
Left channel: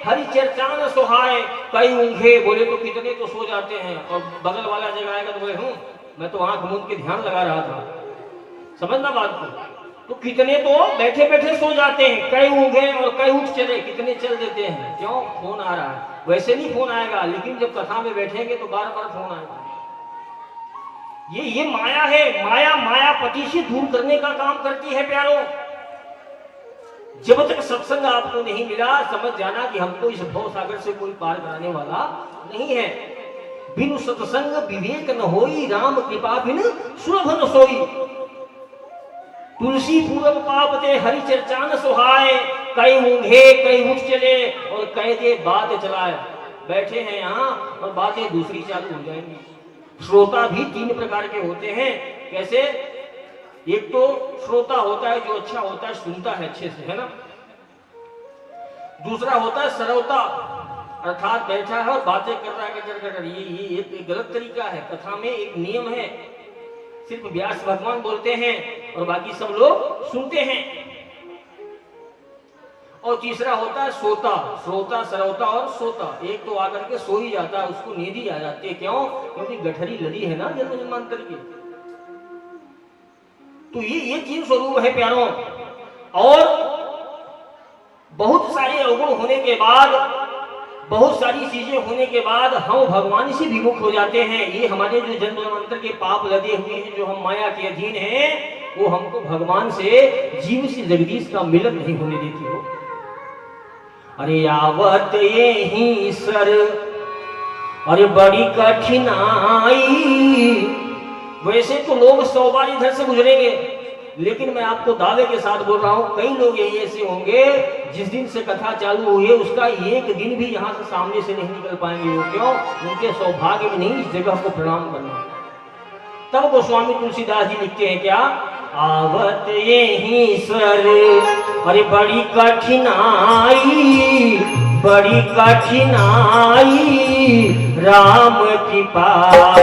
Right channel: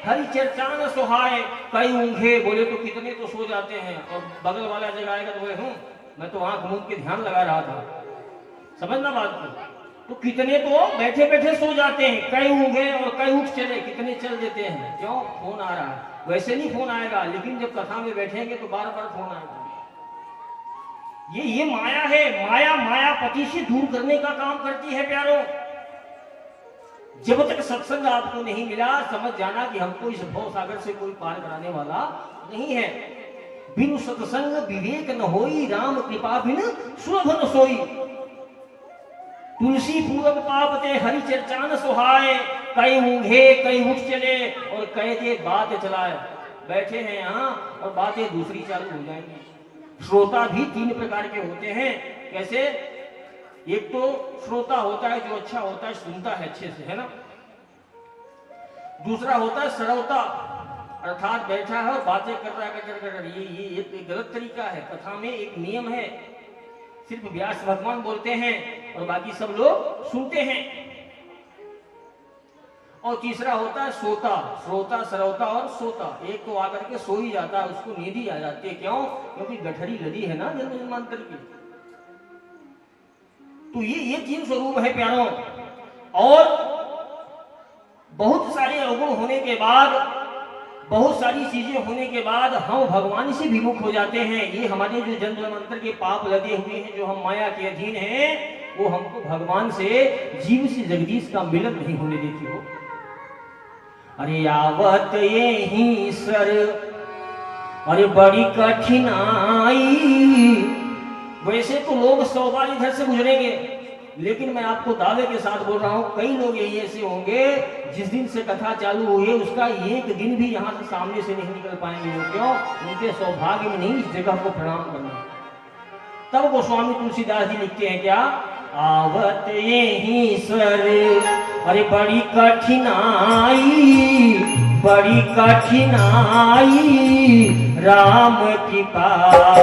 हरि चर्चा न सोहाय। कई ऊँघे बोले तो कितने तो सो जाते हैं, और बगल वाला जगाएगा तो बोले मैं तो आंख मूंद के ध्यान लगा रहा था। समझना बात को? तो कितने तो बैठे बैठे सो जाते हैं। कई ऊँघे और कई उठ चले, कितने चल देते हैं। क्यों? फोन आ रहा है। वैसे नहीं फोन आएगा, लेकिन जब कथा में बैठेंगे तो बार बार फोन आएगा। ये माया है। माया मायापति से दूर करने का काम करती है प्यारों। जब तक सत्संग आपको नहीं मिला, समझ जाना कि हमको इस भव सागर से कोई पार कराने वाला नहीं है। बिनु सत्संग विवेक न होई, राम कृपा बिन सुलभ न सोई। तुलसी पूरब पाप ते हरि चर्चा न सुहाए, कई ऊँघे कई उठ चले और कई दे बात चलाए। बैठे हैं यहाँ और बातें दूसरी चालू हो जाएंगी। श्रोता भी तीन प्रकार के होते हैं। कैसे? एक तो श्रोता होता है जो अच्छा होता है, सुनता है अच्छे से, है ना। दूसरा होता है श्रोता, अर्थात बैठा है और बातें कर रहा है। ये एक गलत तरीका है। कथा में एक नियम है, सिर्फ व्यास भगवान बोलते हैं और बाकी सब लोग सुनते हैं। और तीसरा होता है सोता, श्रोता, श्रोता और सोता। एक तो आकर के सो ही जाता है, उसको नींद ही आ जाती है। क्यों? क्योंकि गठरी लदी है ना जन्म जन्मांतर की। तो ये तीन स्वरूप है प्यारों। और बहुत सारे अवगुण होने के बाद, बहुत सारी चीजें होने के बाद हम भगवान से विमुख हो जाते हैं। ये हमारे जो जन्म जन्मांतर के पाप लदे हुए हैं, जो हम माया के अधीन हैं, वो हमको भगवान से, जीव से जगदीश का मिलन नहीं होने देती हो। अरे आवत ये ही सर, अरे बड़ी कठिनाई। वैसे तो लोग 100 बार इधर से गुजरेंगे, लेकिन मैं आपको दावे के साथ बोल रहा हूं, कई लोग यही ऐसे होंगे जिस दिन से कथा चालू हुई है उसका एक दिन भी यहाँ से सामने से नहीं निकल पाएंगे। वो क्यों? उनके सौभाग्य में नहीं इस जगह को प्रणाम करना। तब गोस्वामी तुलसीदास जी लिखते हैं क्या? आवत यही स्वर, अरे बड़ी कठिनाई, बड़ी कठिनाई, राम कृपा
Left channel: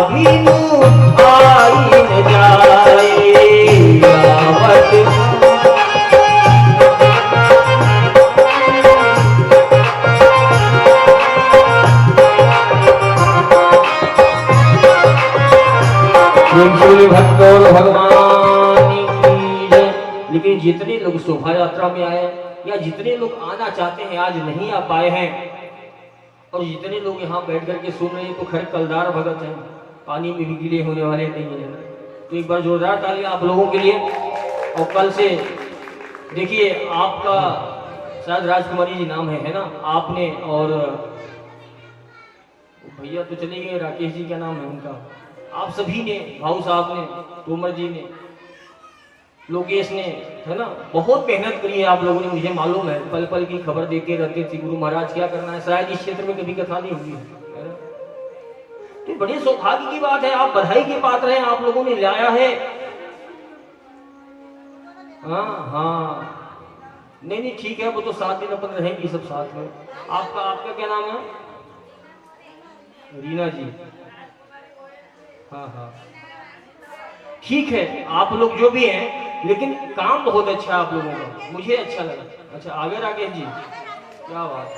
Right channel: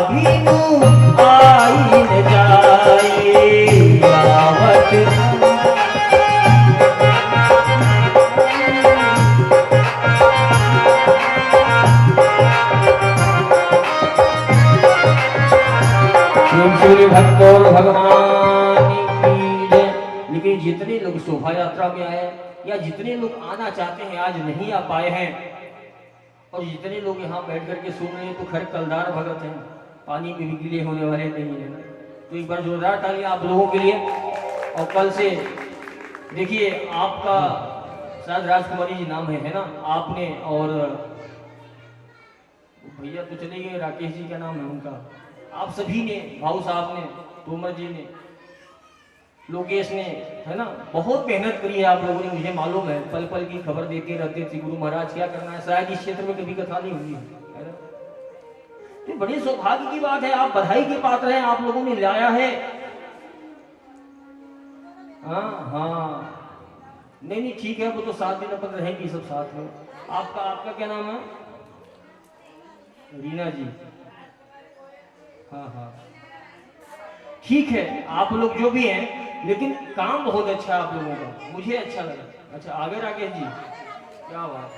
बिनु आई न जाए। आवत भक्तों भगवान की जय। लेकिन जितने लोग शोभा यात्रा में आए या जितने लोग आना चाहते हैं आज नहीं आ पाए हैं, और जितने लोग यहाँ बैठ करके सुन रहे हैं तो खैर कलदार भगत हैं, पानी में गीले होने वाले नहीं है। तो एक बार जोरदार तालियां आप लोगों के लिए। और कल से देखिए, आपका शायद राजकुमारी जी नाम है ना, आपने और भैया तो चले गए, राकेश जी क्या नाम है उनका, आप सभी ने, भाऊ साहब ने, तोमर जी ने, लोकेश ने, है ना, बहुत मेहनत करी है आप लोगों ने। मुझे मालूम है, पल पल की खबर देते रहते थे गुरु महाराज क्या करना है। शायद इस क्षेत्र में कभी कथा नहीं होगी, है ना। तो बड़े सौभाग्य की बात है, आप बधाई के पात्र हैं, आप लोगों ने लाया है। हाँ, नहीं ठीक है, वो तो 7 दिन अपन रहेंगी सब साथ में। आपका क्या नाम है? रीना जी। हाँ, ठीक है, आप लोग जो भी हैं, लेकिन काम बहुत अच्छा है आप लोगों का, मुझे अच्छा लगा। अच्छा, आगे राकेश जी, क्या बात,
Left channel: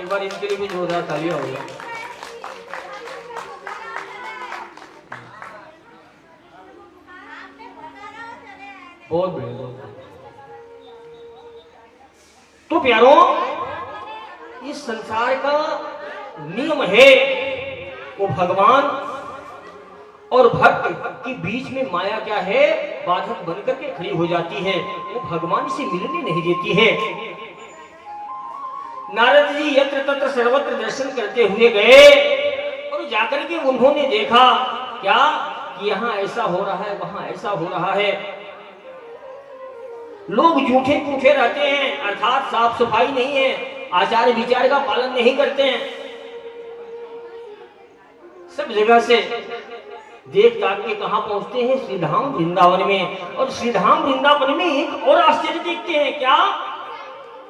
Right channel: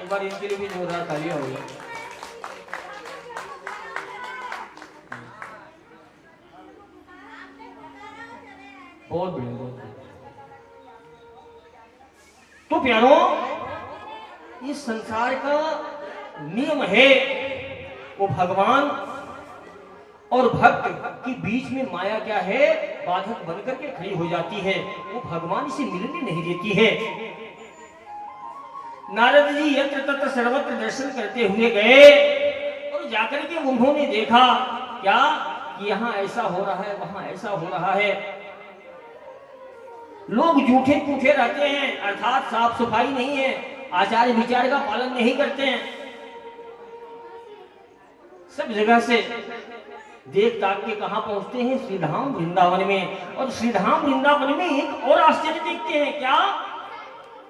एक बार इनके लिए भी जोरदार तालियां हो गया। बहुत बढ़िया। तो प्यारों, इस संसार का नियम है, वो भगवान और भक्त के बीच में माया क्या है, बाधक बनकर के खड़ी हो जाती है। वो भगवान से मिलने नहीं देती है। नारद जी यत्र तत्र सर्वत्र दर्शन करते हुए गए और जाकर के उन्होंने देखा क्या कि यहाँ ऐसा हो रहा है, वहां ऐसा हो रहा है। लोग जूठे पूठे रहते हैं, अर्थात साफ सफाई नहीं है, आचार विचार का पालन नहीं करते हैं। सब जगह से देख ताक के कहां पहुंचते हैं? श्रीधाम वृंदावन में। और श्रीधाम वृंदावन में एक और आश्चर्य देखते हैं क्या?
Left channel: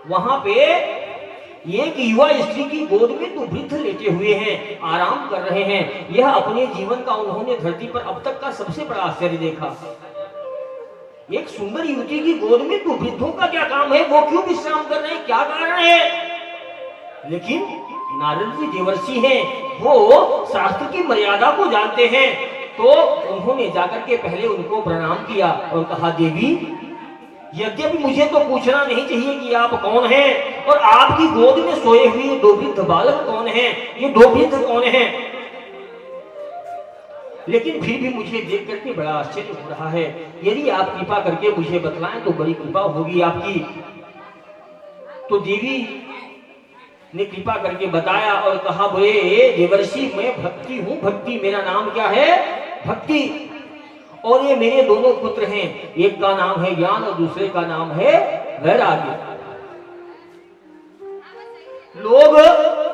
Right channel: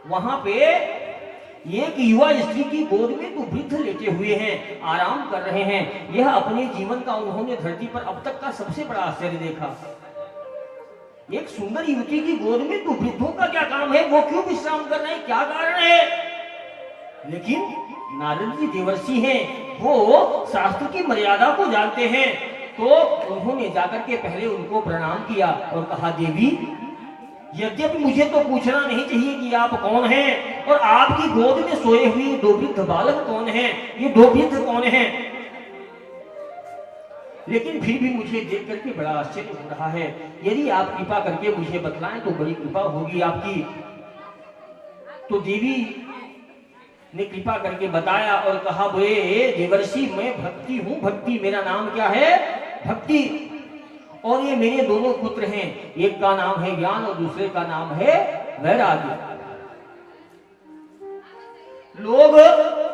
वहां पे एक युवा स्त्री की गोद में 2 वृद्ध लेटे हुए हैं, आराम कर रहे हैं। यह अपने जीवन का उन्होंने धरती पर अब तक का सबसे बड़ा आश्चर्य देखा। एक सुंदर युवती की गोद में 2 वृद्धों का क्या काम है? वो क्यों विश्राम कर रहे हैं? क्या कारण है? लेकिन नारद जी देवर्षि हैं, वो शास्त्र की मर्यादा को जानते हैं। तो उन्होंने जाकर के पहले उनको प्रणाम किया और कहा, देवी, यद्यपि मुझे तो पूछना नहीं चाहिए कि आप कौन हैं और आपकी गोद में सोए हुए 2 वृद्ध बालक कौन हैं? ये 2 वृद्ध कौन हैं? लेकिन फिर भी मुझे देख करके बड़ा आश्चर्य हो रहा है। यदि आप कृपा करके मुझे बतलाएं तो बड़ी कृपा होगी आपकी। तो देवी ने कृपा करके बताया और कहा, बोले देवर्षि मैं भक्ति हूं, भक्ति मेरा नाम क्या है, भक्ति। और ये मेरे दोनों पुत्र हैं, एक का नाम है ज्ञान और दूसरे का नाम है वैराग्य। लोग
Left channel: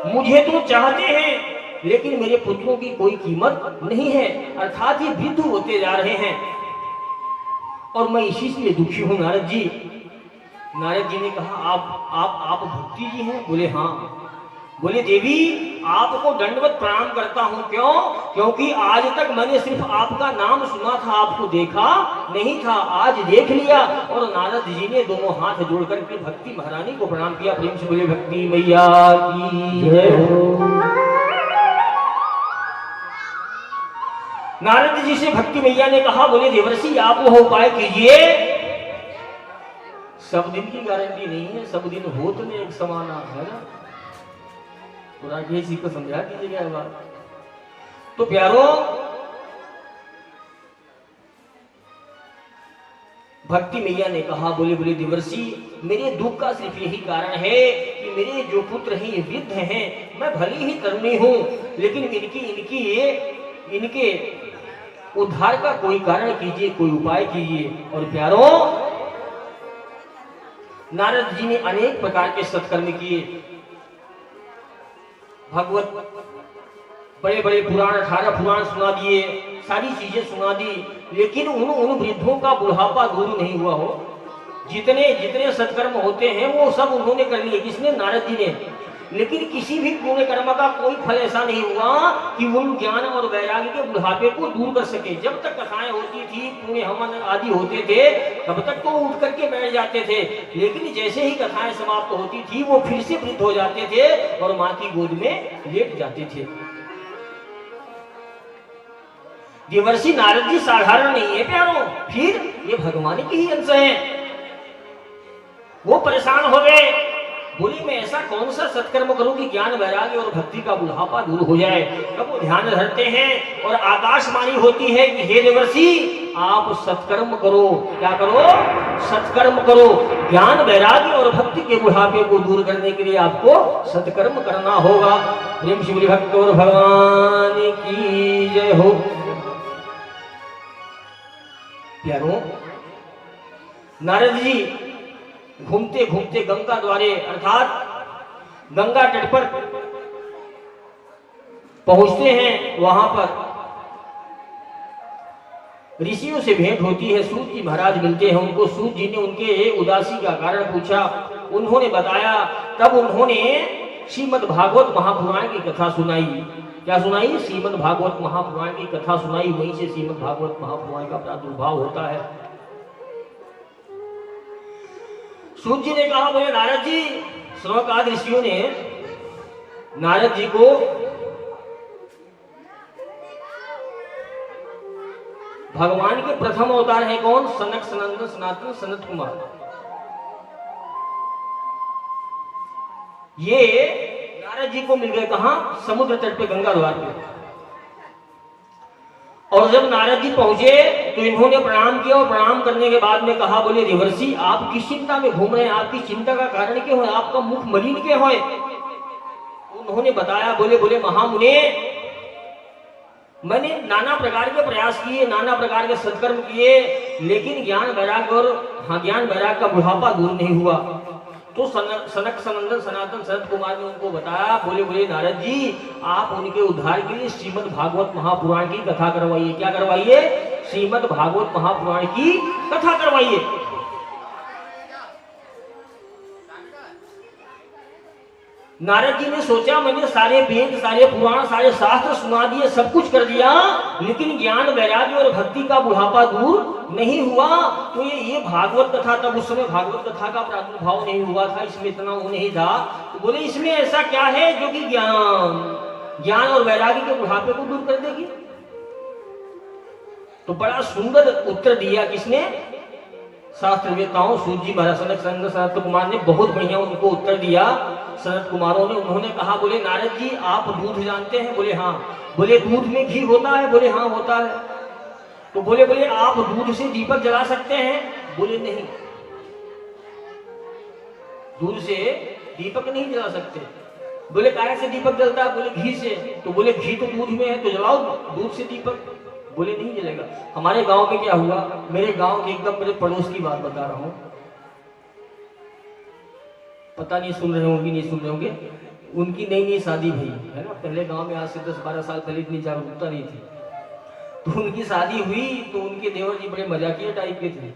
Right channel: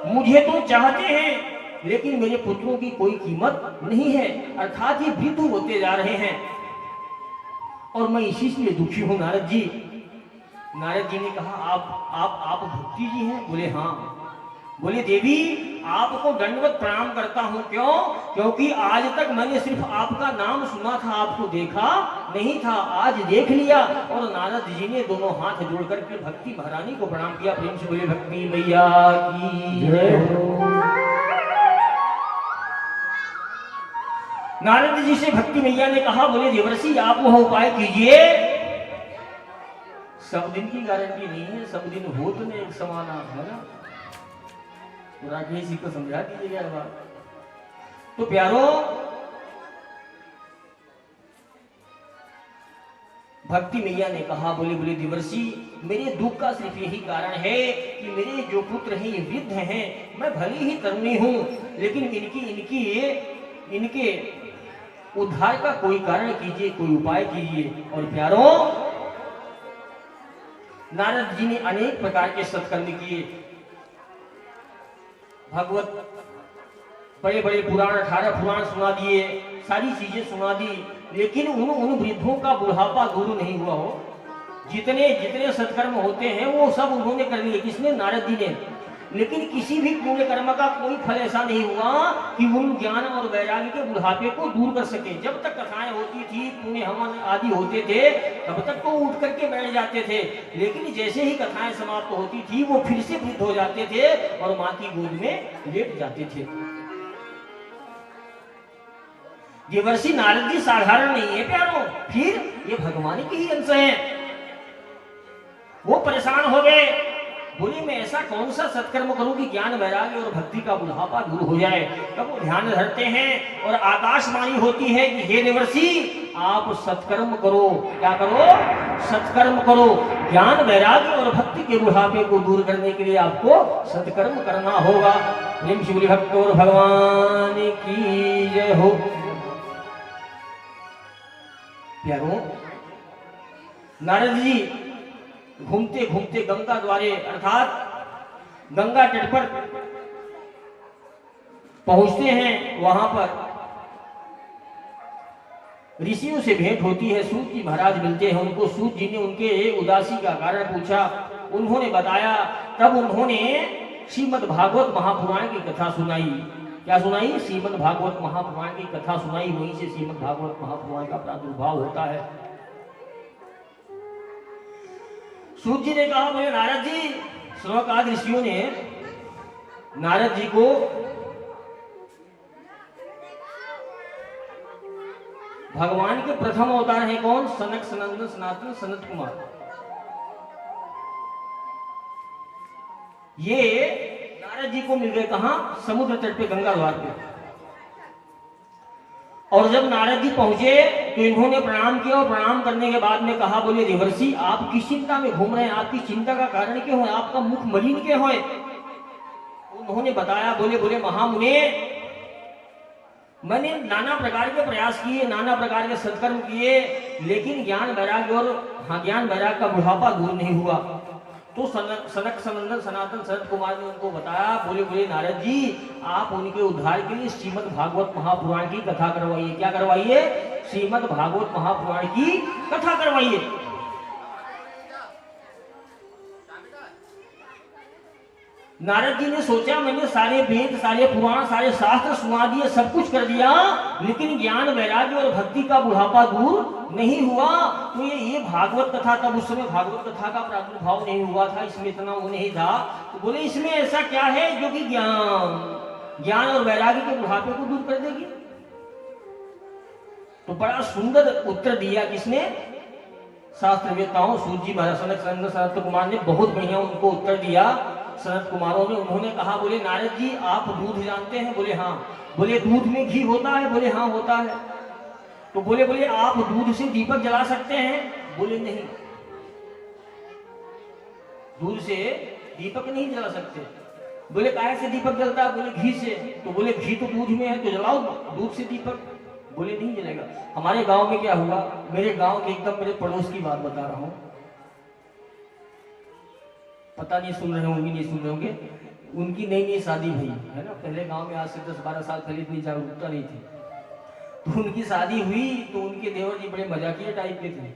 मुझे तो चाहते हैं लेकिन मेरे पुत्रों की कोई कीमत नहीं है, अर्थात ये वृद्ध होते जा रहे हैं और मैं इसी से दुखी हूं नारद जी। नारद जी ने कहा, आप भक्ति जी हैं? बोले हाँ। बोले देवी आपको दंडवत प्रणाम करता हूं, क्यों? क्योंकि आज तक मैंने सिर्फ आपका नाम सुना था, आपको देखा नहीं था, आज देख लिया। और नारद जी ने दोनों हाथ जोड़ करके भक्ति महारानी को प्रणाम किया। प्रेम से बोले भक्ति मैया की जय हो। नारद जी से भक्ति मैया ने कहा, बोले देवर्षि आप वह उपाय कीजिए। सब दिन की गारंटी नहीं है, सब दिन हो तो नहीं एक समान है ना, तो राजेश जी को समझा दीजिएगा बात। तो प्यारो भक्ति मैया ने कहा, बोले देवर्षि मेरे दुख का सिर्फ यही कारण है कि मेरे जो पुत्र हैं ये वृद्ध हैं, मैं भली ही तरुणी हूं लेकिन इनके उद्धार का कोई कारण कीजिए, कोई उपाय कीजिए। और प्यारो नारद जी ने अनेक प्रकार के सत्कर्म किए, भगवत बड़े बड़े पुराण 18 पुराण सुना दिए, सारी चीजें सुना दी, लेकिन उन वृद्धों का बुढ़ापा दूर नहीं हुआ हो। जितने सत्कर्म होते हैं वो सब उन्होंने कर लिए, किसने? नारद जी ने। लेकिन किसी भी पुण्य कर्म का कोई फल ऐसा नहीं हुआ कि उन ज्ञान और वैराग्य के बुढ़ापे को दूर कर सके। जब तक कथाएं होती थी, पुण्य हवन आदि होते थे, तब तक तो उठ करके बैठ जाते थे, लेकिन जैसे ही कथाएं समाप्त होती थी वो फिर से वृद्ध हो जाते थे और मां की गोद में लेट जाते थे। देवर्षि नारद जी साधारण नहीं है प्यारो, फिर ये भगवान के ही अंश हैं। वो परेशान हो गए, बोले मैं ऐसा कौन सा सत्कर्म करूं कि ज्ञान वैराग्य और भक्ति का बुढ़ापा दूर हो जाए। तब वो ध्यान धरते हैं और आकाशवाणी होती है कि हे देवर्षि आप सत्कर्म करो। क्या करो? सत्कर्म करो। ज्ञान वैराग्य और भक्ति के बुढ़ापे को दूर करने के लिए आपको सत्कर्म करना होगा। प्रेम शिवरी भक्त और भगवान की जय हो। प्यारो नारद जी घूमते घूमते गंगा द्वारे अर्थात गंगा तट पर पहुंचते हैं। वहां पर ऋषियों से भेंट होती है, सूत जी महाराज मिलते हैं उनको। सूत जी ने उनके उदासी का कारण पूछा, उन्होंने बताया। तब उन्होंने श्रीमद् भागवत महापुराण की कथा सुनाई। क्या सुनाई? श्रीमद् भागवत महापुराण की कथा सुनाई। वहीं से श्रीमद् भागवत महापुराण का प्रादुर्भाव होता है। सूत जी ने कहा, बोले नारद जी, श्रवकाद ऋषियों ने नारद जी को भगवान के प्रथम अवतार है कौन? सनक सनंदन सनातन सनत कुमार। ये नारद जी को मिल गए कहां? समुद्र तट पे गंगा द्वार पे। और जब नारद जी पहुंचे तो इन्होंने प्रणाम किया और प्रणाम करने के बाद में कहा, बोले देवर्षि आप किस चिंता में घूम रहे हैं? आपकी चिंता का कारण क्या है? आपका मुख मलिन क्यों है? उन्होंने बताया, बोले महामुने मैंने नाना प्रकार के प्रयास किए, नाना प्रकार के सत्कर्म किए, लेकिन ज्ञान वैराग्य का बुढ़ापा दूर नहीं हुआ। तो सनक सनंदन सनातन सनत कुमार ने उनको बताया, बोले नारद जी आप उनके उद्धार के लिए श्रीमद् भागवत महापुराण की कथा करवाइए। क्या करवाइए? श्रीमद् भागवत महापुराण की कथा करवाइए। नारद जी ने सोचा, मैंने सारे वेद, सारे पुराण, सारे शास्त्र सुना दिए, सब कुछ कर दिया, लेकिन ज्ञान वैराग्य और भक्ति का बुढ़ापा दूर नहीं हुआ। तो ये भागवत कथा, तब उस समय भागवत कथा का प्रादुर्भाव नहीं हुआ था, इसमें इतना वो नहीं था। तो बोले इसमें ऐसा क्या है जो कि ज्ञान और वैराग्य के बुढ़ापे को दूर कर देगी? तो बड़ा सुंदर उत्तर दिया किसने? शास्त्रवेताओं सूत जी महाराज सनत कुमार ने बहुत बढ़िया उनको उत्तर दिया। सनत कुमारों ने उन्होंने कहा, बोले नारद जी आप दूध जानते हैं? बोले हाँ। बोले दूध में घी होता है? बोले हाँ होता है। तो बोले आप दूध से दीपक जला सकते हैं? बोले नहीं, दूध से दीपक नहीं जला सकते। बोले काहे से दीपक जलता है? बोले घी से। तो बोले घी तो दूध में है, तो जलाओ दूध से दीपक। बोले नहीं जलेगा। हमारे गांव में क्या हुआ, मेरे गांव के एकदम मेरे पड़ोस की बात बता रहा हूं, पता नहीं सुन रहे होंगे नहीं सुन रहे होंगे, उनकी नई नई शादी हुई है ना। पहले गांव में आज से 10-12 साल पहले इतनी जागरूकता नहीं थी। तो उनकी शादी हुई तो उनके देवर जी बड़े मजाकिया टाइप के थे,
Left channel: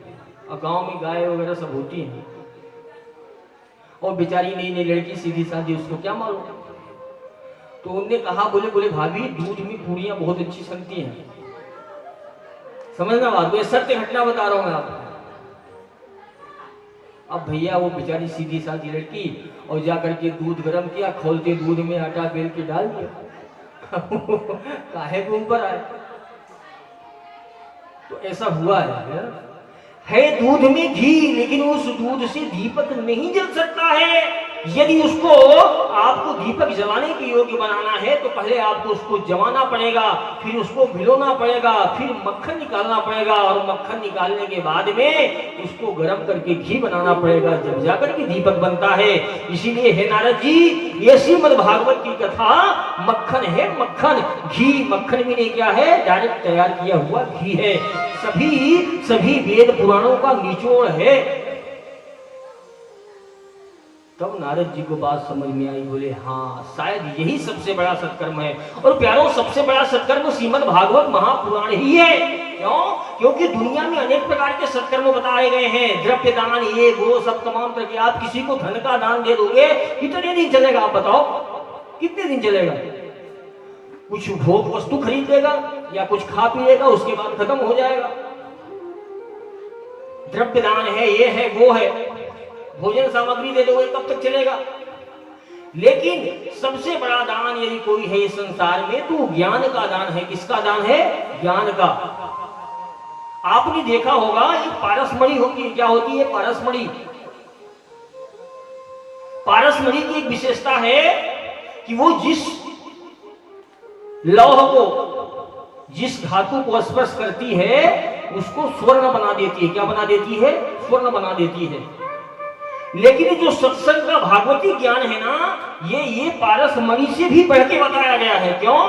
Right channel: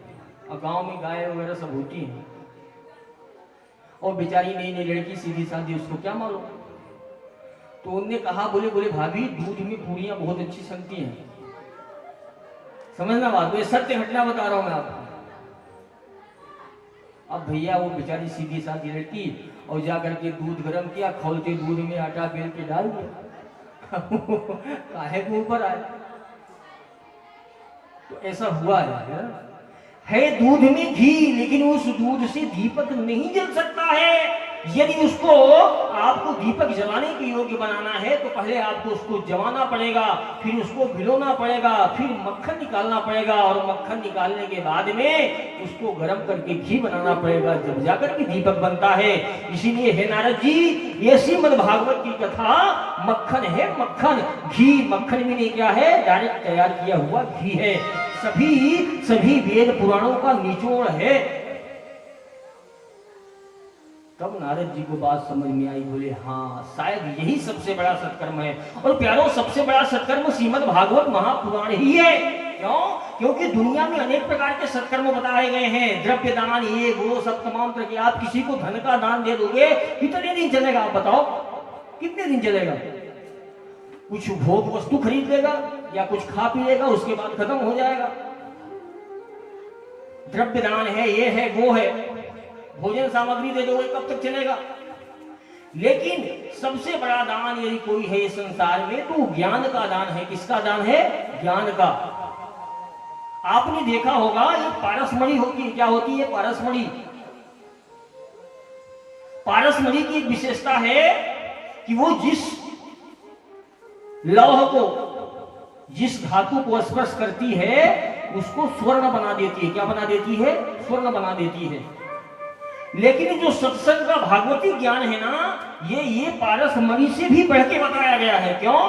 और गांव में गाय वगैरह सब होती हैं, और बेचारी नई नई लड़की सीधी साधी, उसको क्या मालूम। तो उनने कहा, बोले भाभी दूध में पूरियां बहुत अच्छी बनती हैं। समझना बात, ये सत्य घटना बता रहा हूं मैं आपको। अब भैया वो बेचारी सीधी साधी लड़की, और जाकर के दूध गर्म किया, खोलते दूध में आटा बेल के डाल दिया काहे के ऊपर आए। तो ऐसा हुआ है दूध में घी, लेकिन उस दूध से दीपक नहीं जल सकता है। यदि उसको आपको दीपक जलाने के योग्य बनाना है तो पहले आपको उसको जमाना पड़ेगा, फिर उसको भिगोना पड़ेगा, फिर मक्खन निकालना पड़ेगा, और मक्खन निकालने के बाद में उसको गर्म करके घी बनाना पड़ेगा, जब जाकर के दीपक बनता है। इसीलिए है नारद जी, ये श्रीमद् भागवत की कथा मक्खन है, मक्खन। घी मक्खन में नहीं क्या है, डायरेक्ट तैयार किया हुआ घी है। सभी वेद पुराणों का निचोड़ है। तब नारद जी को बात समझ में आई, बोले हाँ शायद यही सबसे बड़ा सत्कर्म है। और प्यारों, सबसे बड़ा सत्कर्म श्रीमद् भागवत महापुराण ही है। क्यों? क्योंकि दुनिया में अनेक प्रकार के सत्कर्म बताए गए हैं, द्रव्य दान, ये वो सब तमाम तरह के। आप किसी को धन का दान दे दोगे, कितने दिन चलेगा आप बताओ, कितने दिन चलेगा? कुछ भोग वस्तु खरीद लेगा या कुछ खा पी लेगा, उसके बाद खत्म हो जाएगा। द्रव्य दान है, ये है वो है, भोजन सामग्री दे दोगे, कब तक चलेगा? लेकिन सबसे बड़ा दान यदि कोई है इस संसार में तो ज्ञान का दान है। किसका दान है? ज्ञान का। आपने देखा होगा एक पारसमणि होती है, क्या होती है? पारसमणि। पारसमणि की एक विशेषता है कि वो जिस लौह को, जिस धातु को स्पर्श करती है उसको स्वर्ण बना देती है। क्या बना देती है? स्वर्ण बना देती है। लेकिन जो सत्संग का भागवती ज्ञान है ना, ये पारसमणि से भी बढ़ के बताया गया है। क्यों?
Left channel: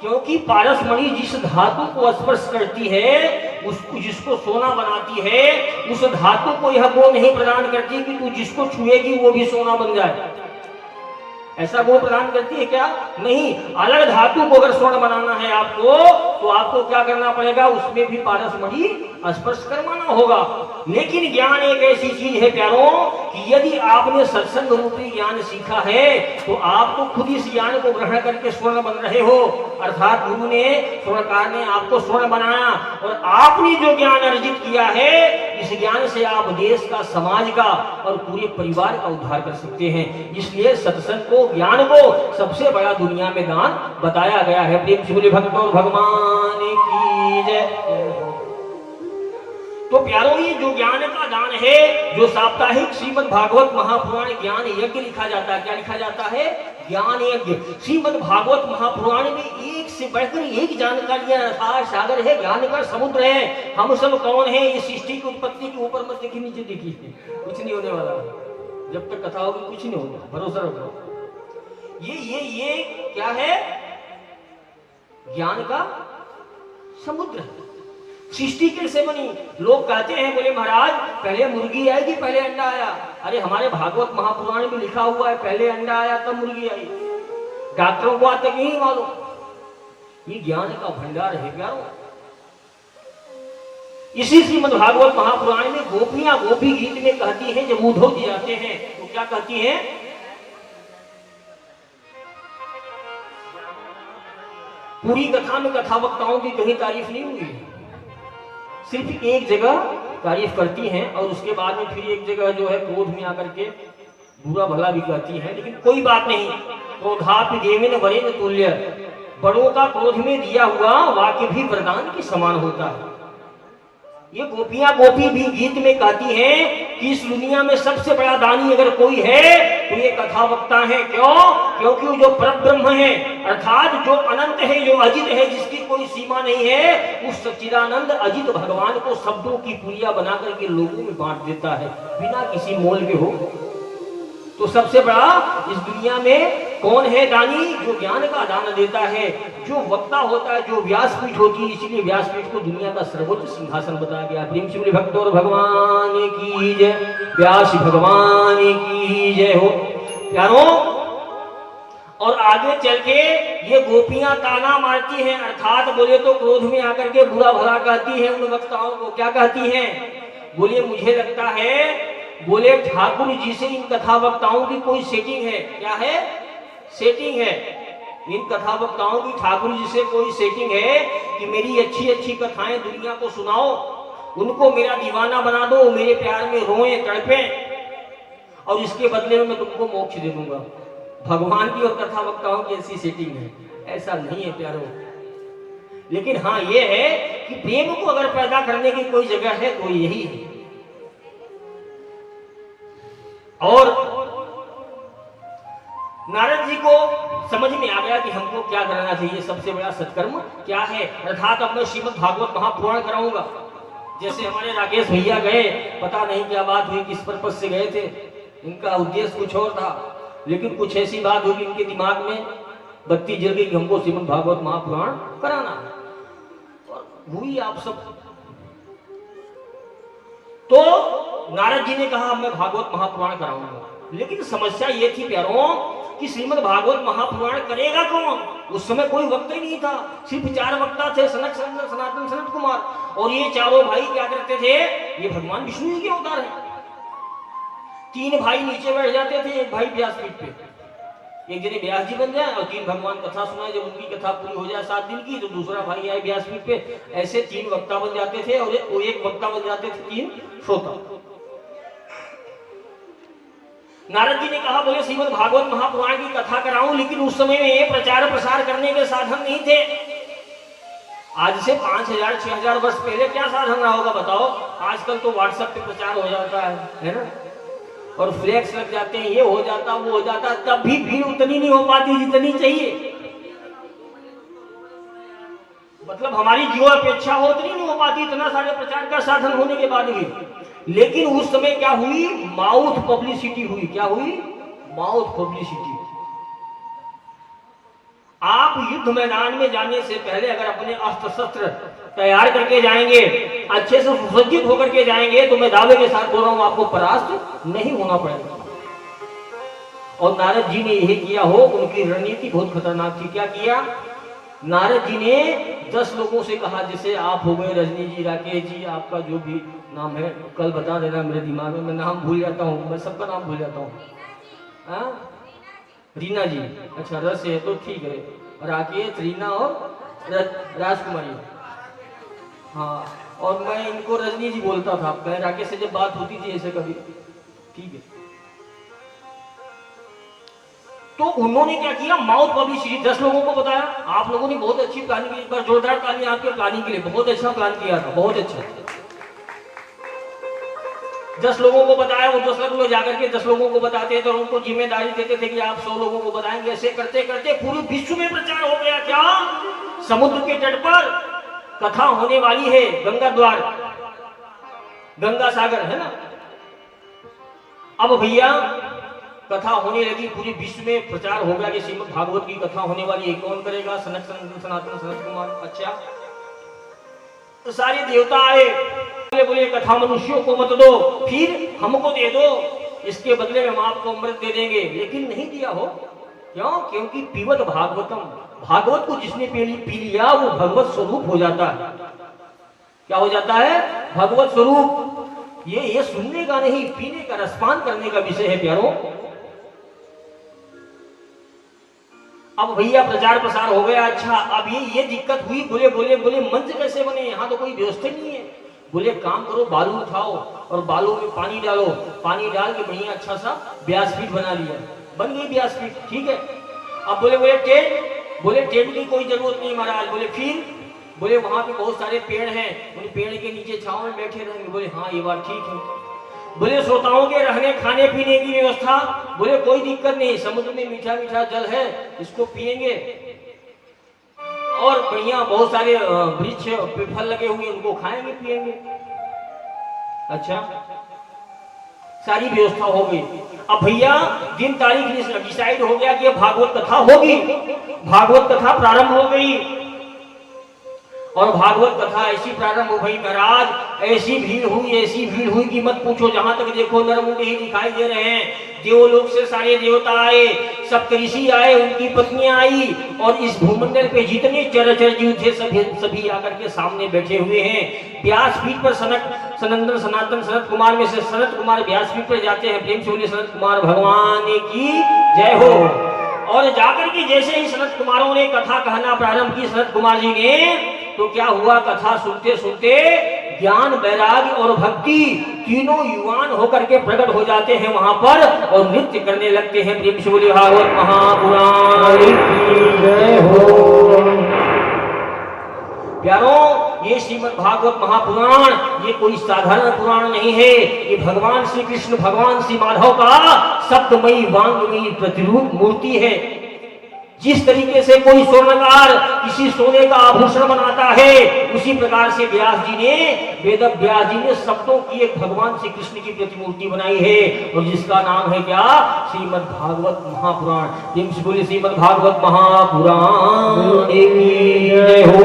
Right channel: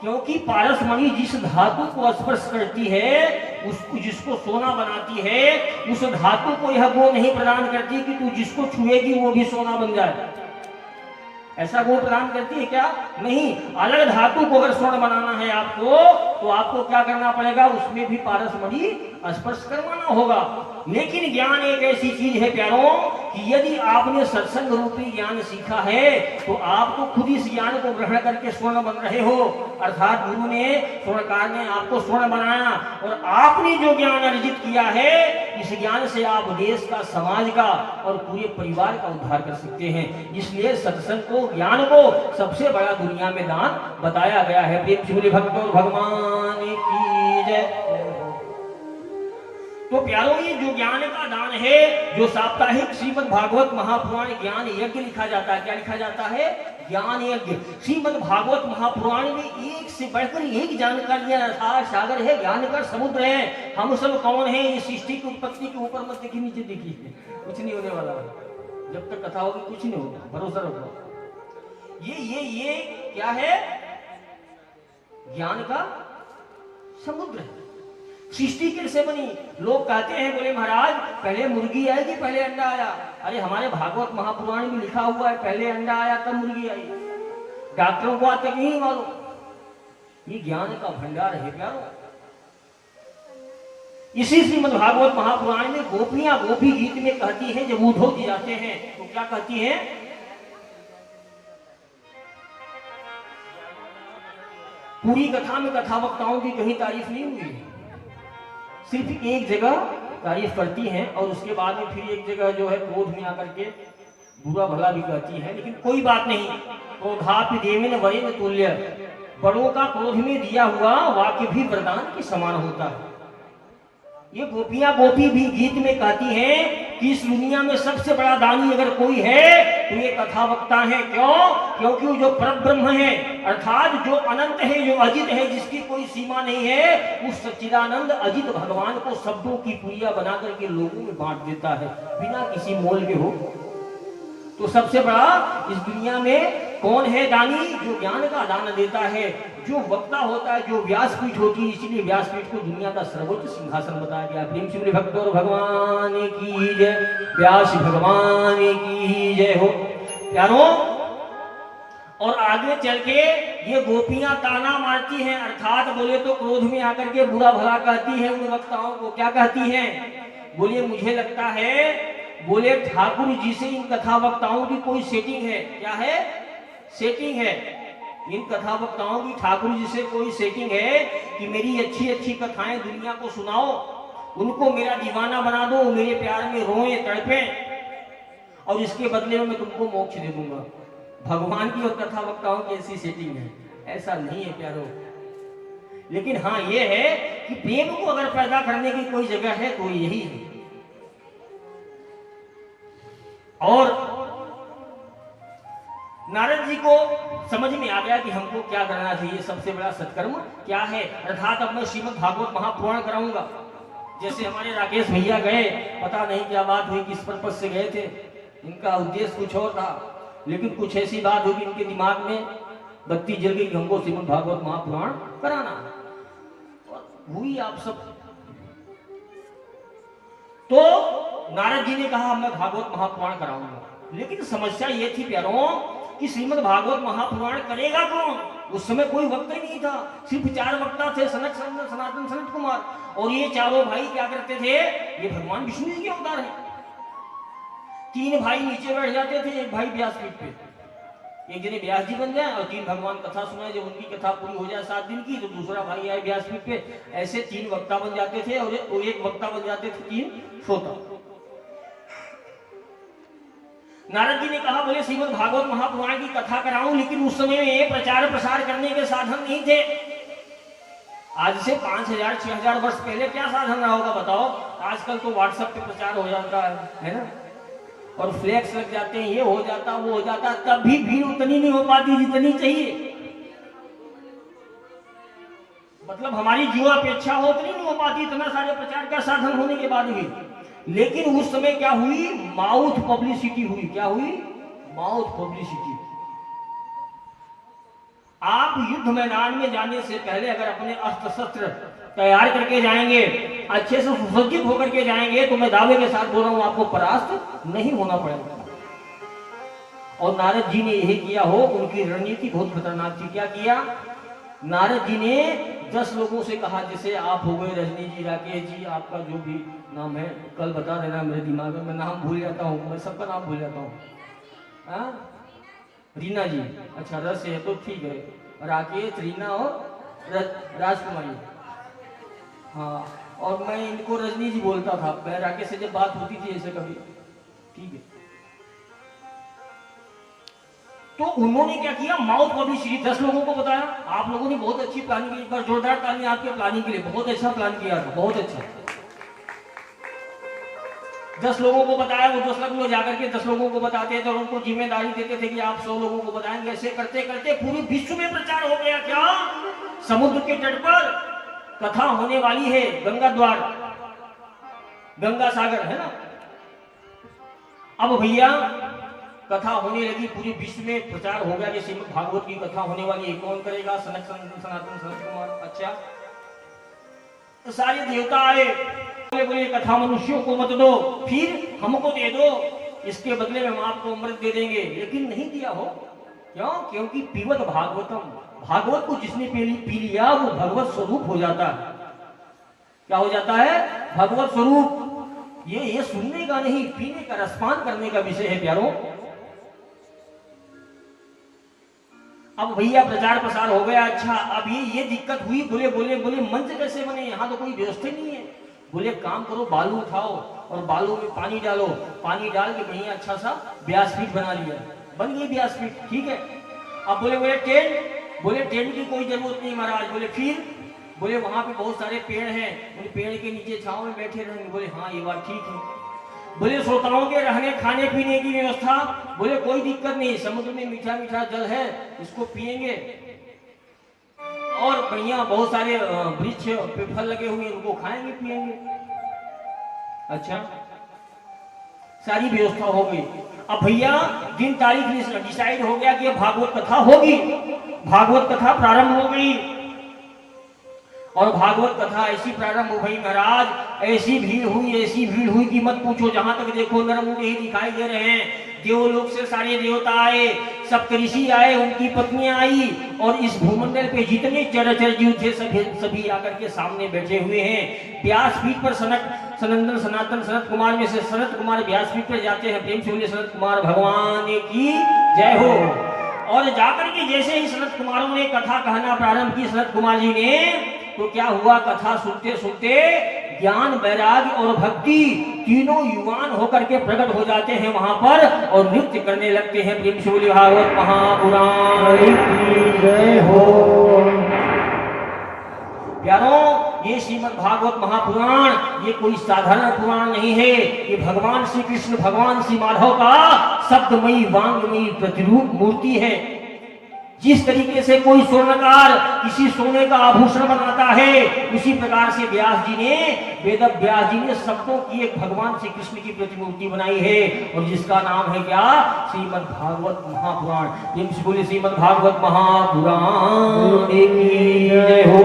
क्योंकि पारसमणि जिस धातु को स्पर्श करती है, उसको जिसको सोना बनाती है, उस धातु को यह गुण नहीं प्रदान करती कि तू जिसको छुएगी वो भी सोना बन जाए। ऐसा गुण प्रदान करती है क्या? नहीं। अलग धातु को अगर स्वर्ण बनाना है आपको, तो आपको क्या करना पड़ेगा? उसमें भी पारसमणि स्पर्श करवाना होगा। लेकिन ज्ञान एक ऐसी चीज है प्यारों कि यदि आपने सत्संग रूपी ज्ञान सीखा है तो आप तो खुद इस ज्ञान को ग्रहण करके स्वर्ण बन रहे हो। अर्थात गुरु ने, स्वर्णकार ने आपको स्वर्ण बनाया, और आपने जो ज्ञान अर्जित किया है, इस ज्ञान से आप देश का, समाज का और पूरे परिवार का उद्धार कर सकते हैं। इसलिए सत्संग को, ज्ञान को सबसे बड़ा दुनिया में दान बताया गया है। प्रेम से बोले भगवान भगवान की जय। तो प्यारों, ये जो ज्ञान का दान है, जो साप्ताहिक श्रीमद् भागवत महापुराण ज्ञान यज्ञ लिखा जाता है, क्या लिखा जाता है? ज्ञान यज्ञ। श्रीमद् भागवत महापुराण में एक से बढ़कर एक जानकारियां, अथाह सागर है, ज्ञान का समुद्र है। हम सब कौन है? इस सृष्टि की उत्पत्ति के ऊपर मत देखिए, नीचे देखिए, कुछ नहीं होने वाला। जब तक कथा होगी कुछ नहीं होगा, भरोसा रखो। ये क्या है? ज्ञान का समुद्र है। सृष्टि कैसे बनी? लोग कहते हैं, बोले महाराज पहले मुर्गी आई कि पहले अंडा आया? अरे हमारे भागवत महापुराण में लिखा हुआ है पहले अंडा आया तब मुर्गी आई। डॉक्टरों को आज तक नहीं मालूम। ये ज्ञान का भंडार है क्या? इसी श्रीमद् भागवत महापुराण में गोपियां गोपी गीत में कहती हैं, जब उद्धव जी आते हैं तो क्या कहती हैं? पूरी कथा में कथा वक्ताओं की कहीं तारीफ नहीं हुई, सिर्फ एक जगह तारीफ करती हैं, और उसके बाद में फिर एक जगह जो है क्रोध में आकर के बुरा भला भी कहती हैं। लेकिन कोई बात नहीं, क्रोधापि देवेन वरेन तुल्य। बड़ों का क्रोध में दिया हुआ वाक्य भी वरदान के समान होता है। ये गोपियां गोपी भी गीत में कहती हैं कि इस दुनिया में सबसे बड़ा दानी अगर कोई है तो ये कथा वक्ता है। क्यों? क्योंकि वो जो परम ब्रह्म है, अर्थात जो अनंत है, जो अजित है, जिसकी कोई सीमा नहीं है, उस सच्चिदानंद अजित भगवान को शब्दों की पुलिया बना करके लोगों में बांट देता है बिना किसी मोल के हो। तो सबसे बड़ा इस दुनिया में कौन है दानी? जो ज्ञान का दान देता है, जो वक्ता होता है, जो व्यासपीठ होती है। इसीलिए व्यासपीठ को दुनिया का सर्वोच्च सिंहासन बताया गया। प्रेम से भक्त और भगवान की जय, व्यास भगवान की जय हो प्यारो। और आगे चल के ये गोपियां ताना मारती हैं, अर्थात बोले तो क्रोध में आकर के बुरा भला कहती हैं उन वक्ताओं को। क्या कहती हैं? बोले मुझे लगता है, बोले ठाकुर जी से इन कथा वक्ताओं की कोई सेटिंग है। क्या है? सेटिंग है। इन कथा वक्ताओं की ठाकुर जी से कोई सेटिंग है कि मेरी अच्छी अच्छी कथाएं दुनिया को सुनाओ, उनको मेरा दीवाना बना दो, मेरे प्यार में रोए तड़पे, और इसके बदले में मैं तुमको मोक्ष दे दूंगा। भगवान की और कथा वक्ताओं की ऐसी सेटिंग है? ऐसा नहीं है प्यारो। लेकिन हाँ ये है कि प्रेम को अगर पैदा करने की कोई जगह है तो यही है। और नारद जी को समझ में आ गया कि हमको क्या करना चाहिए, सबसे बड़ा सत्कर्म क्या है। अर्थात अब मैं श्रीमद् भागवत महापुराण कराऊंगा। जैसे हमारे राकेश भैया गए, पता नहीं क्या बात हुई, किस पर्पज से गए थे, इनका उद्देश्य कुछ और था, लेकिन कुछ ऐसी बात हुई इनके दिमाग में बत्ती जल गई कि हमको श्रीमद् भागवत महापुराण कराना। और हुई आप सब। तो नारद जी ने कहा मैं भागवत महापुराण कराऊंगा। लेकिन समस्या ये थी प्यारों कि श्रीमद् भागवत महापुराण करेगा कौन? उस समय कोई वक्ता ही नहीं था, सिर्फ 4 वक्ता थे, सनक सनातन सनत कुमार। और ये चारों भाई क्या करते थे? ये भगवान विष्णु जी के अवतार हैं। 3 भाई नीचे बैठ जाते थे, एक भाई व्यासपीठ पे, एक जने व्यास जी बन जाए और 3 भगवान कथा सुनाए। जब उनकी कथा पूरी हो जाए 7 दिन की तो दूसरा भाई आए व्यासपीठ पे। ऐसे 3 वक्ता बन जाते थे और एक वक्ता बन जाते थे 3 श्रोता। नारद जी ने कहा बोले श्रीमद् भागवत महापुराण की कथा कराऊं, लेकिन उस समय में ये प्रचार प्रसार करने के साधन नहीं थे। आज से 5000-6000 वर्ष पहले क्या साधन रहा होगा बताओ? आजकल तो व्हाट्सएप पे प्रचार हो जाता है ना, और फ्लैक्स लग जाते हैं, ये हो जाता वो हो जाता, तब भी भीड़ उतनी नहीं हो पाती जितनी चाहिए। मतलब हमारी जो अपेक्षा हो उतनी नहीं हो पाती, इतना सारे प्रचार का साधन होने के बाद भी। लेकिन उस समय क्या हुई? माउथ पब्लिसिटी हुई। क्या हुई? Mouth publicity. आप युद्ध मैदान में जाने से पहले अगर अपने अस्त्र शस्त्र तैयार करके जाएंगे, अच्छे से सुसज्जित होकर के जाएंगे, तो मैं दावे के साथ बोल रहा हूं आपको परास्त नहीं होना पड़ेगा। और नारद जी ने यही किया हो। उनकी रणनीति बहुत खतरनाक थी। क्या किया? नारद जी ने 10 लोगों से कहा, जैसे आप हो गए रजनी जी, राकेश जी, आपका जो भी नाम है कल बता देना, मेरे दिमाग में मैं नाम भूल जाता हूँ, मैं सबका नाम भूल जाता हूँ। रीना जी, अच्छा रस है तो ठीक है, राकेश, रीना और राजकुमारी। हाँ, और मैं इनको रजनी जी बोलता था पहले, राकेश से जब बात होती थी ऐसे कभी, ठीक है। तो उन्होंने क्या किया? माउथ पब्लिसिटी 10 लोगों को बताया। आप लोगों ने बहुत अच्छी प्लानिंग की, एक बार जोरदार ताली आपके प्लानिंग के लिए, बहुत अच्छा प्लान किया था, बहुत अच्छा। 10 लोगों को बताया। वो 10 लोग जाकर के 10 लोगों को बताते थे और उनको जिम्मेदारी देते थे कि आप 100 लोगों को बताएंगे। ऐसे करते करते पूरे विश्व में प्रचार हो गया। क्या? समुद्र के तट पर कथा होने वाली है, गंगा द्वार, गंगा सागर है ना। अब भैया कथा होने लगी, पूरे विश्व में प्रचार हो गया कि श्रीमद् भागवत की कथा होने वाली है। कौन करेगा? सनातन सनत कुमार। अच्छा, तो सारे देवता आए, बोले कथा मनुष्यों को मत दो, फिर हमको दे दो, इसके बदले में हम आपको अमृत दे देंगे। लेकिन नहीं दिया हो। क्यों? क्योंकि पीवत भागवतम, भागवत को जिसने पी लिया वो भगवत स्वरूप हो जाता है। क्या हो जाता है? भगवत स्वरूप। ये सुनने का नहीं, पीने का, रसपान करने का विषय है प्यारों। अब भैया प्रचार प्रसार हो गया। अच्छा, अब ये दिक्कत हुई। बोले मंच कैसे बने? यहाँ तो कोई व्यवस्था नहीं है। बोले काम करो, बालू उठाओ और बालू में पानी डालो, पानी डाल के बढ़िया अच्छा सा व्यासपीठ बना लिया, बन गई व्यासपीठ, ठीक है। अब बोले टेंट, बोले टेंट की कोई जरूरत नहीं महाराज। बोले फिर? बोले वहां पे बहुत सारे पेड़ हैं, बोले पेड़ के नीचे छांव में बैठे रहेंगे। बोले हाँ ये बात ठीक है। बोले श्रोताओं के रहने खाने पीने की व्यवस्था, बोले कोई दिक्कत नहीं, समुद्र में मीठा मीठा जल है, इसको पिएंगे और बढ़िया बहुत सारे वृक्ष पे फल लगे हुए, उनको खाएंगे पिएंगे। अच्छा, सारी व्यवस्था हो गई। अब भैया दिन तारीख डिसाइड हो गया कि अब भागवत कथा होगी। भागवत कथा प्रारंभ हो गई और भागवत कथा ऐसी प्रारंभ हो गई महाराज, ऐसी भीड़ हुई कि मत पूछो। जहां तक देखो नरमुंडे ही दिखाई दे रहे हैं। देवलोक से सारे देवता आए, सप्तऋषि आए, उनकी पत्नियां आई और इस भूमंडल पे जितने चराचर जीव थे सभी आकर के सामने बैठे हुए हैं। व्यासपीठ पर सनंदन सनातन सनत कुमार में से सनत कुमार व्यासपीठ पर जाते हैं। प्रेम से बोलिए सनत कुमार भगवान की जय हो। और जाकर के जैसे ही सनत कुमारों ने कथा कहना प्रारंभ की सनत कुमार जी ने, तो क्या हुआ, कथा सुनते सुनते ज्ञान वैराग्य और भक्ति तीनों युवान होकर के प्रकट हो जाते हैं वहां पर और नृत्य करने लगते हैं। प्रेम से बोलिए भागवत महापुराण की जय हो। प्यारों, ये श्रीमद् भागवत महापुराण ये कोई साधारण पुराण नहीं है। ये भगवान श्री कृष्ण, भगवान श्री माधव का शब्दमयी वांगमयी प्रतिरूप मूर्ति है। जिस तरीके से कोई स्वर्णकार किसी सोने का आभूषण बनाता है, उसी प्रकार से व्यास जी ने, वेद व्यास जी ने शब्दों की एक भगवान श्री कृष्ण की प्रतिमूर्ति बनाई है और जिसका नाम है क्या, श्रीमद् भागवत महापुराण। बोले श्रीमद् भागवत महापुराण की जय हो।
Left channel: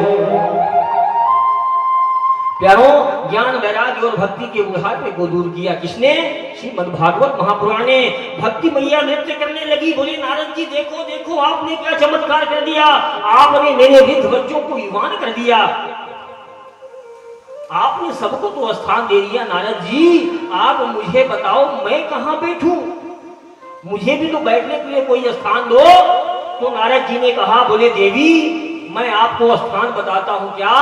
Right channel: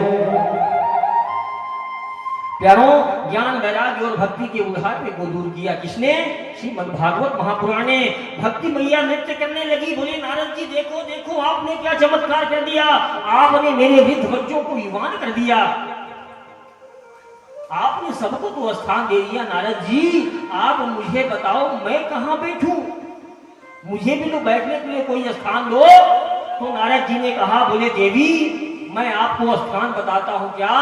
प्यारों, ज्ञान वैराग्य और भक्ति के बुढ़ापे को दूर किया किसने, श्रीमद् भागवत महापुराण ने। भक्ति मैया नृत्य करने लगी। बोले नारद जी देखो देखो आपने क्या चमत्कार कर दिया, आपने मेरे वृद्ध बच्चों को युवान कर दिया, आपने सबको तो स्थान दे दिया। नारद जी आप मुझे बताओ मैं कहां बैठूं, मुझे भी तो बैठने के लिए कोई स्थान दो। तो नारद जी ने कहा, बोले देवी मैं आपको स्थान बताता हूं, क्या,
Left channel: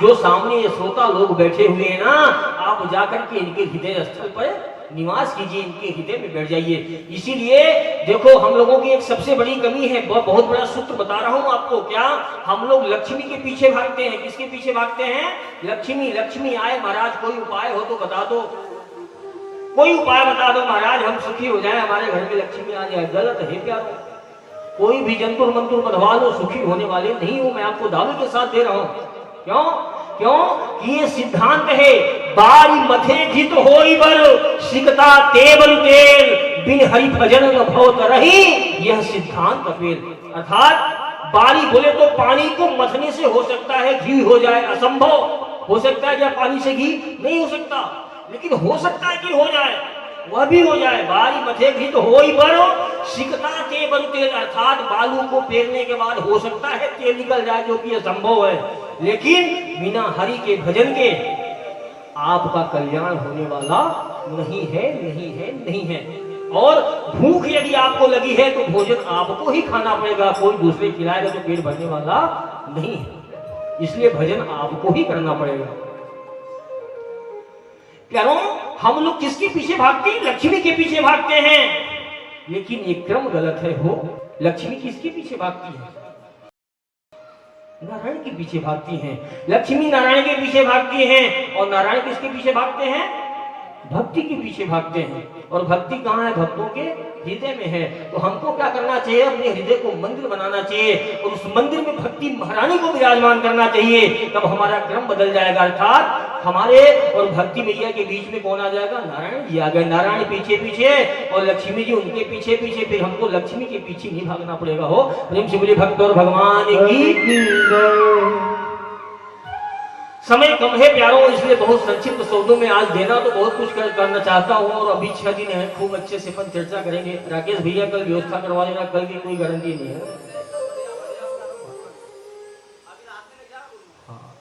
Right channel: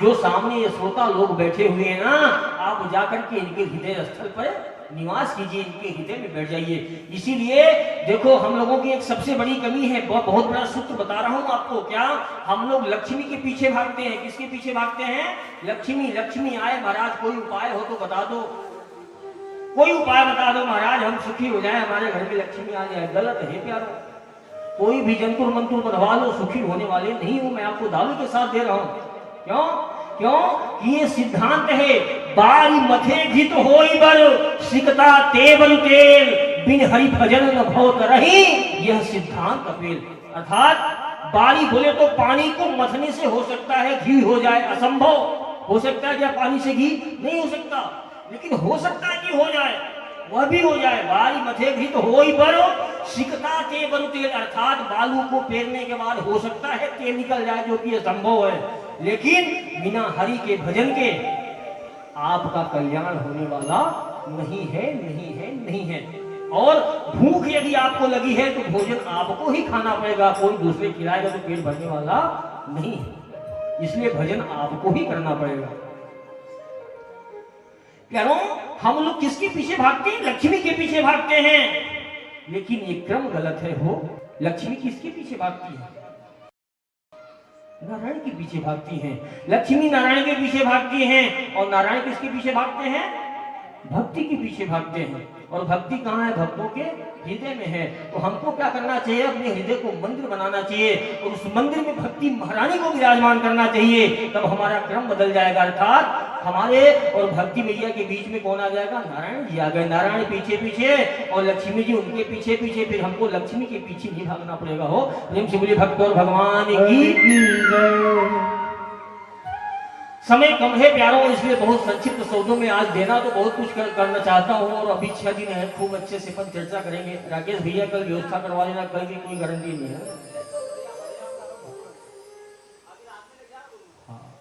जो सामने ये श्रोता लोग बैठे हुए हैं ना, आप जाकर के इनके हृदय स्थल पर निवास कीजिए, इनके हृदय में बैठ जाइए। इसीलिए देखो हम लोगों की एक सबसे बड़ी कमी है, बहुत बड़ा सूत्र बता रहा हूं आपको, क्या हम लोग लक्ष्मी के पीछे भागते हैं। किसके पीछे भागते हैं, लक्ष्मी। लक्ष्मी आए महाराज, कोई उपाय हो तो बता दो, कोई उपाय बता दो महाराज, हम सुखी हो जाए, हमारे घर में लक्ष्मी आ जाए। गलत है क्या, कोई भी जंतुर मंतुर बधवा लो, सुखी होने वाले नहीं हो, मैं आपको दावे के साथ दे रहा हूं। क्यों क्यों ये सिद्धांत है, बारी मथे घित होई बर सिकता तेवन तेल, बिन हरि भजन न भवत रही, यह सिद्धांत कपिल। अर्थात बारी बोले तो पानी को मथने से हो सकता है घी हो जाए, असंभव हो सकता है क्या, पानी से घी नहीं हो सकता, लेकिन हो सकता है कि हो जाए, वह भी हो जाए। बारी मथे घी तो हो ही बरो सिकता के बरु तेल, अर्थात बालू को पेरने के बाद हो सकता है तेल निकल जाए, जो कि संभव है, लेकिन बिना हरि के भजन के आपका कल्याण होने वाला नहीं है, नहीं है, नहीं है। और भूख यदि आपको लगी है तो भोजन आपको ही खाना पड़ेगा, कोई दूसरे खिलाएगा तो पेट भरने वाला नहीं है, इसलिए भजन आपको ही करना पड़ेगा। प्यारों, हम लोग किसके पीछे भागते हैं, लक्ष्मी के पीछे भागते हैं, लेकिन ये क्रम गलत है। हो लक्ष्मी किसके पीछे भागती है, नारायण के पीछे भागती हैं। लक्ष्मी नारायण के पीछे भागती हैं और नारायण किसके पीछे भागते हैं, भक्ति के पीछे भागते हैं। और भक्ति कहाँ है, भक्तों के हृदय में है। तो हमको क्या करना चाहिए, अपने हृदय को मंदिर बनाना चाहिए और उस मंदिर में भक्ति महारानी को विराजमान करना चाहिए, तब हमारा क्रम बदल जाएगा। अर्थात हमारे और भक्ति मैया के बीच में कौन आ जाएगा, नारायण जी आ गए। नारायण पीछे पीछे और लक्ष्मी जी उनके पीछे पीछे, फिर हमको लक्ष्मी के पीछे नहीं भागना पड़ेगा। हो प्रेम से बोलिए भक्त और भगवान की। समय कम है प्यारों, इसलिए बहुत संक्षिप्त शब्दों में आज देना तो बहुत कुछ करना चाहता हूँ, और अभी 6 दिन है, खूब अच्छे से अपन चर्चा करेंगे। राकेश भैया कल व्यवस्था करवा लेना, कल की कोई गारंटी नहीं है,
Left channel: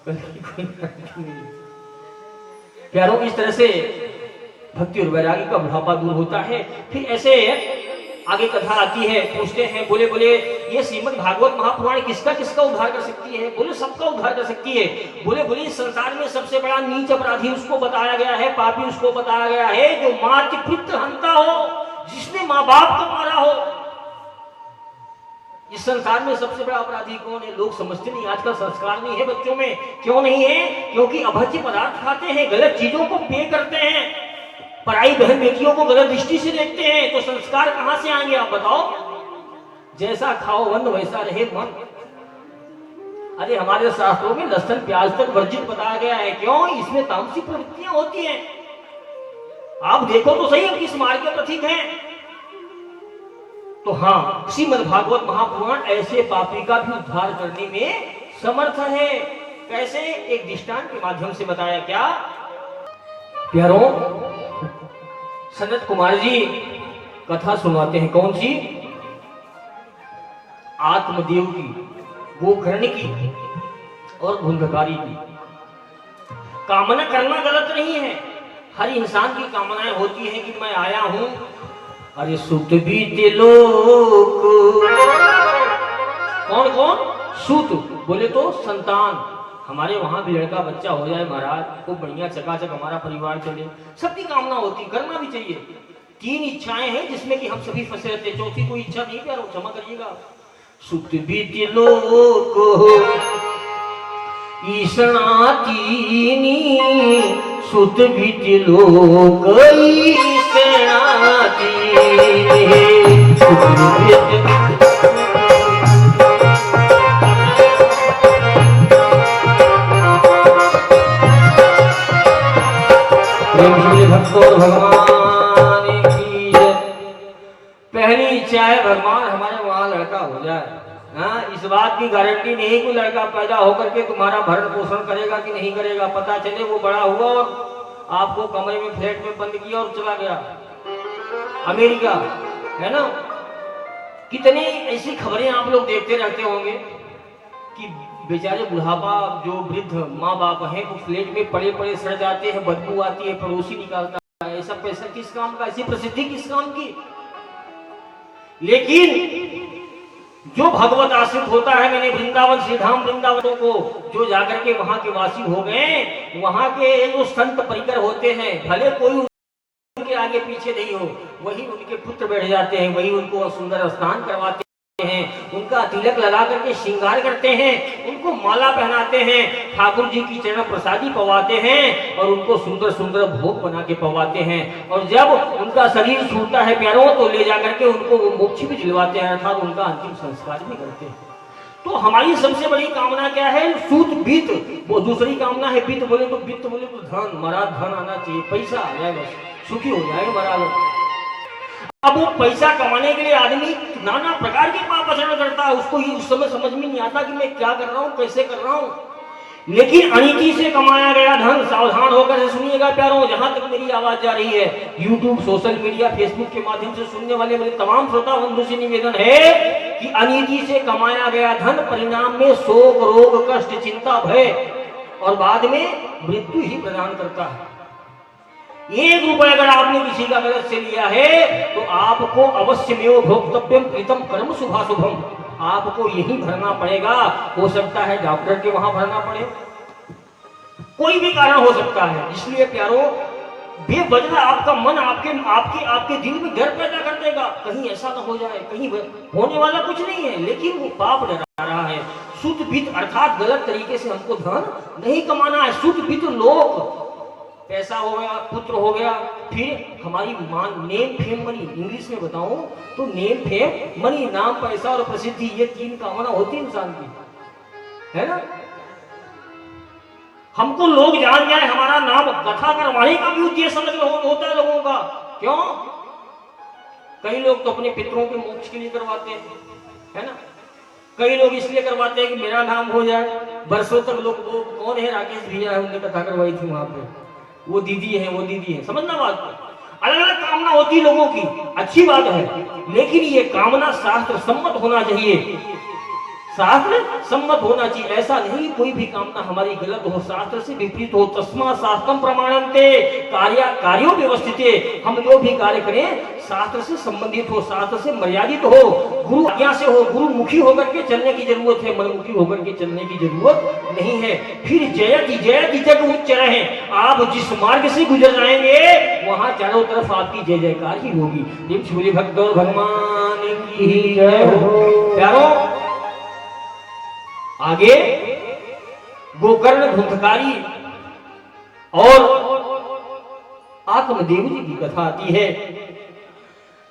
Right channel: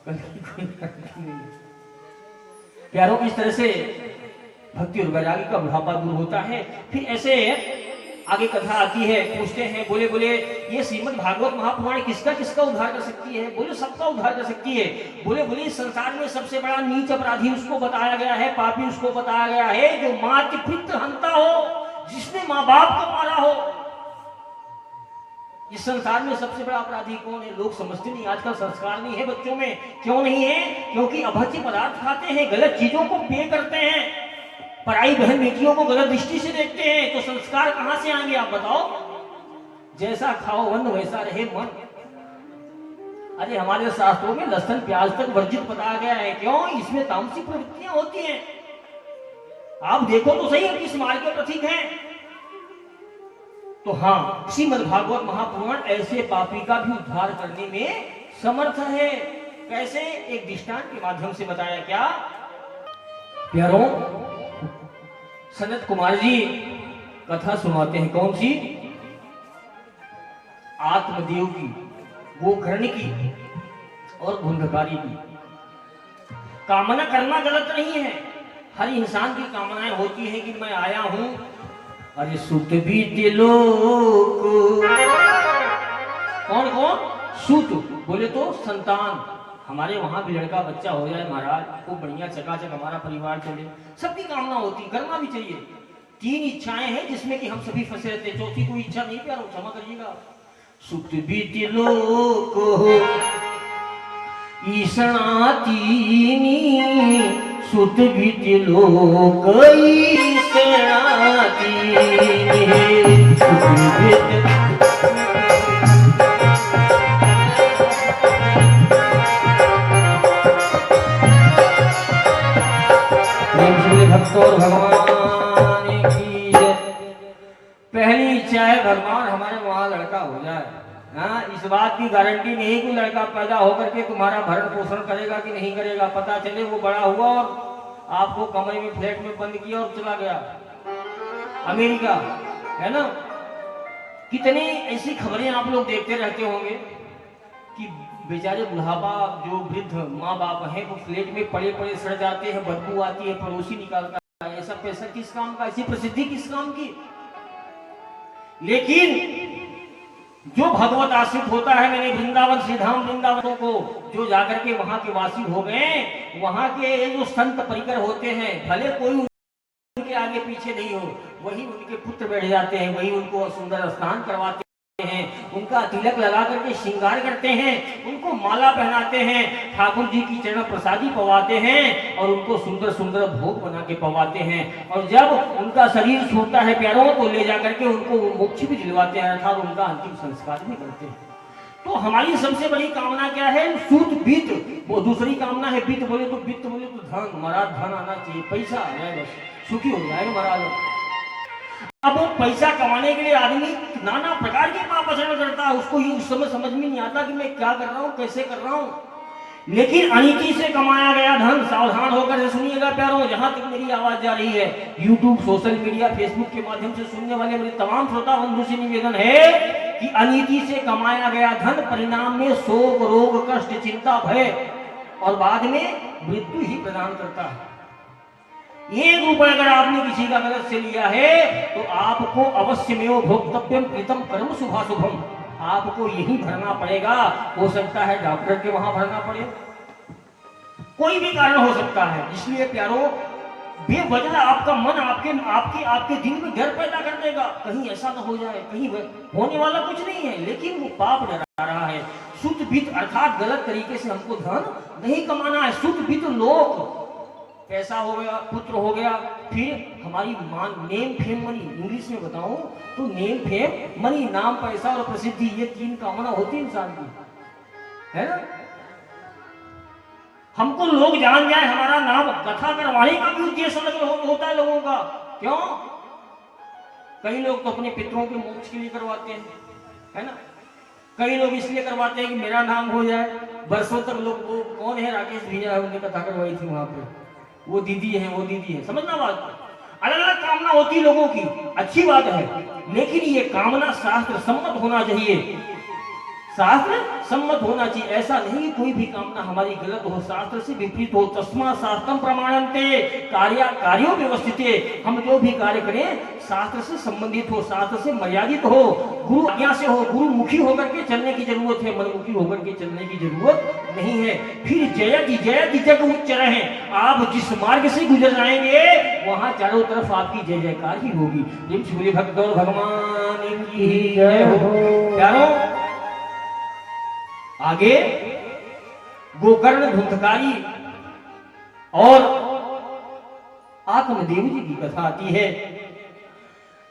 कल की कोई गारंटी नहीं है। प्यारों, इस तरह से भक्ति और वैराग्य का बुढ़ापा दूर होता है। फिर ऐसे आगे कथा आती है, पूछते हैं, बोले ये श्रीमद् भागवत महापुराण किसका किसका उद्धार कर सकती है, बोले सबका उद्धार कर सकती है। बोले इस संसार में सबसे बड़ा नीच अपराधी उसको बताया गया है, पापी उसको बताया गया है, जो मातृ पुत्र हंता हो, जिसने माँ बाप को मारा हो। इस संसार में सबसे बड़ा अपराधी कौन है? लोग समझते नहीं, आजकल संस्कार नहीं है बच्चों में। क्यों नहीं है? क्योंकि अभद्र पदार्थ खाते हैं, गलत चीजों को पे करते हैं, पराई बहन बेटियों को गलत दृष्टि से देखते हैं, तो संस्कार कहां से आएंगे आप बताओ? जैसा खाओ अन्न वैसा रहे मन। अरे हमारे शास्त्रों में लहसुन प्याज तक वर्जित बताया गया है। क्यों? इसमें तामसिक प्रवृत्तियां होती हैं। आप देखो तो सही, हम किस मार्ग के प्रतीक हैं। तो हाँ, श्रीमद् भागवत महापुराण ऐसे पापी का भी उद्धार करने में समर्थ है। कैसे? एक दृष्टांत के माध्यम से बताया। क्या प्यारों, सनत कुमार जी कथा सुनाते हैं। कौन सी? आत्मदेव की, गोकर्ण की और भूलभकारी की। कामना करना गलत नहीं है, हर इंसान की कामनाएं होती है कि मैं आया हूं, अरे सुत बीते लोक। कौन कौन? सुत बोले तो संतान, हमारे वहां भी लड़का बच्चा हो जाए महाराज, खूब बढ़िया चकाचक हमारा परिवार चले, सबकी कामना होती, करना भी चाहिए। 3 इच्छाएं हैं जिसमें कि हम सभी फंसे रहते, चौथी कोई इच्छा नहीं प्यारो, क्षमा करिएगा। सुत बीते लोक ईशणा तीनी, सुत बीते लोक ईशणा तीनी, सुत बीते भक्तों भगवान की जय। पहली इच्छा है भगवान हमारे वहां लड़का हो जाए। हाँ, इस बात की गारंटी नहीं कोई लड़का पैदा होकर के तुम्हारा भरण पोषण करेगा कि नहीं करेगा। पता चले वो बड़ा हुआ और आपको कमरे में फ्लैट में बंद किया और चला गया अमेरिका, है ना। कितने ऐसी खबरें आप लोग देखते रहते होंगे कि बेचारे बुढ़ापा जो वृद्ध माँ बाप हैं वो फ्लैट में पड़े पड़े सड़ जाते हैं, बदबू आती है, पड़ोसी निकालता है। ऐसा पैसा किस काम का, ऐसी प्रसिद्धि किस काम की? लेकिन जो भगवत आश्रित होता है, मैंने वृंदावन श्री धाम वृंदावनों को जो जाकर के वहां के वासी हो गए, वहां के जो संत परिकर होते हैं, भले कोई उनके आगे पीछे नहीं हो, वही उनके पुत्र बैठ जाते हैं, वही उनको सुंदर स्नान करवाते हैं, उनका तिलक लगा करके श्रृंगार करते हैं, उनको माला पहनाते हैं, ठाकुर जी की चरण प्रसादी पवाते हैं और उनको सुंदर सुंदर भोग बना के पवाते हैं। और जब उनका शरीर छूटता है प्यारों, तो ले जाकर के उनको मोक्ष भी दिलवाते हैं, अर्थात उनका अंतिम संस्कार भी करते हैं। तो हमारी सबसे बड़ी कामना क्या है? सूत वित्त। वो दूसरी कामना है वित्त। बोले तो वित्त बोले तो धन, महाराज धन आना चाहिए, पैसा आ जाए, बस सुखी हो जाएगा महाराज। अब वो पैसा कमाने के लिए आदमी नाना प्रकार के पाप आचरण करता है, उसको ये उस समय समझ में नहीं आता कि मैं क्या कर रहा हूँ, कैसे कर रहा हूँ। लेकिन अनीति से कमाया गया धन, सावधान होकर सुनिएगा प्यारों, जहां तक मेरी आवाज जा रही है, यूट्यूब, सोशल मीडिया, फेसबुक के माध्यम से सुनने वाले मेरे तमाम श्रोता बंधु से निवेदन है कि अनीति से कमाया गया धन परिणाम में शोक, रोग, कष्ट, चिंता, भय और बाद में मृत्यु ही प्रदान करता है। 1 रुपए अगर आपने किसी का गलत से लिया है तो आपको अवश्य में भोक्तव्यम कृतम कर्म शुभाशुभम, आपको यही भरना पड़ेगा। हो सकता है डॉक्टर के वहां भरना पड़े, कोई भी कारण हो सकता है। इसलिए प्यारों, बेवजह आपका मन आपके दिल में डर पैदा कर देगा, कहीं ऐसा ना हो जाए, कहीं होने वाला कुछ नहीं है, लेकिन वो पाप डरा रहा है। शुद्ध वित्त अर्थात गलत तरीके से हमको धन नहीं कमाना है। शुद्ध वित्त लोक, पैसा हो गया, पुत्र हो गया, फिर हमारी मान, नेम फेम मनी, इंग्लिश में बताऊं तो नेम फेम मनी, नाम, पैसा और प्रसिद्धि, ये 3 कामना होती है इंसान की, है ना। हमको लोग जान जाए, हमारा नाम, कथा करवाने का भी उद्देश्य होता है लोगों का। क्यों? कई लोग तो अपने पितरों के मोक्ष के लिए करवाते हैं, है ना। कई लोग इसलिए करवाते हैं कि मेरा नाम हो जाए। वर्षों तक लोग, वो कौन है, राकेश भैया है, उन्होंने कथा करवाई थी वहां पे, वो दीदी है, वो दीदी है, समझना बात। अलग अलग कामना होती लोगों की, अच्छी बात है, लेकिन ये कामना शास्त्र सम्मत होना चाहिए। शास्त्र सम्मत होना चाहिए। ऐसा नहीं कोई भी कामना हमारी गलत हो, शास्त्र से विपरीत हो। तस्मा शास्त्रम प्रमाणन्ते कार्यो व्यवस्थिते। हम जो भी कार्य करें शास्त्र से संबंधित हो, शास्त्र से मर्यादित हो, गुरु आज्ञा से हो। गुरु मुखी होकर के चलने की जरूरत है, मनमुखी होकर के चलने की जरूरत नहीं है। फिर जयति जग उच्च रहे। आप जिस मार्ग से गुजर जाएंगे वहां चारों तरफ आपकी जय जयकार ही होगी। बोले भक्त भगवान की जय हो। प्यारों, आगे गोकर्ण धुंधकारी और आत्मदेव जी की कथा आती है।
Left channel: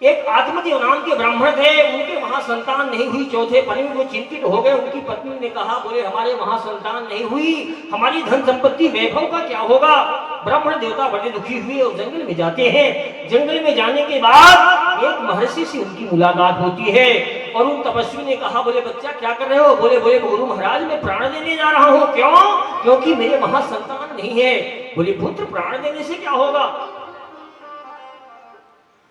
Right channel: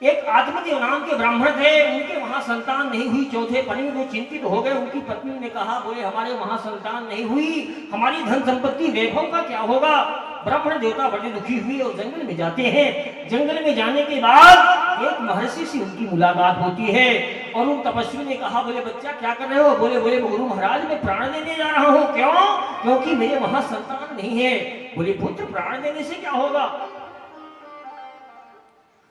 एक आत्मदेव नाम के ब्राह्मण थे, उनके वहां संतान नहीं हुई। चौथे पन में वो चिंतित हो गए। उनकी पत्नी ने कहा, बोले हमारे वहां संतान नहीं हुई, हमारी धन संपत्ति वैभव का क्या होगा। ब्राह्मण देवता बड़े दुखी हुए और जंगल में जाते हैं। जंगल में जाने के बाद एक महर्षि से उनकी मुलाकात होती है और उन तपस्वी ने कहा, बोले बच्चा क्या कर रहे हो। बोले गुरु महाराज मैं प्राण देने जा रहा हूँ। क्यों? क्योंकि मेरे वहां संतान नहीं है। बोले पुत्र प्राण देने से क्या होगा।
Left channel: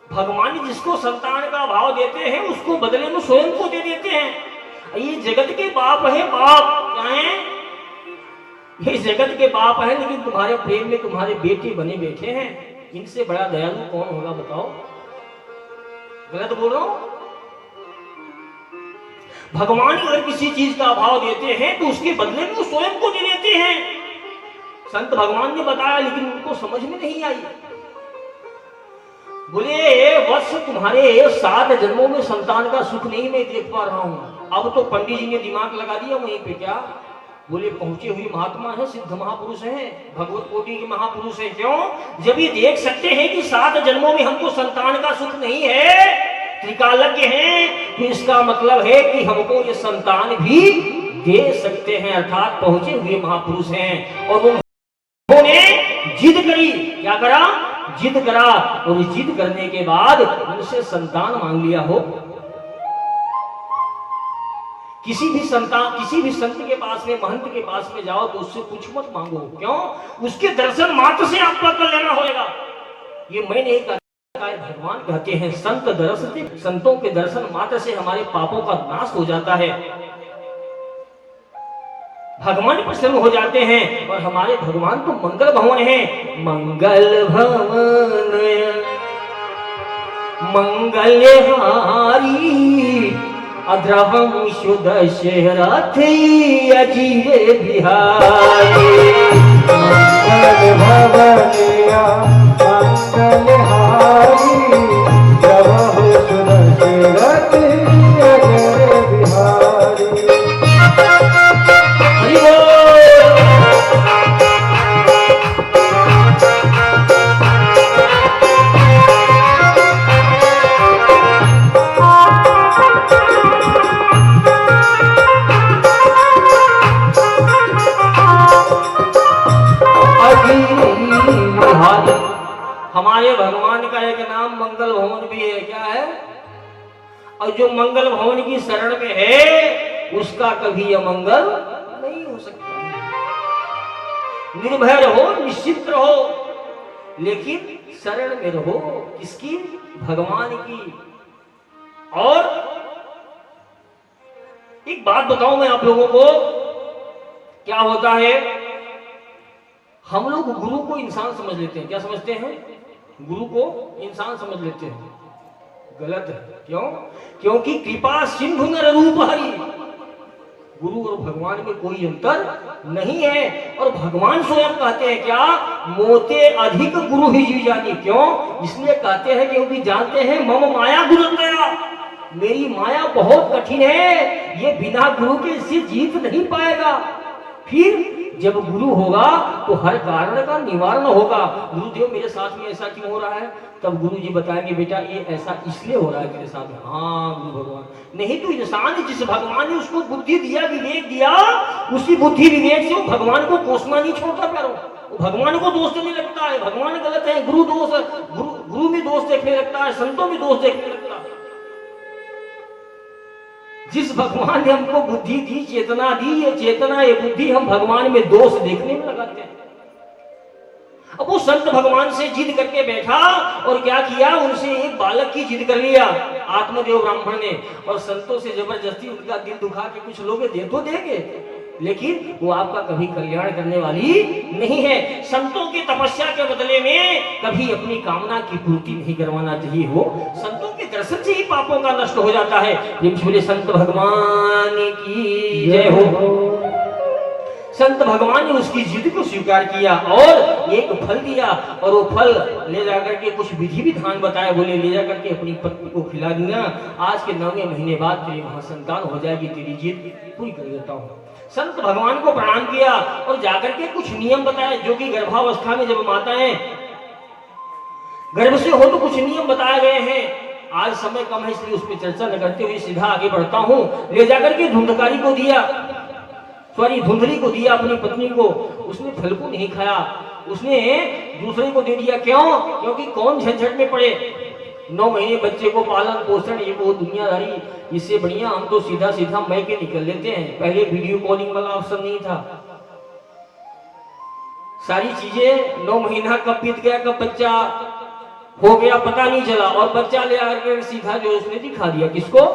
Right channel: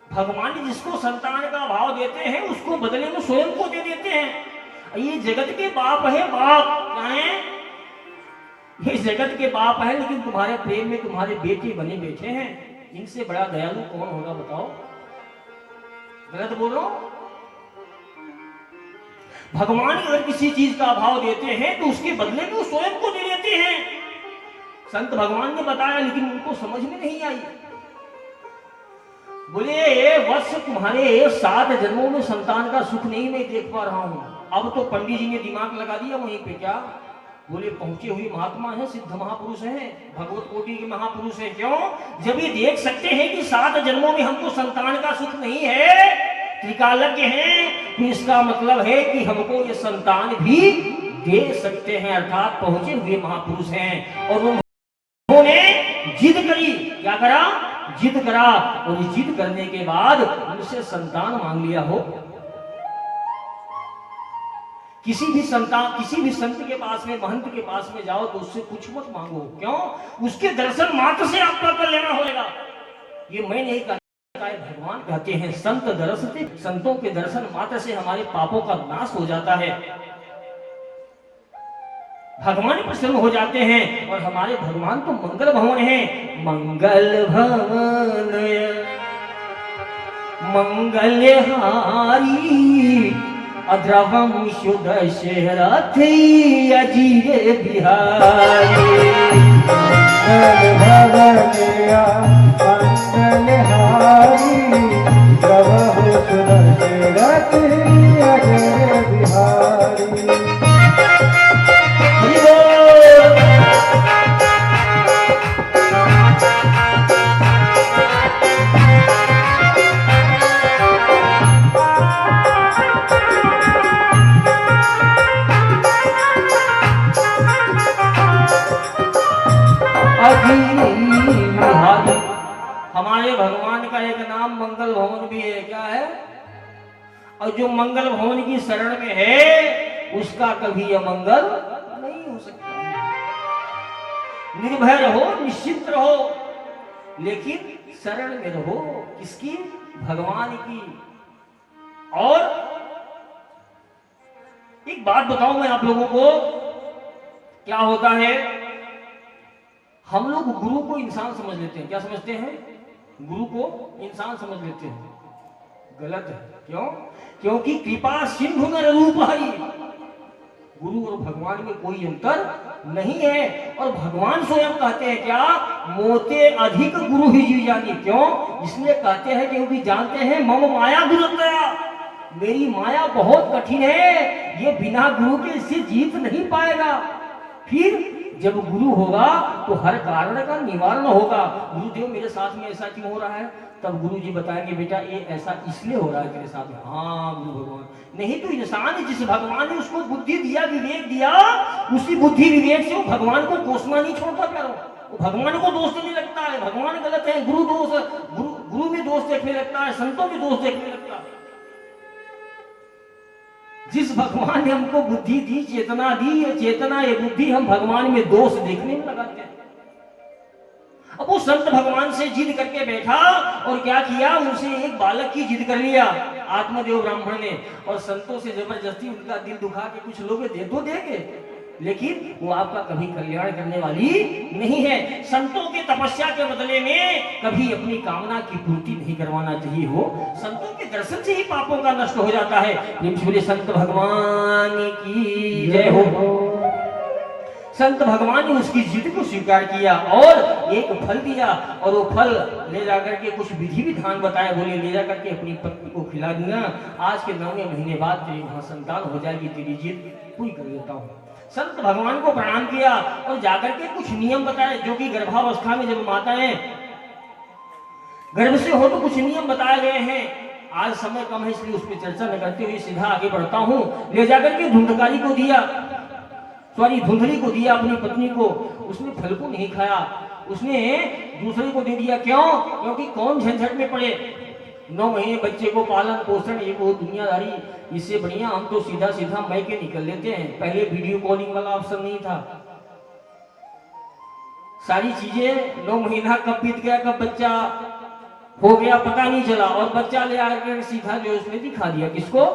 भगवान जिसको संतान का भाव देते हैं उसको बदले में स्वयं को दे देते हैं। ये जगत के बाप है, बाप क्या है, ये जगत के बाप है, लेकिन तुम्हारे प्रेम में तुम्हारे बेटे बने बैठे हैं। इनसे बड़ा दयालु कौन होगा बताओ। गलत बोल रहा हूं? भगवान अगर किसी चीज का भाव देते हैं तो उसके बदले में वो स्वयं को दे देते हैं। संत भगवान ने बताया, लेकिन उनको समझ में नहीं आई। बोले वत्स तुम्हारे 7 जन्मों में संतान का सुख नहीं मैं देख पा रहा हूं। अब तो पंडित जी ने दिमाग लगा दिया वहीं पे। क्या? बोले पहुंचे हुए महात्मा है, सिद्ध महापुरुष है, भगवत कोटि के महापुरुष है। क्यों? जब ये देख सकते हैं कि 7 जन्मों में हमको संतान का सुख नहीं है, त्रिकालज्ञ हैं, तो इसका मतलब है कि हमको ये संतान भी दे सकते हैं। अर्थात पहुंचे हुए महापुरुष हैं। और उन्होंने जिद करी। क्या करा? जिद करा। और जिद करने के बाद उनसे संतान मांग लिया हो। किसी भी संत के पास में, महंत के पास में जाओ तो उससे कुछ मत मांगो। क्यों? उसके दर्शन मात्र से आपका कर लेना होगा। ये मैं नहीं कहता, भगवान कहते हैं संत दर्शन, संतों के दर्शन मात्र से हमारे पापों का नाश हो जाता है। भगवान प्रसन्न हो जाते हैं। और हमारे भगवान तो मंगल भवन है। मंगल भवन मंगलहारी अद्रवम शुद्ध शरथी अजीरे बिहारी। मंगल भवनिया मंगलहारी द्रवम शुद्ध शरथी अजीरे बिहारी। हमारे भगवान का एक नाम मंगल भवन भी है। क्या है? और जो मंगल भवन की शरण में है उसका कभी अमंगल नहीं हो सकता। निर्भय रहो, निश्चित रहो, लेकिन शरण में रहो। किसकी? भगवान की। और एक बात बताऊं मैं आप लोगों को, क्या होता है, हम लोग गुरु को इंसान समझ लेते हैं। क्या समझते हैं? गुरु को इंसान समझ लेते हैं। गलत है। क्यों? क्योंकि कृपा सिंधु नर रूप हरि। गुरु और भगवान में कोई अंतर नहीं है। और भगवान स्वयं कहते हैं क्या? मोते अधिक गुरु ही जी जानी। क्यों? इसलिए कहते हैं क्योंकि जानते हैं मम माया दुरंतया, मेरी माया बहुत कठिन है, ये बिना गुरु के इससे जीत नहीं पाएगा। फिर जब गुरु होगा तो हर कारण का निवारण होगा। गुरुदेव मेरे साथ में ऐसा क्यों हो रहा है? तब गुरु जी बताएंगे बेटा ये ऐसा इसलिए हो रहा है तेरे साथ। हाँ गुरु भगवान। नहीं तो इंसान जिस भगवान ने उसको बुद्धि दिया, विवेक दिया, उसी बुद्धि विवेक से वो भगवान को कोसना नहीं छोड़ता। करो वो भगवान को दोष देने लगता है। भगवान गलत है, गुरु दोष, गुरु में दोष देखने लगता है, संतों में दोष देखने लगता है। जिस भगवान ने हमको बुद्धि दी, चेतना दी, ये चेतना ये बुद्धि हम भगवान में दोष देखने में लगाते हैं। अब वो संत भगवान से जिद करके बैठा और क्या किया, उनसे एक बालक की जिद कर लिया आत्मदेव ब्राह्मण ने। और संतों से जबरदस्ती उनका दिल दुखा के कुछ लोग दे तो देंगे, लेकिन वो आपका कभी कल्याण करने वाली नहीं है। संतों की तपस्या के बदले में कभी अपनी कामना की पूर्ति नहीं करवाना चाहिए। हो संतों के दर्शन से ही पापों का नष्ट हो जाता है। बोले संत भगवान की जय हो। संत भगवान ने उसकी जिद को स्वीकार किया और एक फल दिया, और वो फल ले जाकर के कुछ विधि विधान बताए। बोले ले जाकर के अपनी पत्नी को खिला देना, आज के 9वें महीने बाद तेरी वहां संतान हो जाएगी, तेरी जिद पूरी कर देता हूँ। संत भगवान को प्रणाम किया और जाकर के कुछ नियम बताए, जो कि गर्भावस्था में जब माताएं गर्भ से हो तो कुछ नियम बताए गए हैं। आज समय कम है इसलिए उस पर चर्चा न करते हुए सीधा आगे बढ़ता हूँ। ले जाकर के धुंधकारी को दिया, धुंधली को दिया अपनी पत्नी को। उसने फल को नहीं खाया, उसने दूसरे को दे दिया। क्यों? क्योंकि कौन झंझट में पड़े। 9 महीने बच्चे को पालन पोषण, ये वो दुनियादारी, इससे बढ़िया हम तो सीधा सीधा मैके निकल लेते हैं। पहले वीडियो कॉलिंग वाला ऑप्शन नहीं था। सारी चीजें 9 महीना कब बीत गया, कब बच्चा हो गया पता नहीं चला, और बच्चा ले आकर सीधा जो उसने दिखा दिया किसको,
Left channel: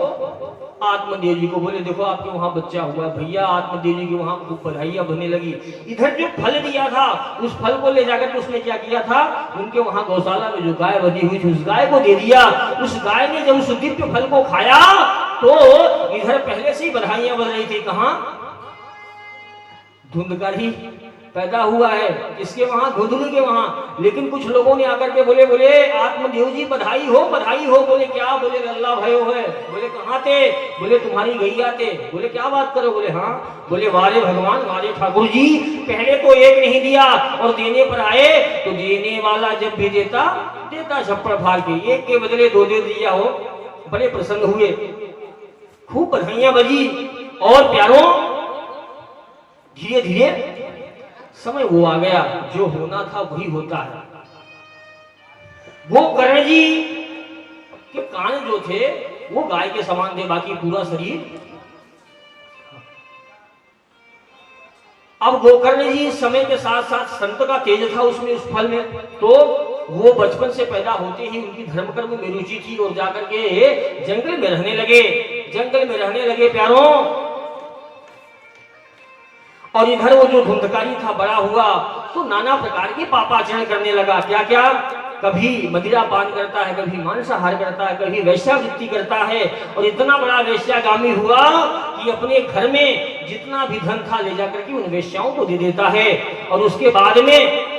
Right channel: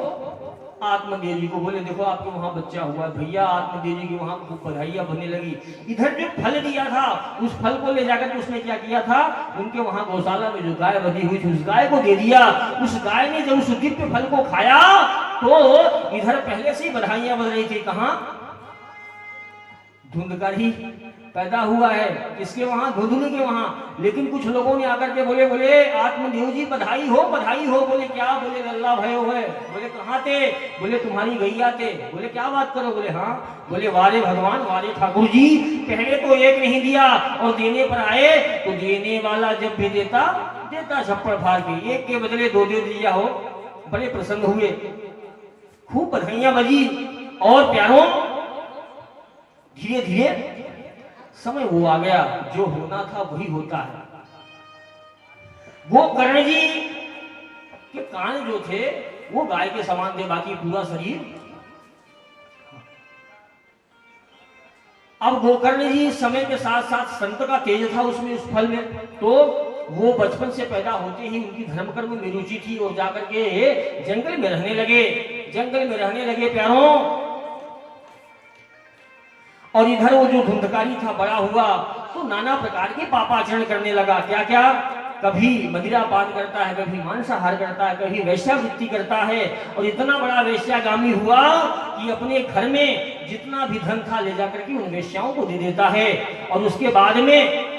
आत्मदेव जी को। बोले देखो आपके वहां बच्चा हुआ भैया। आत्मदेव जी की वहां खूब बधाइयां बनने लगी। इधर जो फल दिया था उस फल को ले जाकर उसने क्या किया था, उनके वहां गौशाला में जो गाय बंधी हुई थी उस गाय को दे दिया। उस गाय ने जब उस दिव्य फल को खाया तो इधर पहले से ही बधाइयां बन रही थी। कहां? धुंधकारी पैदा हुआ है, किसके वहां? धुंधली के वहां। लेकिन कुछ लोगों ने आकर के बोले आत्मदेव जी बधाई हो बधाई हो। बोले क्या? बोले लल्ला भयो है। बोले कहाँ थे? बोले तुम्हारी गैया थे। बोले क्या बात करो? बोले हाँ। बोले वाले भगवान वाले ठाकुर जी, पहले तो एक नहीं दिया और देने पर आए तो देने वाला जब भी देता छप्पड़ फाड़ के, एक के बदले 2 दे दिया हो। बड़े प्रसन्न हुए, खूब बधाइयां बजी। और प्यारों धीरे धीरे समय वो आ गया, जो होना था वही होता है। वो कर्ण जी के कान जो थे वो गाय के समान थे, बाकी पूरा शरीर। अब गोकर्ण जी समय के साथ साथ संत का तेज था उसमें, उस फल में, तो वो बचपन से पैदा होते ही उनकी धर्म कर्म में रुचि थी और जाकर के जंगल में रहने लगे प्यारों। और इधर वो जो धुंधकारी था बड़ा हुआ तो नाना प्रकार के पापाचरण करने लगा। क्या क्या? कभी मदिरा पान करता है, कभी मांसाहार करता है, कभी वैश्यावृत्ति करता है। और इतना बड़ा वैश्यागामी हुआ कि अपने घर में जितना भी धन था ले जाकर के उन वैश्याओं को दे देता है। और उसके बाद में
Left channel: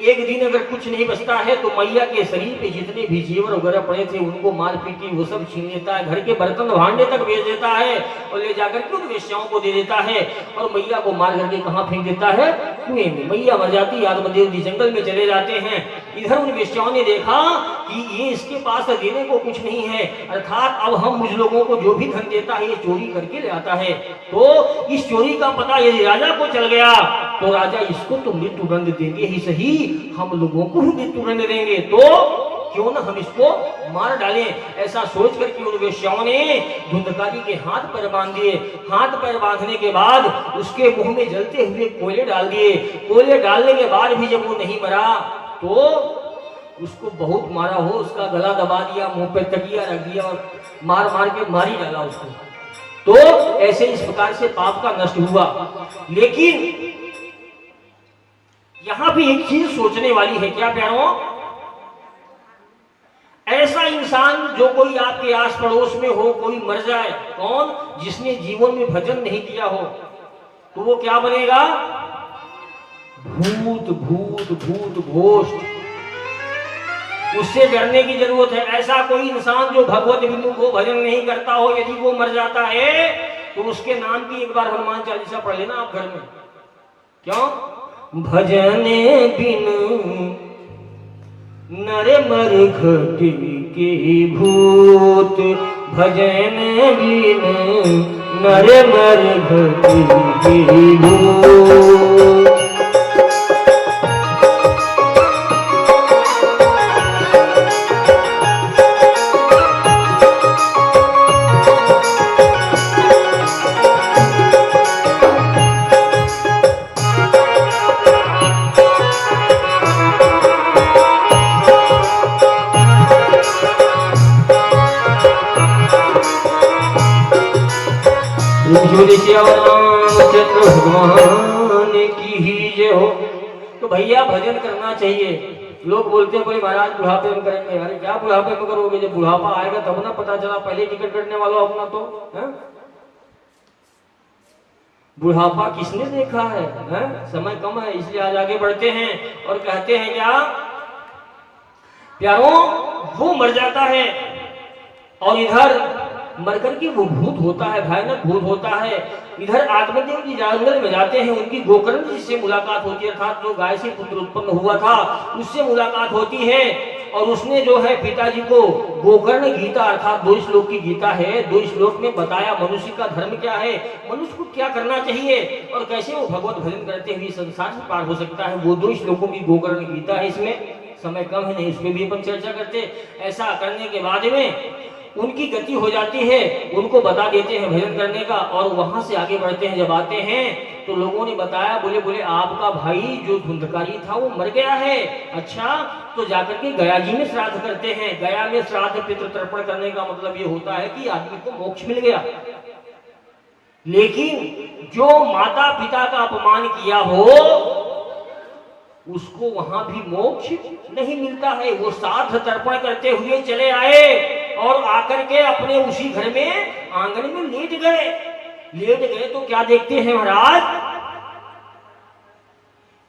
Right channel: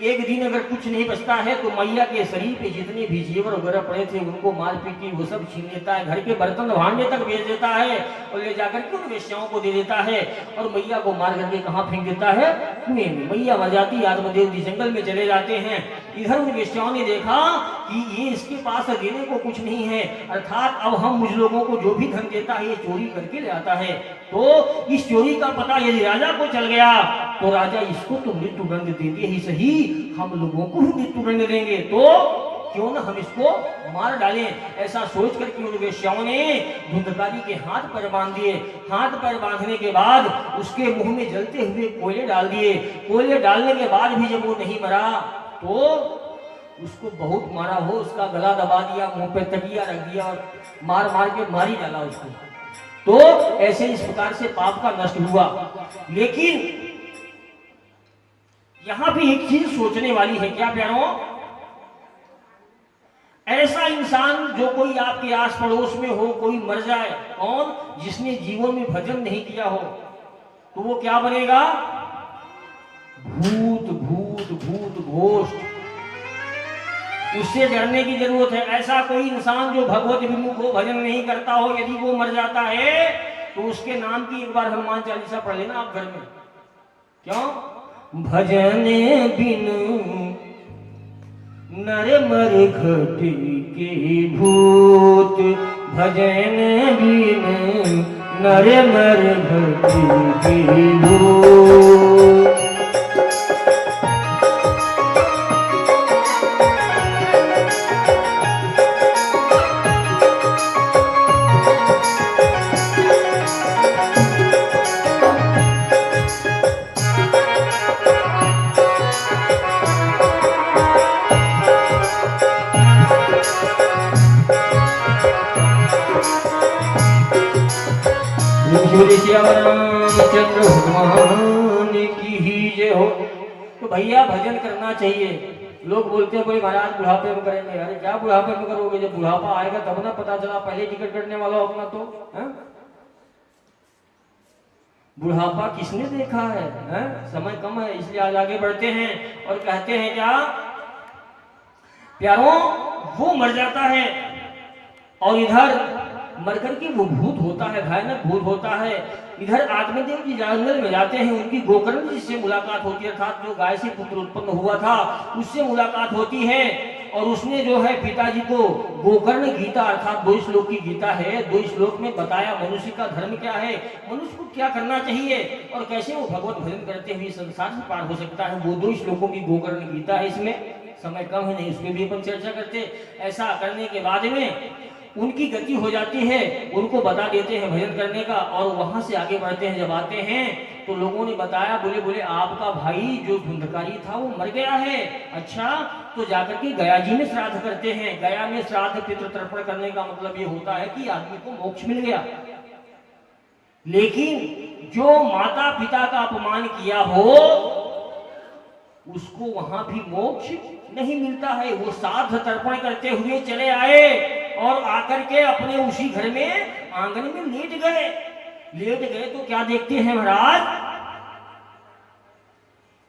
एक दिन अगर कुछ नहीं बचता है तो मैया के शरीर पे जितने भी जेवर वगैरह पड़े थे उनको मार पीट के वो सब छीन लेता है, घर के बर्तन भांडे तक बेच देता है और ले जाकर के उन वेश्याओं को दे देता है। और मैया को मार करके कहाँ फेंक देता है? कुएं में। मैया मर जाती, आत्मदेव जी जंगल में चले जाते हैं। इधर उन वेश्याओं ने देखा कि ये इसके पास देने को कुछ नहीं है, अर्थात अब हम मुझ लोगों को जो भी धन देता है ये चोरी करके ले आता है। तो इस चोरी का पता यदि राजा को चल गया तो राजा इसको तो मृत्यु दंड देंगे ही सही, हम लोगों को भी मृत्यु दंड देंगे, तो क्यों ना हम इसको मार डालें। ऐसा सोच करके उन वेश्याओं ने धुंधकारी के हाथ पैर बांध दिए। हाथ पैर बांधने के बाद उसके मुंह में जलते हुए कोयले डाल दिए। कोयले डालने के बाद भी जब वो नहीं मरा तो उसको बहुत मारा हो, उसका गला दबा दिया, मुंह पे तकिया रख दिया और मार मार के मारी डाला उसको। तो ऐसे इस प्रकार से पाप का नष्ट हुआ। लेकिन यहां भी एक चीज सोचने वाली है। क्या प्यारों? ऐसा इंसान जो कोई आपके आस पड़ोस में हो, कोई मर जाए, कौन? जिसने जीवन में भजन नहीं किया हो, तो वो क्या बनेगा? भूत भूत भूत भोष्ट। उससे डरने की जरूरत है। ऐसा कोई इंसान जो भगवत विष्णु को भजन नहीं करता हो, यदि वो मर जाता है तो उसके नाम की एक बार हनुमान चालीसा पढ़ लेना आप घर में। क्यों? भजन बिनु नर मर घटी के भूत, भजन बिनु नर मर घटी के भूत। बोले श्यामचंद्र भगवान की ही जय हो। तो भैया भजन करना चाहिए। लोग बोलते हैं भाई महाराज बुढ़ापे में करेंगे। अरे क्या बुढ़ापे में करोगे? जब बुढ़ापा आएगा तब ना पता चला, पहले टिकट कटने वाला अपना तो है? बुढ़ापा किसने देखा है? समय कम है इसलिए आज आगे बढ़ते हैं और कहते हैं क्या प्यारों, वो मर जाता है और इधर मरकर के वो भूत होता है, भयानक भूत होता है। इधर आत्मदेव जी जंगल में जाते हैं, उनकी गोकर्ण जी से मुलाकात होती है, अर्थात जो गाय से पुत्र उत्पन्न हुआ था उससे मुलाकात होती है। और उसने जो है पिताजी को गोकर्ण गीता अर्थात 2 श्लोक की गीता है, 2 श्लोक में बताया मनुष्य का धर्म क्या है, मनुष्य को क्या करना चाहिए और कैसे वो भगवत भजन करते हुए संसार से पार हो सकता है। वो 2 श्लोकों की गोकर्ण गीता है। इसमें समय कम है, नहीं उसमें भी अपन चर्चा करते। ऐसा करने के बाद में उनकी गति हो जाती है, उनको बता देते हैं भजन करने का और वहां से आगे बढ़ते हैं। जब आते हैं तो लोगों ने बताया, बोले आपका भाई जो धुंधकारी था वो मर गया है। अच्छा, तो जाकर के गया जी में श्राद्ध करते हैं। गया में श्राद्ध पितृ तर्पण करने का मतलब ये होता है कि आदमी को मोक्ष मिल गया। लेकिन जो माता पिता का अपमान किया हो उसको वहां भी मोक्ष नहीं मिलता है। वो श्राद्ध तर्पण करते हुए चले आए और आकर के अपने उसी घर में आंगन में लेट गए तो क्या देखते हैं महाराज,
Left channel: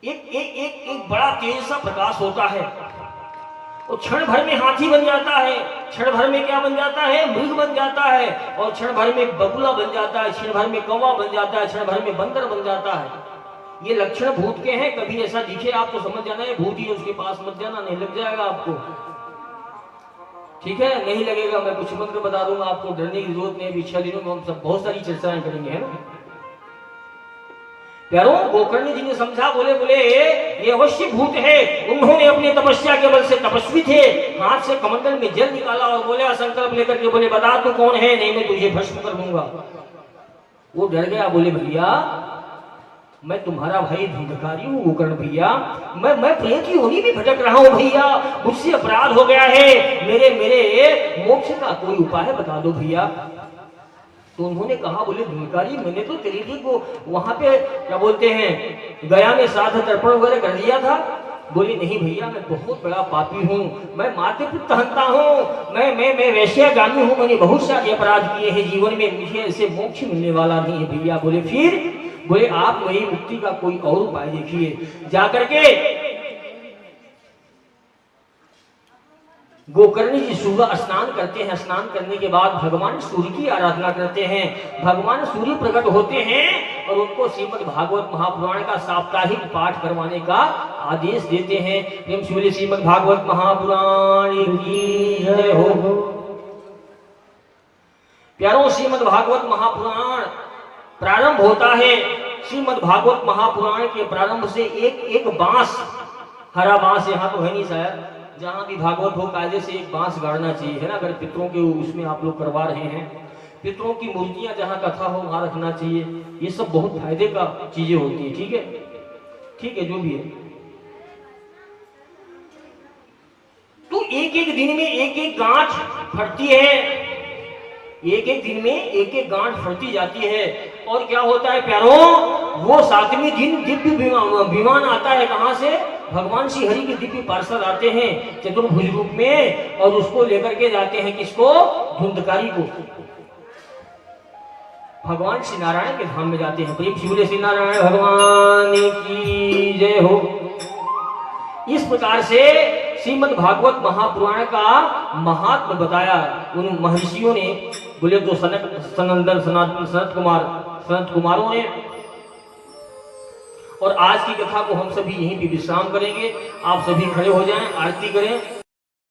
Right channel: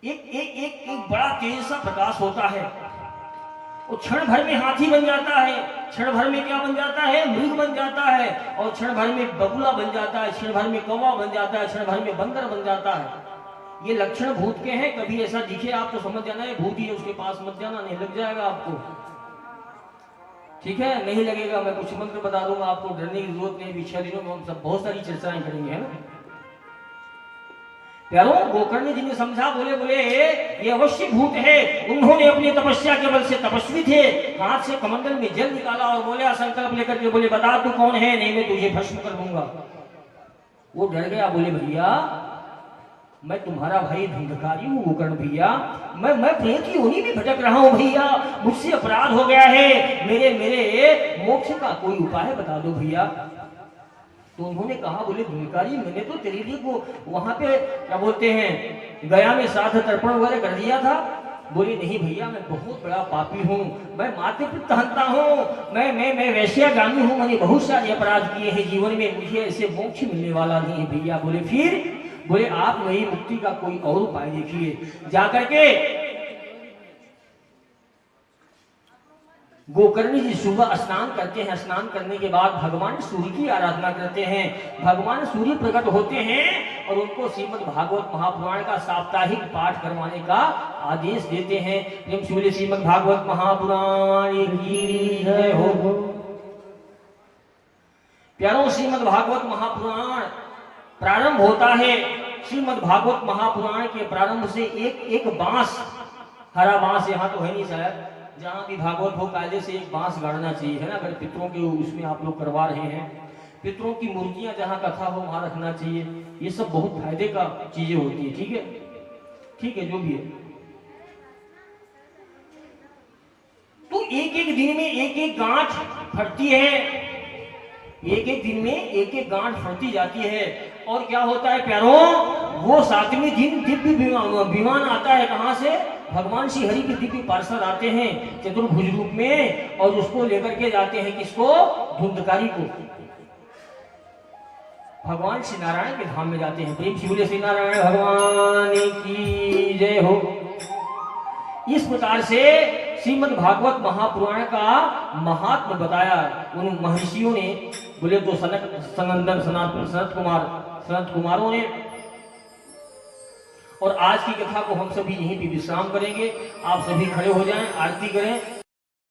एक बड़ा तेज सा प्रकाश होता है। वो क्षण भर में हाथी बन जाता है, क्षण भर में क्या बन जाता है, मृग बन जाता है, और क्षण भर में बगुला बन जाता है, क्षण भर में कौवा बन जाता है, क्षण भर में बंदर बन जाता है। ये लक्षण भूत के हैं। कभी ऐसा दिखे आपको समझ जाना है भूत ही, उसके पास मत जाना, नहीं लग जाएगा आपको। ठीक है, नहीं लगेगा, मैं कुछ मंत्र बता दूंगा आपको, डरने की जरूरत नहीं। पिछले दिनों में हम सब बहुत सारी चर्चाएं करेंगे, है ना प्यारों। गोकर्ण जी ने समझा, बोले ये अवश्य भूत है। उन्होंने अपनी तपस्या के बल से, तपस्वी थे, हाथ से कमंडल में जल निकाला और बोले संकल्प लेकर के बोले बता तू कौन है, नहीं मैं तुझे भस्म कर दूंगा। वो डर गया, बोले भैया मैं तुम्हारा भाई धुंधकारी हूँ गोकर्ण भैया, मैं प्रेत की योनि में भटक रहा हूँ भैया, मुझसे अपराध हो गया है, मेरे मोक्ष का कोई उपाय बता दो भैया। तो उन्होंने कहा, बोले धुंधकारी मैंने तो तेरे लिए को वहां पे क्या बोलते हैं गया में श्राद्ध तर्पण वगैरह कर दिया था। बोले नहीं भैया मैं बहुत बड़ा पापी हूँ, मैं माते पिता हंता हूँ, मैं वैश्यागामी हूँ, मैंने बहुत सारे अपराध किए हैं जीवन में, मुझे ऐसे मोक्ष मिलने वाला नहीं है भैया। बोले फिर? बोले आप मेरी मुक्ति का कोई और उपाय देखिए। जाकर के गोकर्ण जी सुबह स्नान करते हैं, स्नान करने के बाद भगवान सूर्य की आराधना करते हैं। भगवान सूर्य प्रकट होते हैं और उनको श्रीमद् भागवत महापुराण का साप्ताहिक पाठ करवाने का आदेश देते हैं। प्रेम से बोलिए श्रीमद् भागवत महापुराण की जय हो। प्यारों, श्रीमद् भागवत महापुराण प्रारंभ होता है। श्रीमद् भागवत महापुराण के प्रारंभ से एक बांस, हरा बांस यहाँ तो है नहीं शायद, जहां भी भागवत हो कायदे से एक बांस गाड़ना चाहिए, है ना। अगर पितरों के उसमें आप लोग करवा रहे हैं, पितरों की मूर्तियां जहां कथा हो वहां रखना चाहिए। ये सब बहुत फायदे का चीजें होती है। ठीक है जो भी है। तो एक दिन में एक गांठ फटती है, एक दिन में एक गांठ फटती जाती है। और क्या होता है प्यारों, वो 7वें दिन दिव्य विमान आता है। कहां से? भगवान श्री हरि के दिव्य पार्षद आते हैं चतुर्भुज रूप में और उसको लेकर के जाते हैं। किसको? धुंधकारी को। भगवान श्री नारायण के धाम में जाते हैं। प्रेम से बोले श्री नारायण भगवान की जय हो। इस प्रकार से श्रीमद् भागवत महापुराण का महात्म बताया उन महर्षियों ने। बोले तो सनंदन सनत कुमारों ने। और आज की कथा को हम सभी यहीं पे विश्राम करेंगे। आप सभी खड़े हो जाएं, आरती करें।